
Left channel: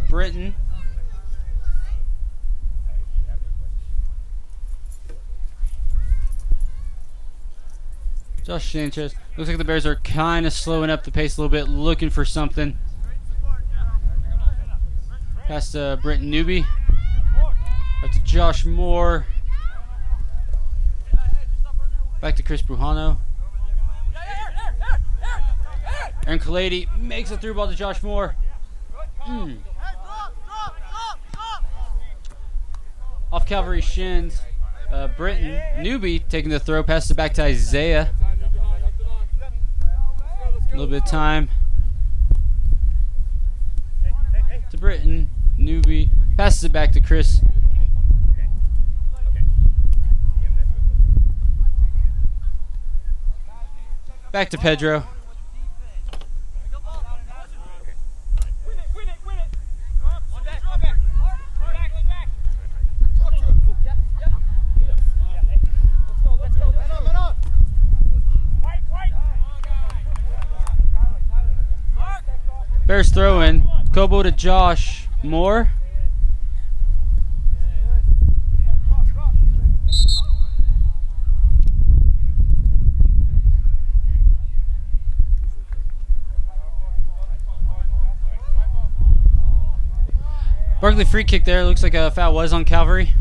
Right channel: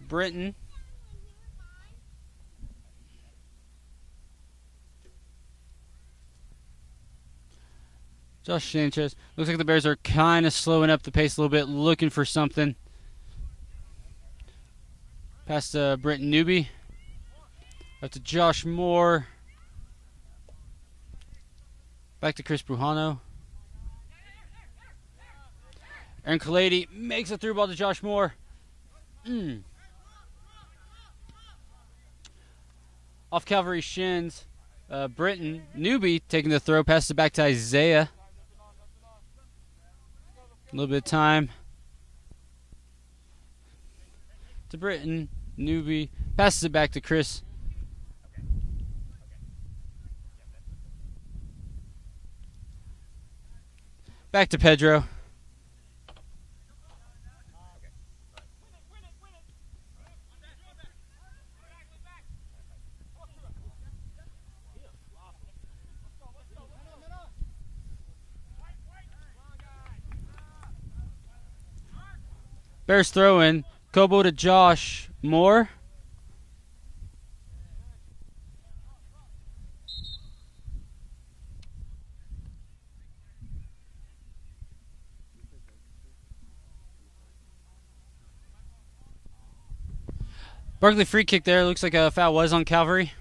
Brenton, Josh Sanchez. Looks like the Bears are kind of slowing up the pace a little bit, looking for something. Pass to Brenton Newby. Up to Josh Moore. Back to Chris Brujano. Aaron Kalady makes a through ball to Josh Moore. Off Calvary's shins. Brenton Newby taking the throw. Passes it back to Isaiah. A little bit of time. To Brenton Newby. Passes it back to Chris. Back to Pedro. Bears throw in. Kobo to Josh Moore. Barclay free kick there. Looks like a foul was on Calvary.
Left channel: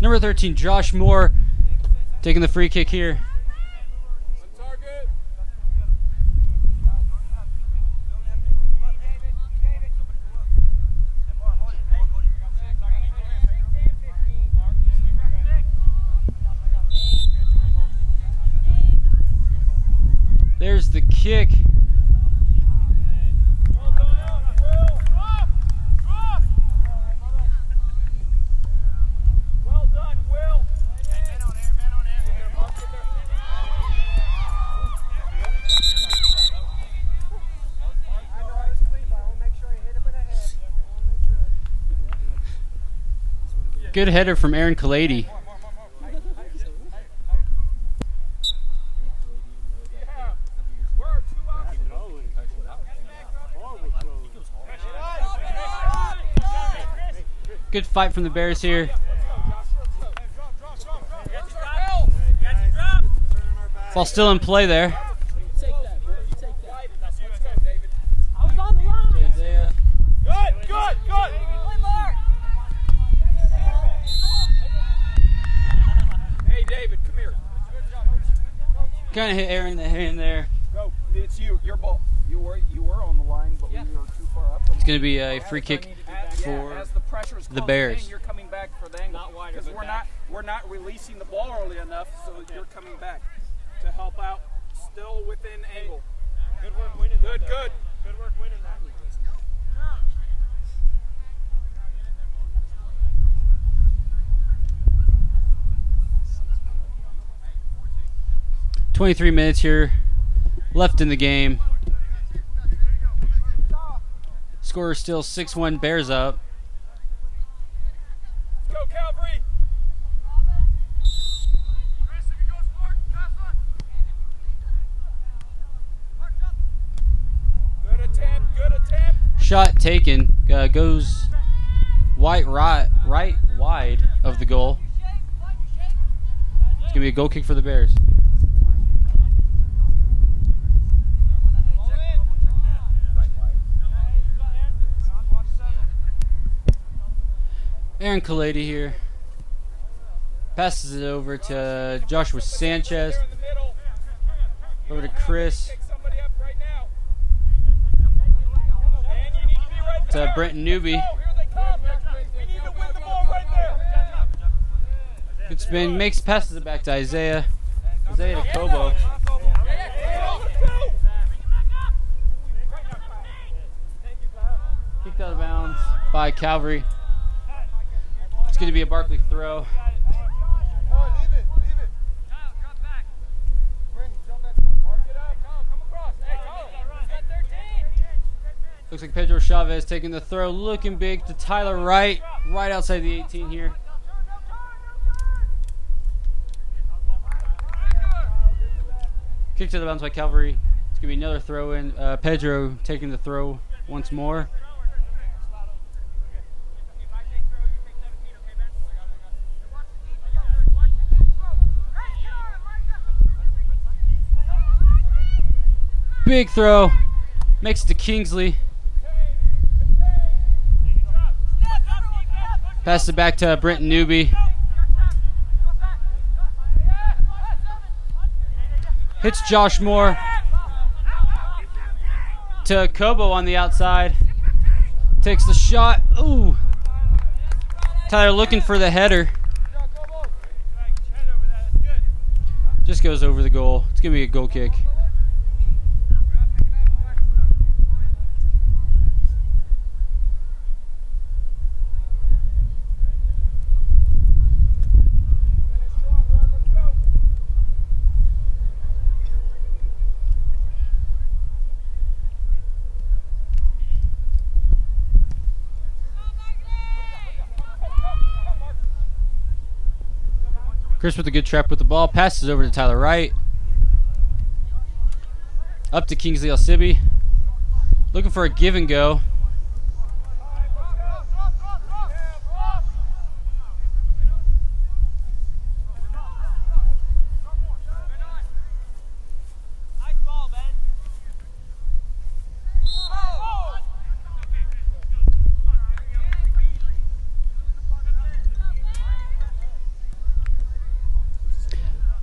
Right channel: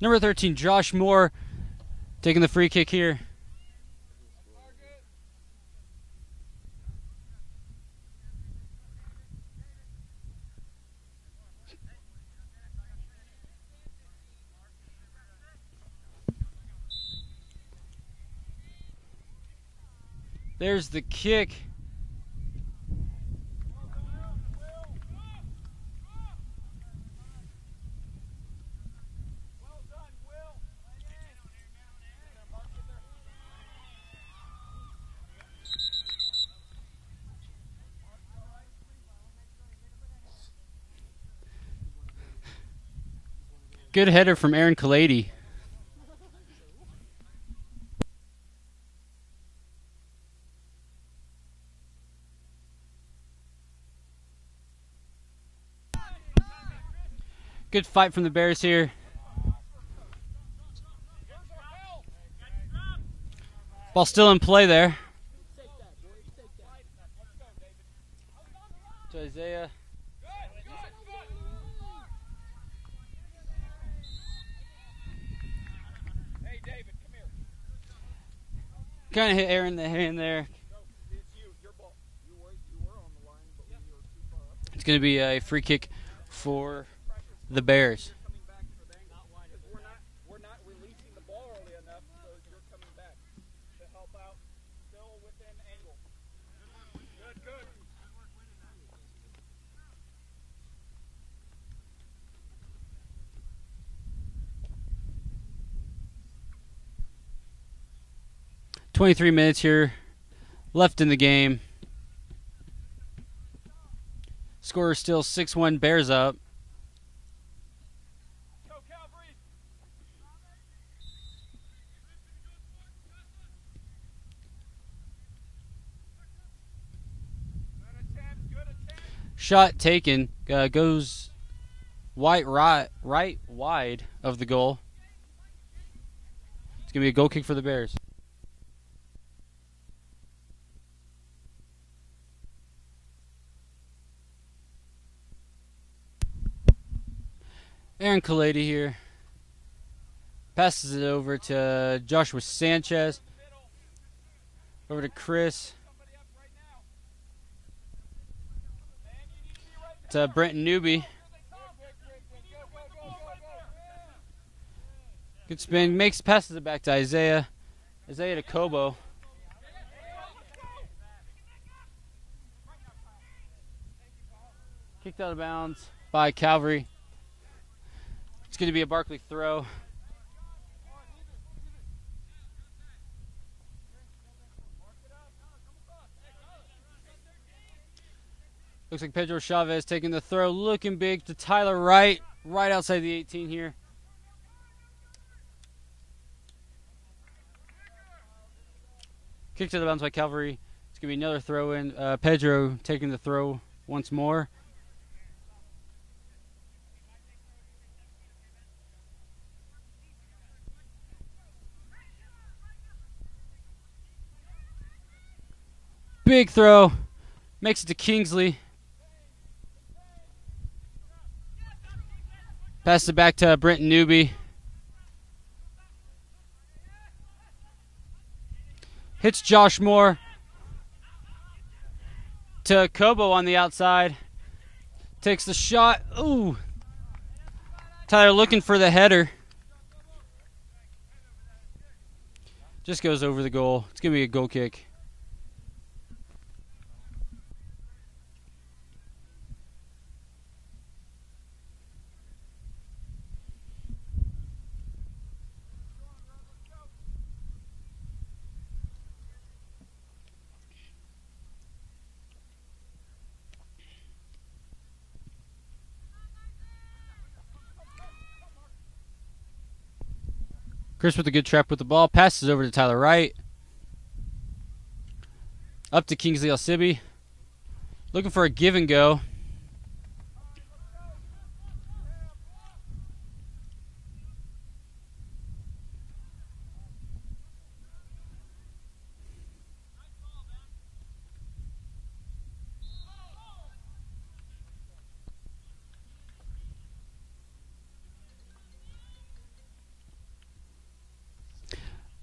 Number 13, Josh Moore, taking the free kick here. There's the kick. Good header from Aaron Kalady. Good fight from the Bears here. Ball still in play there. To Isaiah. Hey, David, come here. Kind of hit Aaron in the hand there. Go. It's you. Your ball. You were on the line, but we were too far up. It's going to be a free kick for the Bears. You're coming back for the angle because we're not releasing the ball early enough, so you're coming back to help out, still within angle. Good work winning. Good work winning that. 23 minutes here left in the game. Score is still 6-1, Bears up. Go Calvary! Good attempt. Shot taken, goes right wide of the goal. It's going to be a goal kick for the Bears. Aaron Kalady here. Passes it over to Joshua Sanchez. Over to Chris. To Brenton Newby. Good spin. Passes it back to Isaiah. Isaiah to Kobo. Kicked out of bounds by Calvary. It's going to be a Barclay throw. Looks like Pedro Chavez taking the throw, looking big to Tyler Wright, right outside the 18 here. Kicked to the bounce by Calvary. It's going to be another throw in. Pedro taking the throw once more. Big throw. Makes it to Kingsley. Passes it back to Brenton Newby. Hits Josh Moore. To Kobo on the outside. Takes the shot. Ooh. Tyler looking for the header. Just goes over the goal. It's going to be a goal kick. Chris with a good trap with the ball. Passes over to Tyler Wright. Up to Kingsley Alcibi. Looking for a give and go.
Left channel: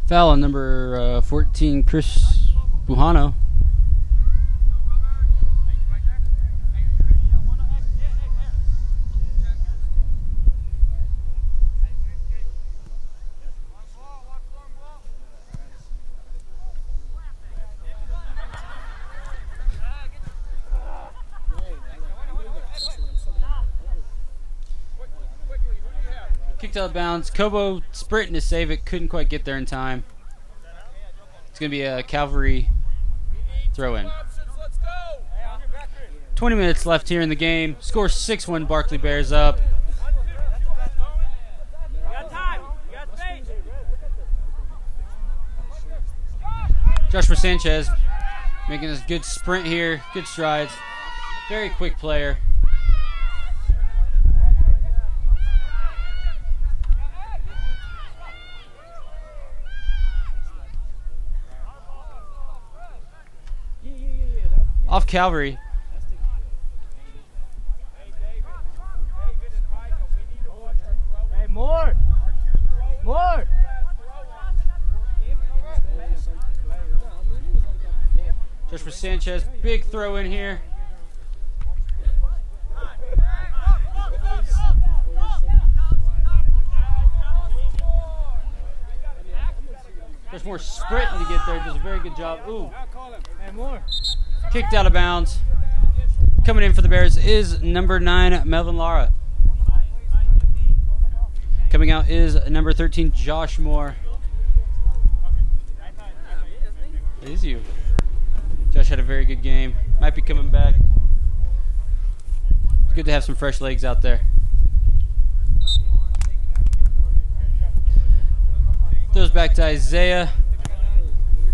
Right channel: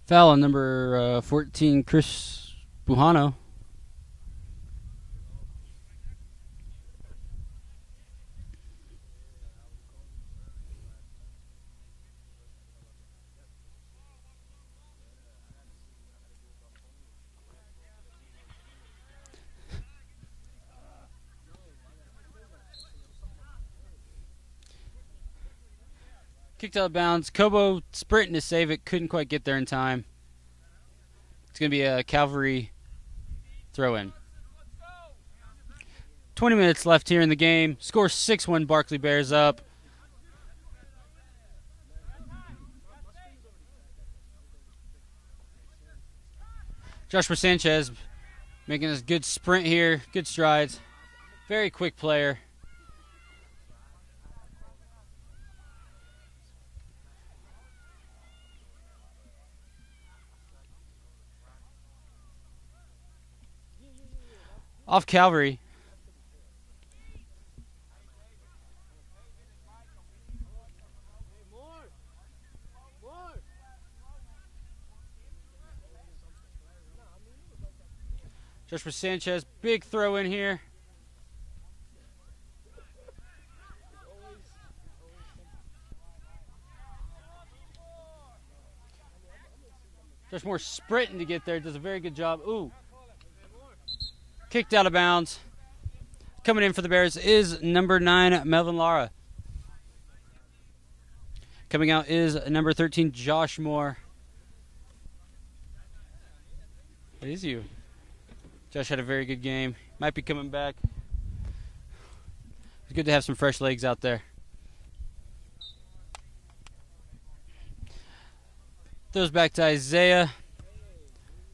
Foul on number 14, Chris Buhano. Kicked out of bounds. Kobo sprinting to save it. Couldn't quite get there in time. It's going to be a Calvary throw-in. 20 minutes left here in the game. Score 6-1 Barclay Bears up. Joshua Sanchez making a good sprint here. Good strides. Very quick player. Off Calvary. Hey, more. Joshua Sanchez, big throw in here. Just more sprinting to get there. Does a very good job. Ooh. Kicked out of bounds. Coming in for the Bears is number 9, Melvin Lara. Coming out is number 13, Josh Moore. It is you. Josh had a very good game. Might be coming back. It's good to have some fresh legs out there. Throws back to Isaiah.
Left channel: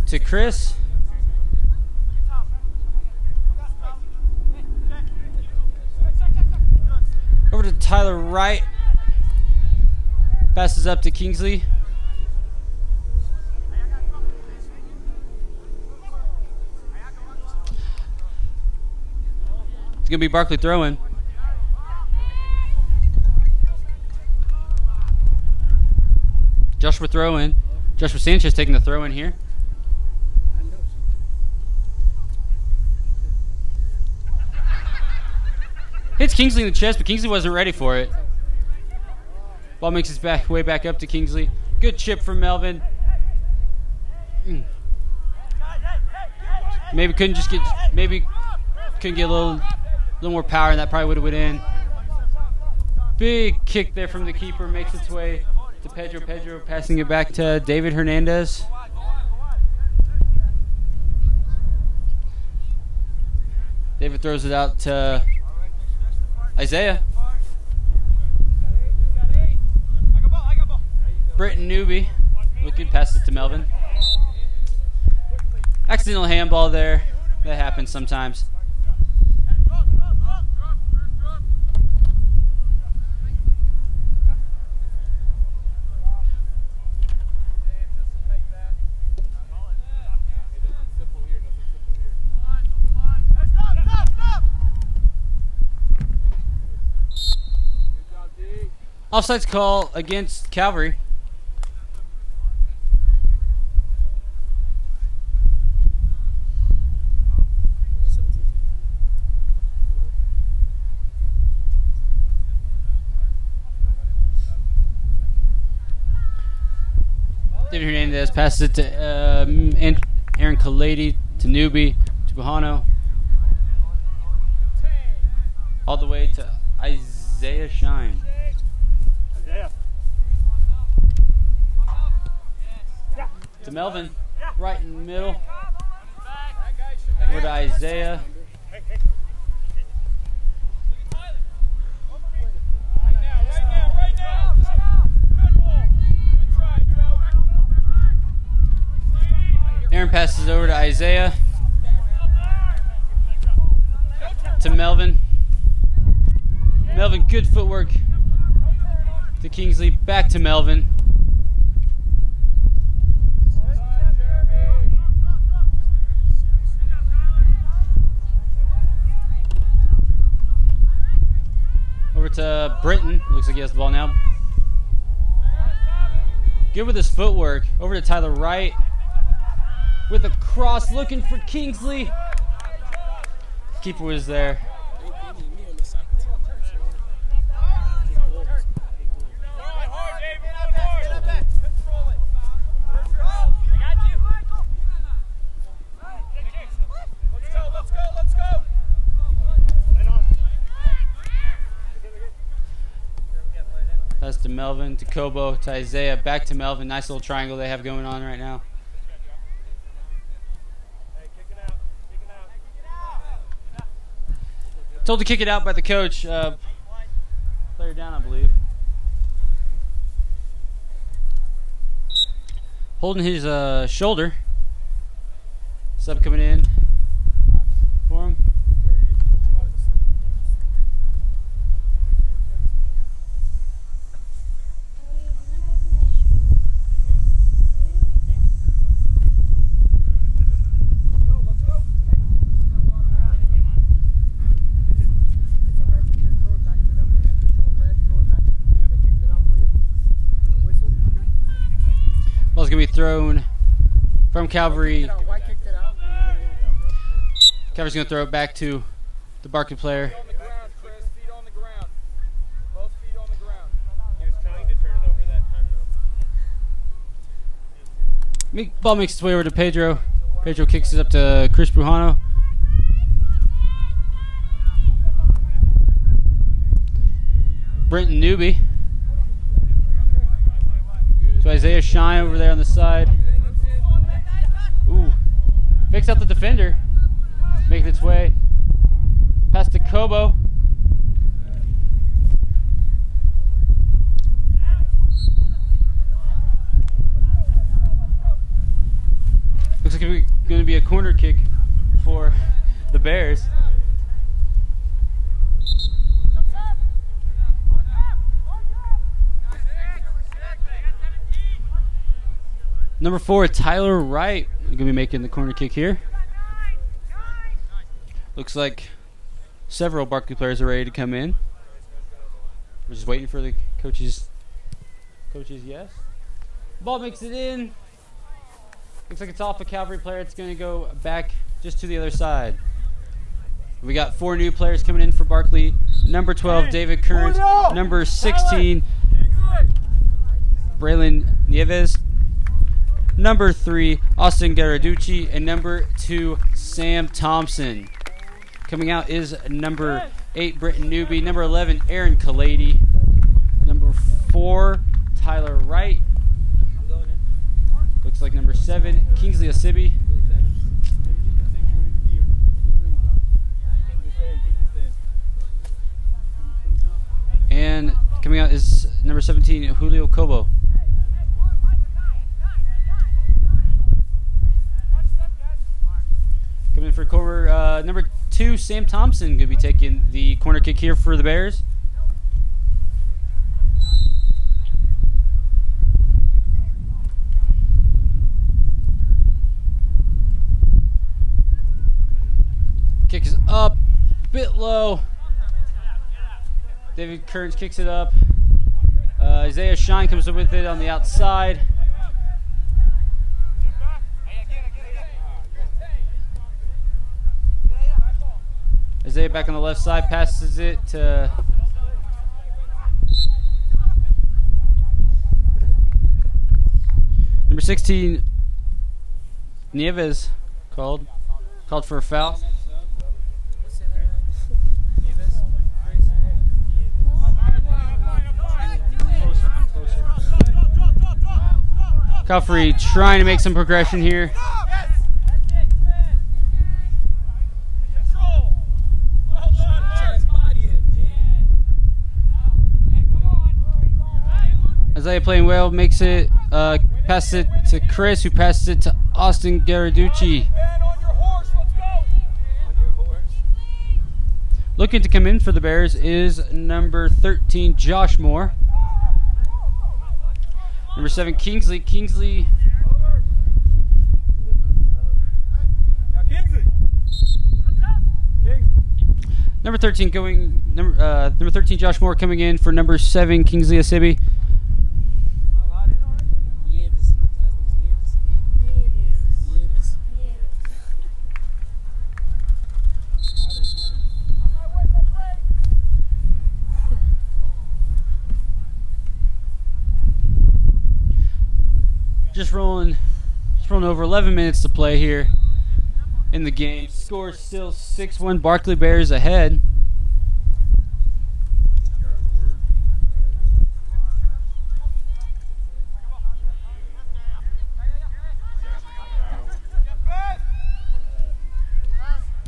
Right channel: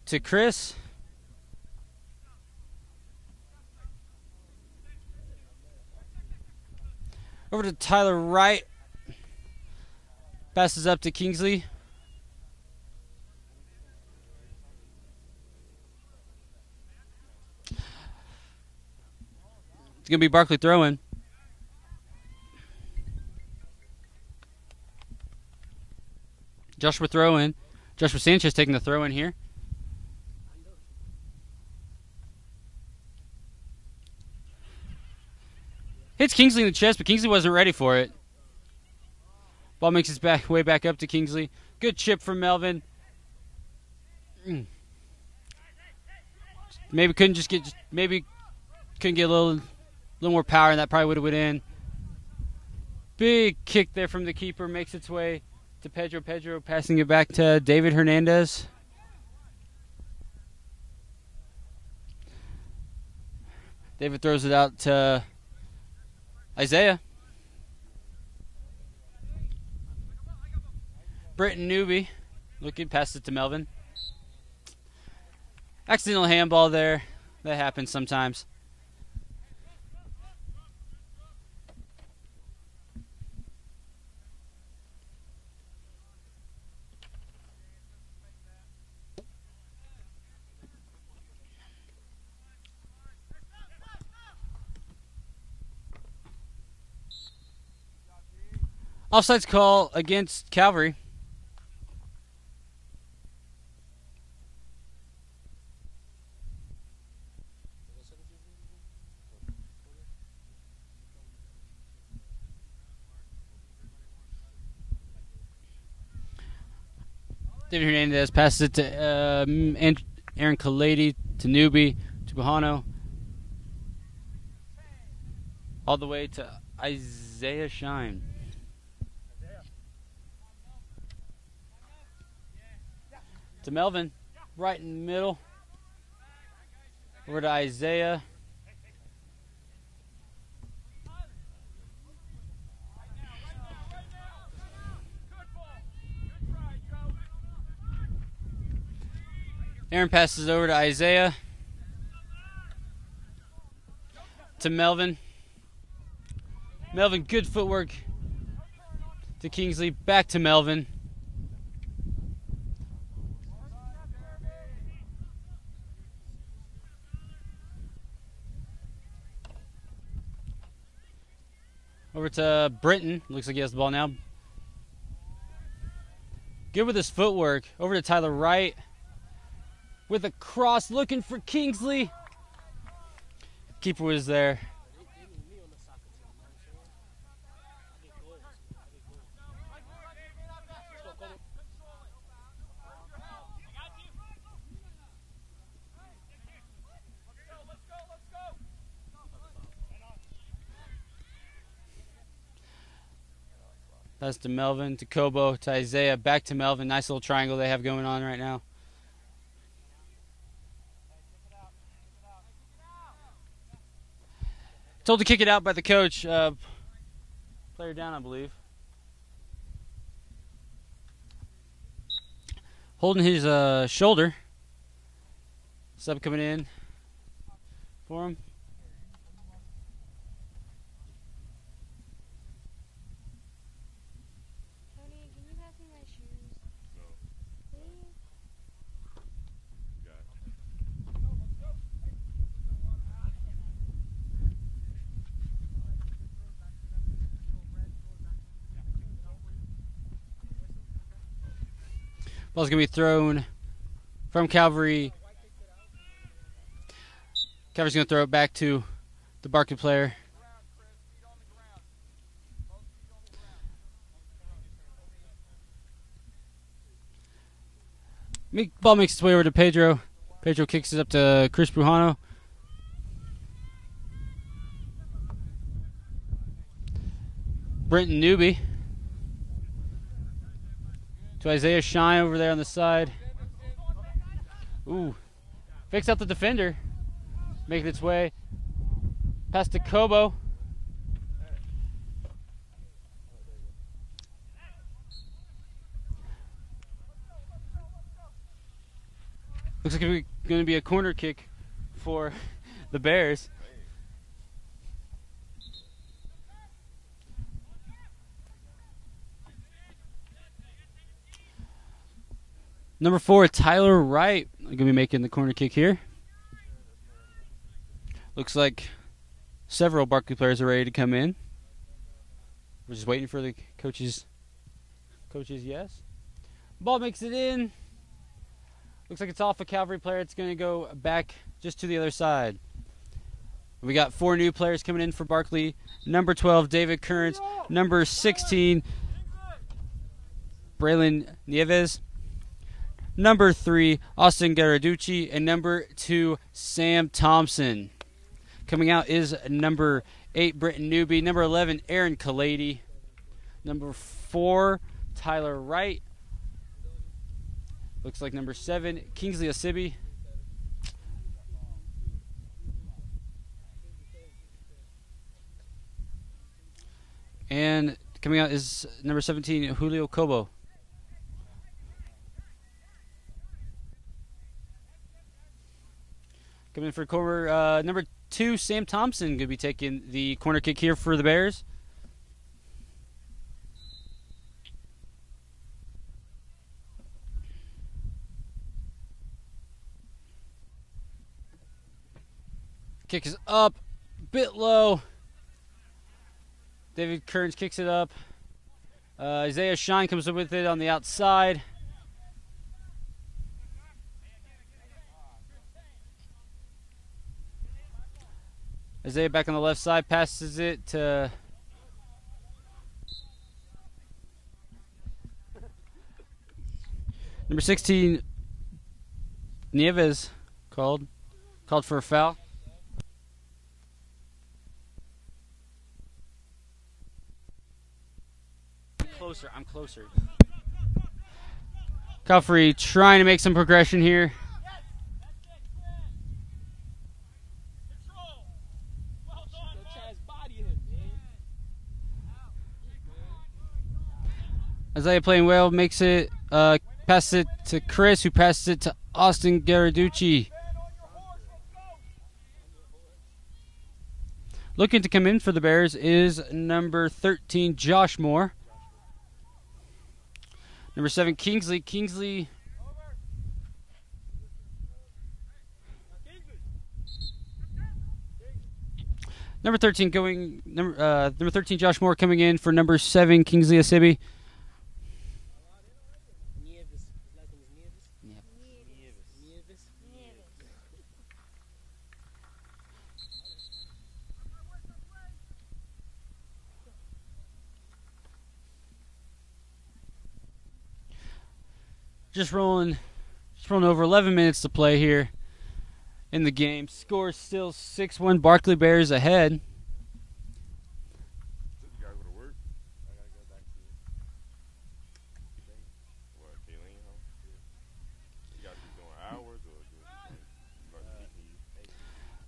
To Chris. Over to Tyler Wright. Passes up to Kingsley. It's going to be Barclay throwing. Joshua throw-in. Joshua Sanchez taking the throw-in here. Hits Kingsley in the chest, but Kingsley wasn't ready for it. Ball makes its way back up to Kingsley. Good chip from Melvin. Maybe couldn't get a little more power, and that probably would have went in. Big kick there from the keeper, makes its way to Pedro. Pedro passing it back to David Hernandez. David throws it out to Isaiah. Britton Newby looking, passes it to Melvin. Accidental handball there. That happens sometimes. Offsides call against Calvary. David Hernandez passes it to Aaron Kalady, to Newby, to Buhano. All the way to Isaiah Shine. To Melvin, right in the middle. Over to Isaiah. Aaron passes over to Isaiah. To Melvin. Melvin, good footwork. To Kingsley, back to Melvin. Over to Britton. Looks like he has the ball now. Good with his footwork. Over to Tyler Wright. With a cross, looking for Kingsley. Keeper was there. That's to Melvin, to Kobo, to Isaiah, back to Melvin. Nice little triangle they have going on right now. Told to kick it out by the coach. Player down, I believe. Holding his shoulder. Sub coming in for him. Ball's going to be thrown from Calvary. Calvary's going to throw it back to the Barclay player. Ball makes its way over to Pedro. Pedro kicks it up to Chris Brujano. Brenton Newby. To Isaiah Shine over there on the side. Ooh. Picks out the defender. Making its way. Pass to Kobo. Looks like it's going to be a corner kick for the Bears. Number 4, Tyler Wright, going to be making the corner kick here. Looks like several Barclay players are ready to come in. We're just waiting for the coaches' yes. Ball makes it in. Looks like it's off a Calvary player. It's going to go back just to the other side. We got 4 new players coming in for Barclay. Number 12, David Kearns. Number 16, Braylon Nieves. Number 3, Austin Garaducci. And number 2, Sam Thompson. Coming out is number 8, Britton Newby. Number 11, Aaron Kalady. Number 4, Tyler Wright. Looks like number 7, Kingsley Asibi. And coming out is number 17, Julio Kobo. Coming in for corner, number 2, Sam Thompson, going to be taking the corner kick here for the Bears. Kick is up, bit low. David Kearns kicks it up. Isaiah Shine comes up with it on the outside. Isaiah back on the left side, passes it to number 16, Nieves, called for a foul. I'm closer. Calvary trying to make some progression here. Isaiah playing well, makes it, passes it to Chris, who passes it to Austin Garaducci. Looking to come in for the Bears is number 13, Josh Moore. Number 7, Kingsley. Number 13, Josh Moore coming in for number 7, Kingsley Asibi. Just rolling over 11 minutes to play here in the game. Score still 6-1. Barclay Bears ahead.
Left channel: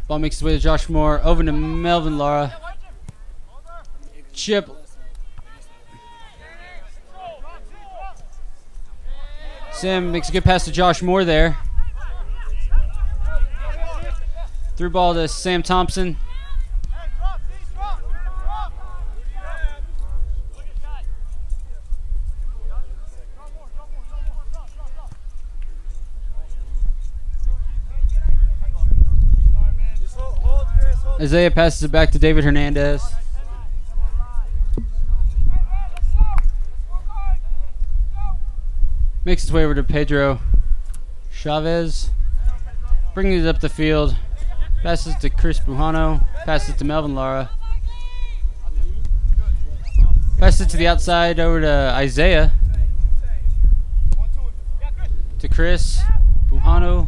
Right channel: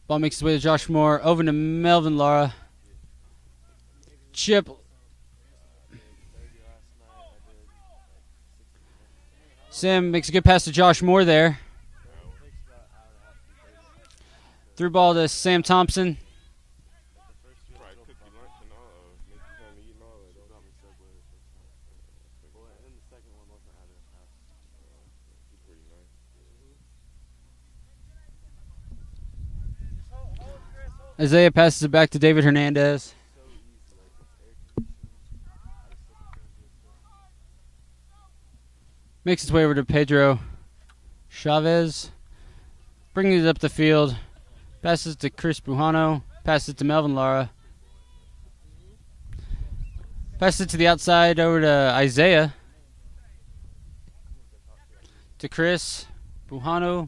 Ball makes its way to Josh Moore. Over to Melvin Lara. Chip. Sam makes a good pass to Josh Moore there. Through ball to Sam Thompson. Isaiah passes it back to David Hernandez. Makes its way over to Pedro Chavez. Bringing it up the field. Passes to Chris Bujano. Passes to Melvin Lara. Passes it to the outside over to Isaiah. To Chris Bujano.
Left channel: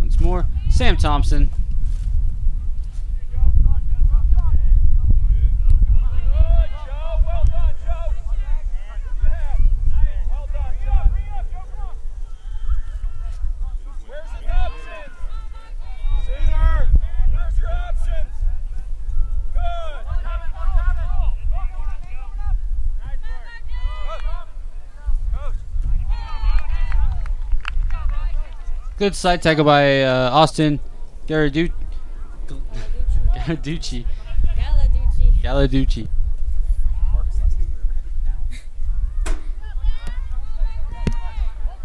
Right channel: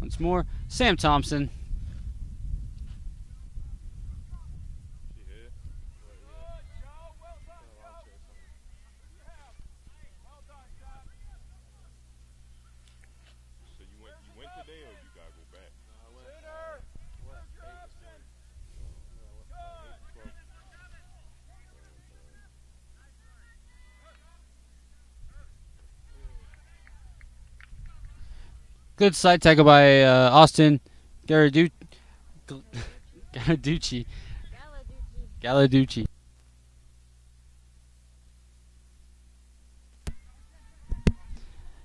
Once more. Sam Thompson. Good side tackle by Austin Galaducci.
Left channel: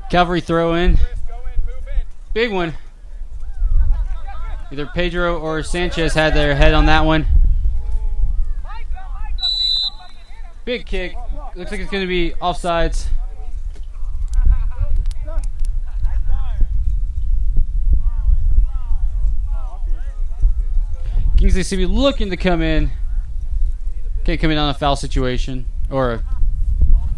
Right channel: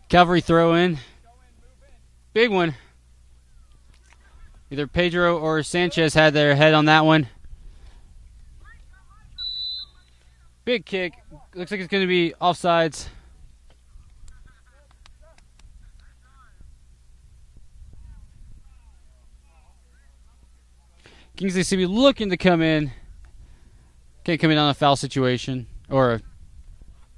Calvary throw in. Big one. Either Pedro or Sanchez had their head on that one. Big kick. Looks like it's going to be offsides. Kingsley CB looking to come in. Can't come in on a foul situation or a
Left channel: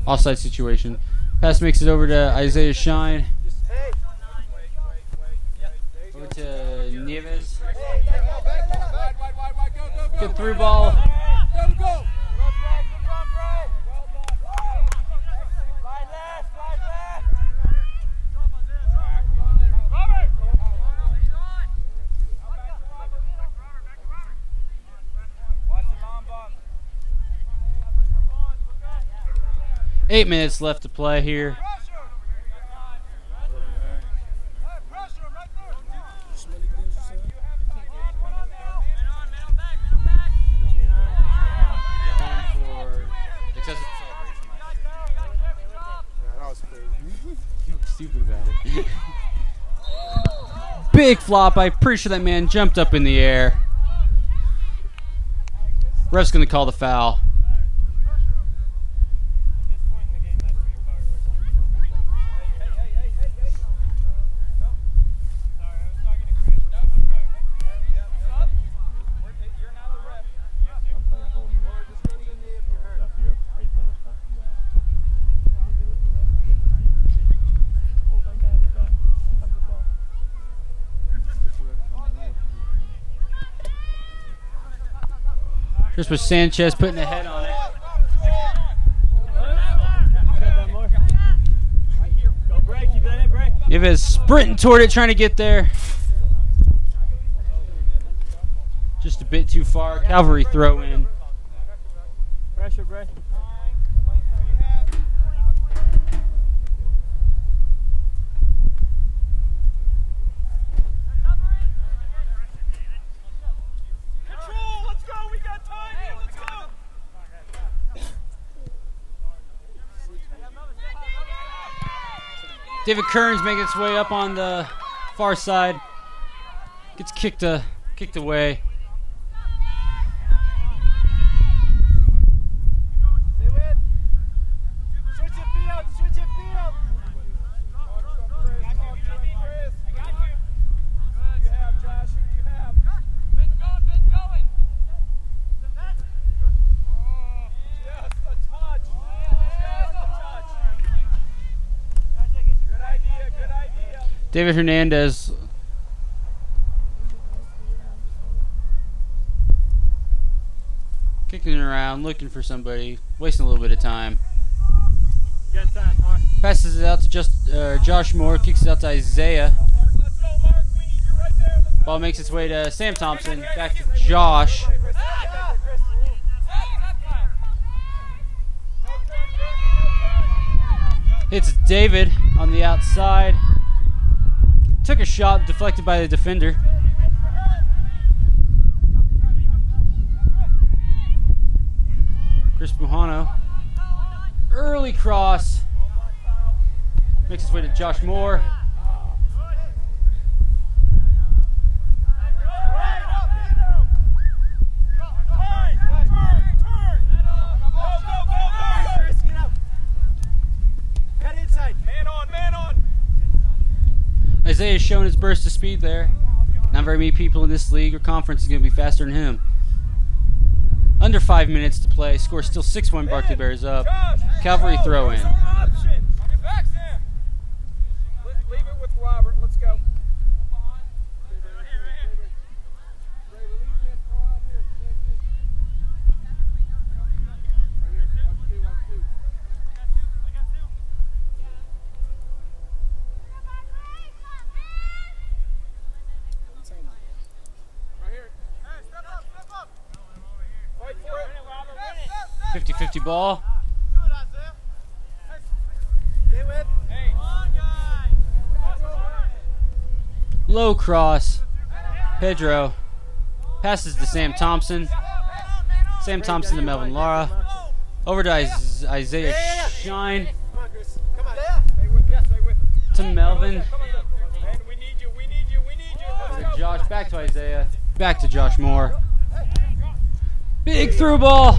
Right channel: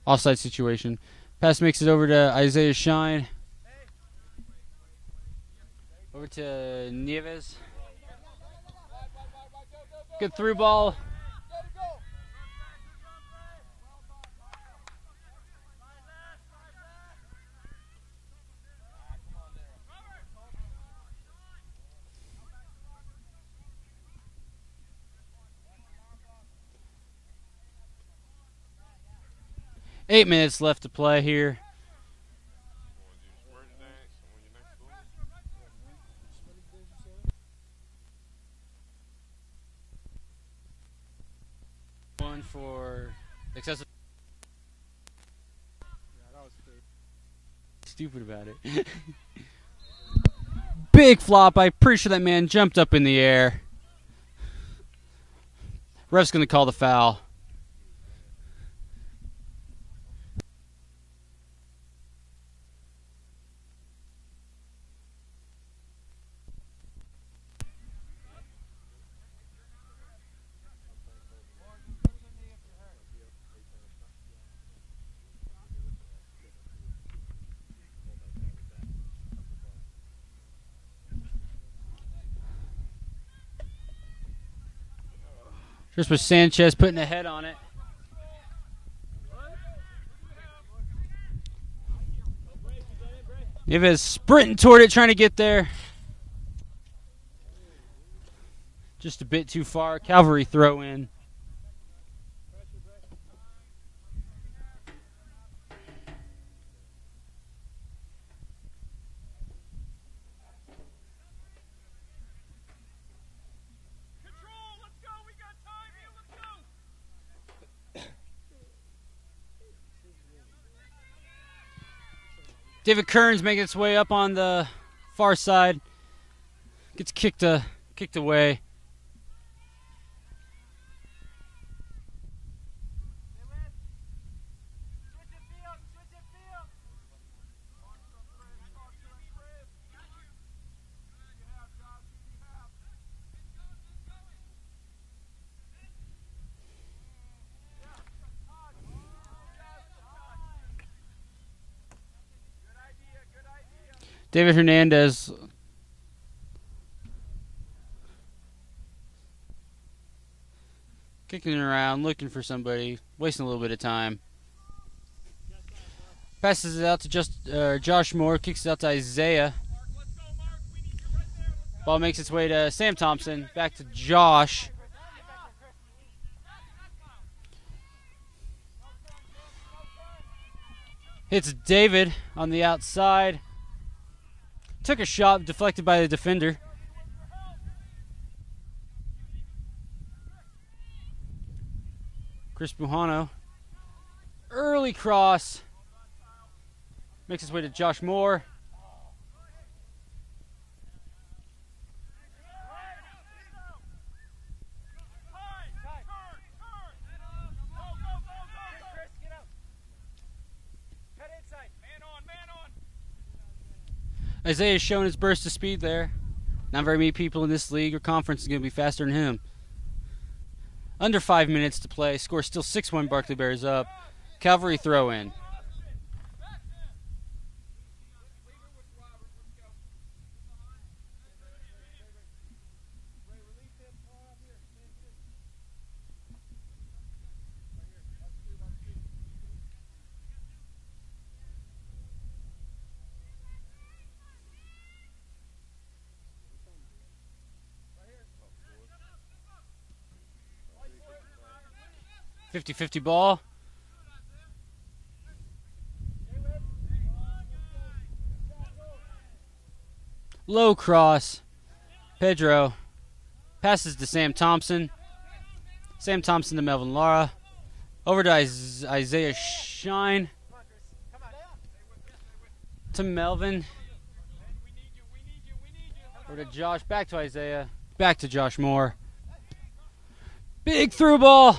offside situation. Pass makes it over to Isaiah Shine. Over to Nieves. Good through ball. 8 minutes left to play here. One for excessive celebration. Stupid about it. Big flop. I'm pretty sure that man jumped up in the air. Ref's going to call the foul. Just with Sanchez putting a head on it. Nieves sprinting toward it, trying to get there. Just a bit too far. Calvary throw in. David Kearns making its way up on the far side. Gets kicked away. David Hernandez. Kicking around, looking for somebody, wasting a little bit of time. Passes it out to Josh Moore, kicks it out to Isaiah. Ball makes its way to Sam Thompson, back to Josh. Hits David on the outside. Took a shot, deflected by the defender. Chris Bujano. Early cross. Makes its way to Josh Moore. Isaiah's shown his burst of speed there. Not very many people in this league or conference is going to be faster than him. Under 5 minutes to play. Score still 6-1. Barclay Bears up. Calvary throw in. Hey, 50-50 ball. Low cross. Pedro passes to Sam Thompson. Sam Thompson to Melvin Lara. Over to Isaiah Shine. To Melvin. Over to Josh. Back to Isaiah. Back to Josh Moore. Big through ball.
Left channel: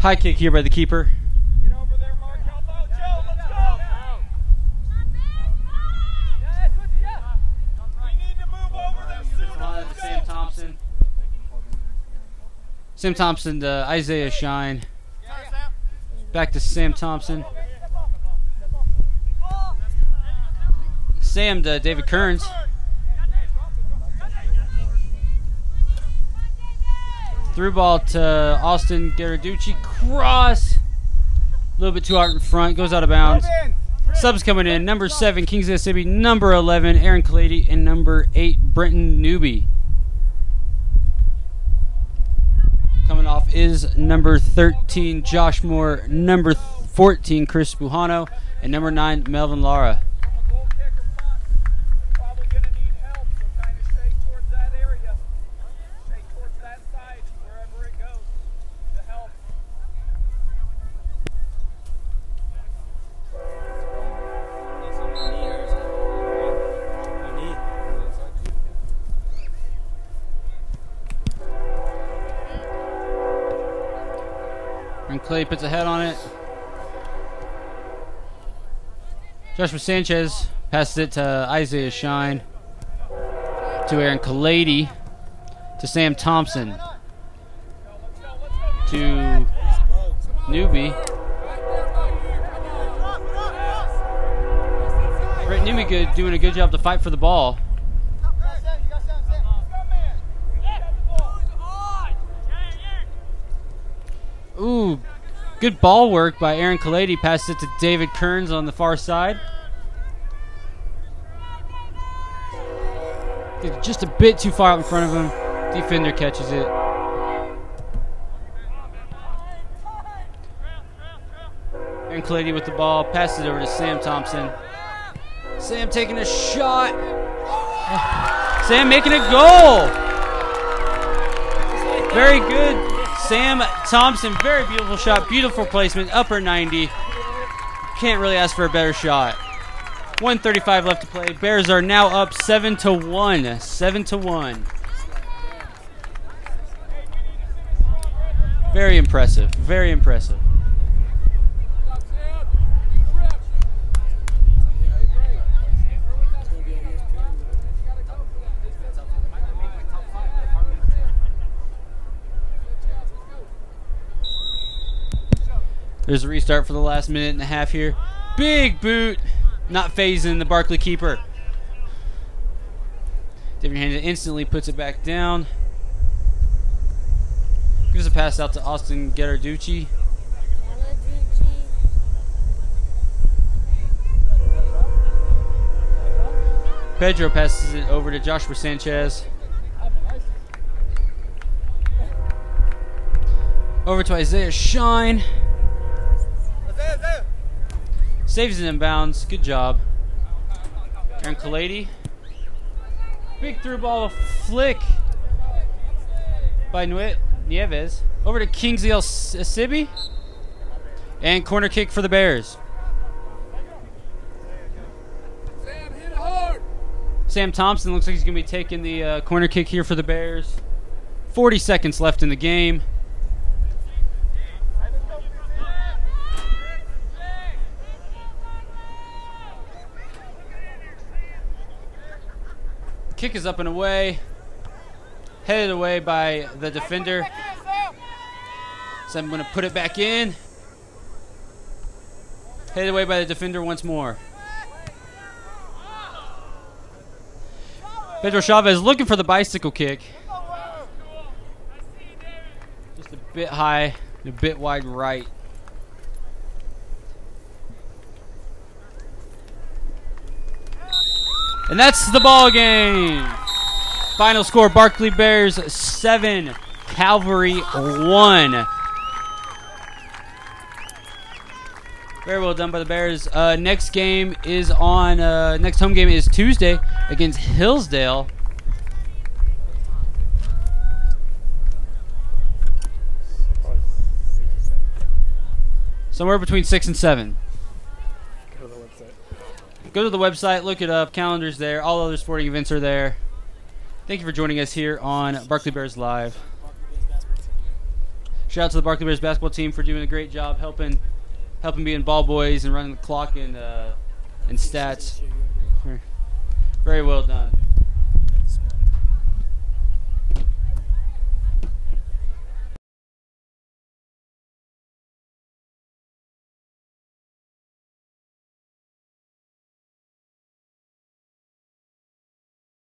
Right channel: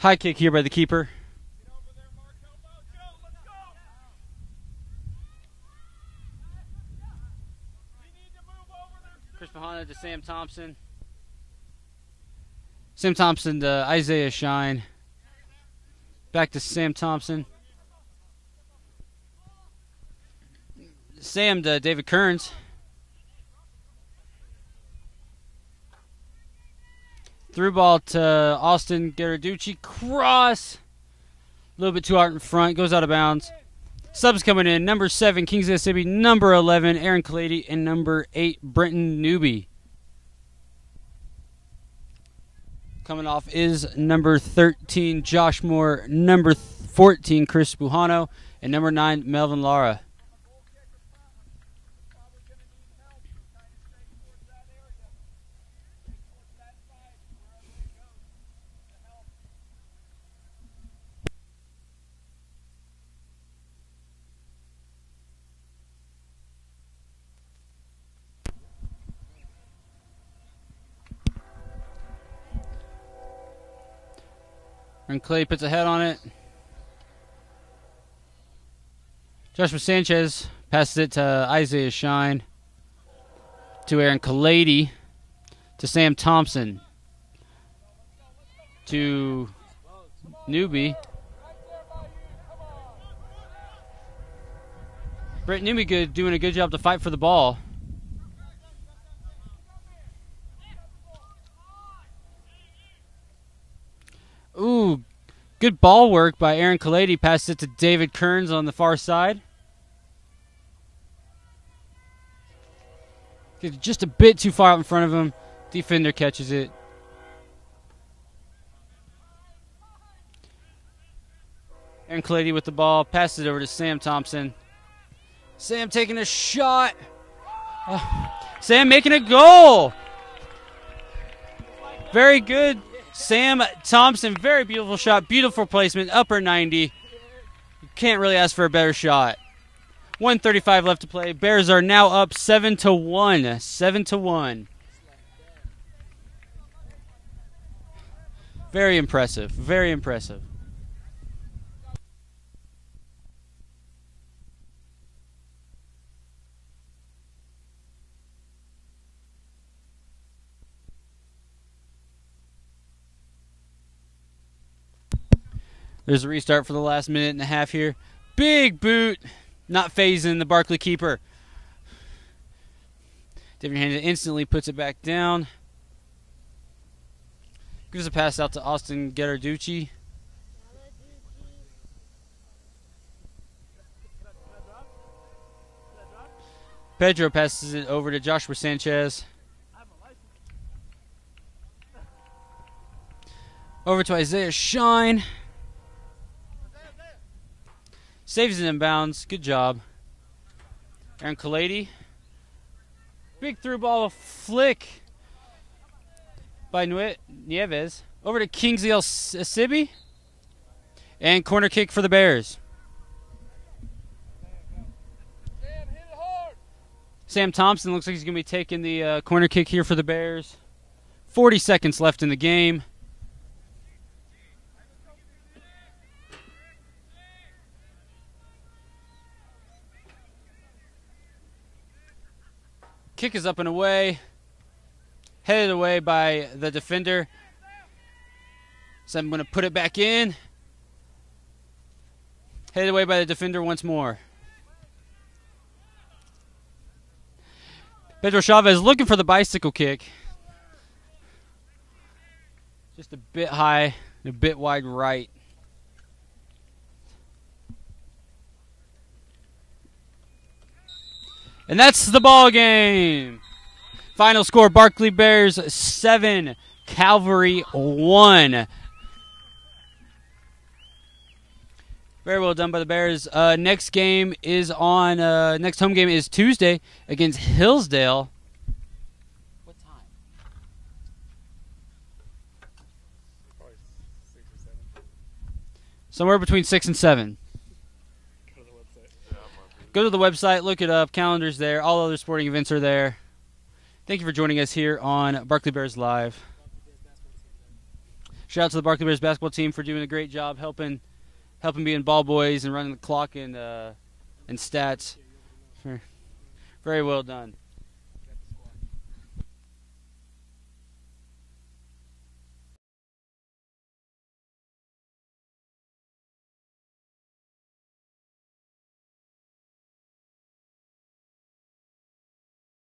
High kick here by the keeper. To Sam Thompson. Sam Thompson to Isaiah Shine. Back to Sam Thompson. Sam to David Kearns. Through ball to Austin Garaducci. Cross. A little bit too hard in front. Goes out of bounds. Subs coming in. Number 7, Kings of Mississippi. Number 11, Aaron Kalady. And number 8, Brenton Newby. Coming off is number 13, Josh Moore. Number 14, Chris Bujano. And number 9, Melvin Lara. And Clay puts a head on it. Joshua Sanchez passes it to Isaiah Shine. To Aaron Kalady. To Sam Thompson. To Newby. Brett Newby doing a good job to fight for the ball. Ooh, good ball work by Aaron Kalady. Passed it to David Kearns on the far side. Just a bit too far out in front of him. Defender catches it. Aaron Kalady with the ball. Passes it over to Sam Thompson. Sam taking a shot. Sam making a goal. Very good. Sam Thompson, very beautiful shot, beautiful placement, upper 90. Can't really ask for a better shot. 1:35 left to play. Bears are now up 7-1. 7-1. Very impressive. Very impressive. There's a restart for the last minute and a half here. Big boot. Not phasing the Barclay keeper. David Handed instantly puts it back down. Gives a pass out to Austin Gherarducci. Pedro passes it over to Joshua Sanchez. Over to Isaiah Shine. Saves it in bounds. Good job. Aaron Kalady. Big through ball flick by Nieves. Over to Kingsley Asibi. And corner kick for the Bears. Sam Thompson looks like he's going to be taking the corner kick here for the Bears. 40 seconds left in the game. Kick is up and away. Headed away by the defender. So I'm going to put it back in. Headed away by the defender once more. Pedro Chavez looking for the bicycle kick. Just a bit high and a bit wide right. And that's the ball game. Final score, Barclay Bears 7, Calvary 1. Very well done by the Bears. Next game is on. Next home game is Tuesday against Hillsdale. Somewhere between 6 and 7. Go to the website, look it up. Calendar's there. All other sporting events are there. Thank you for joining us here on Barclay Bears Live. Shout out to the Barclay Bears basketball team for doing a great job helping being ball boys and running the clock and stats. Very well done.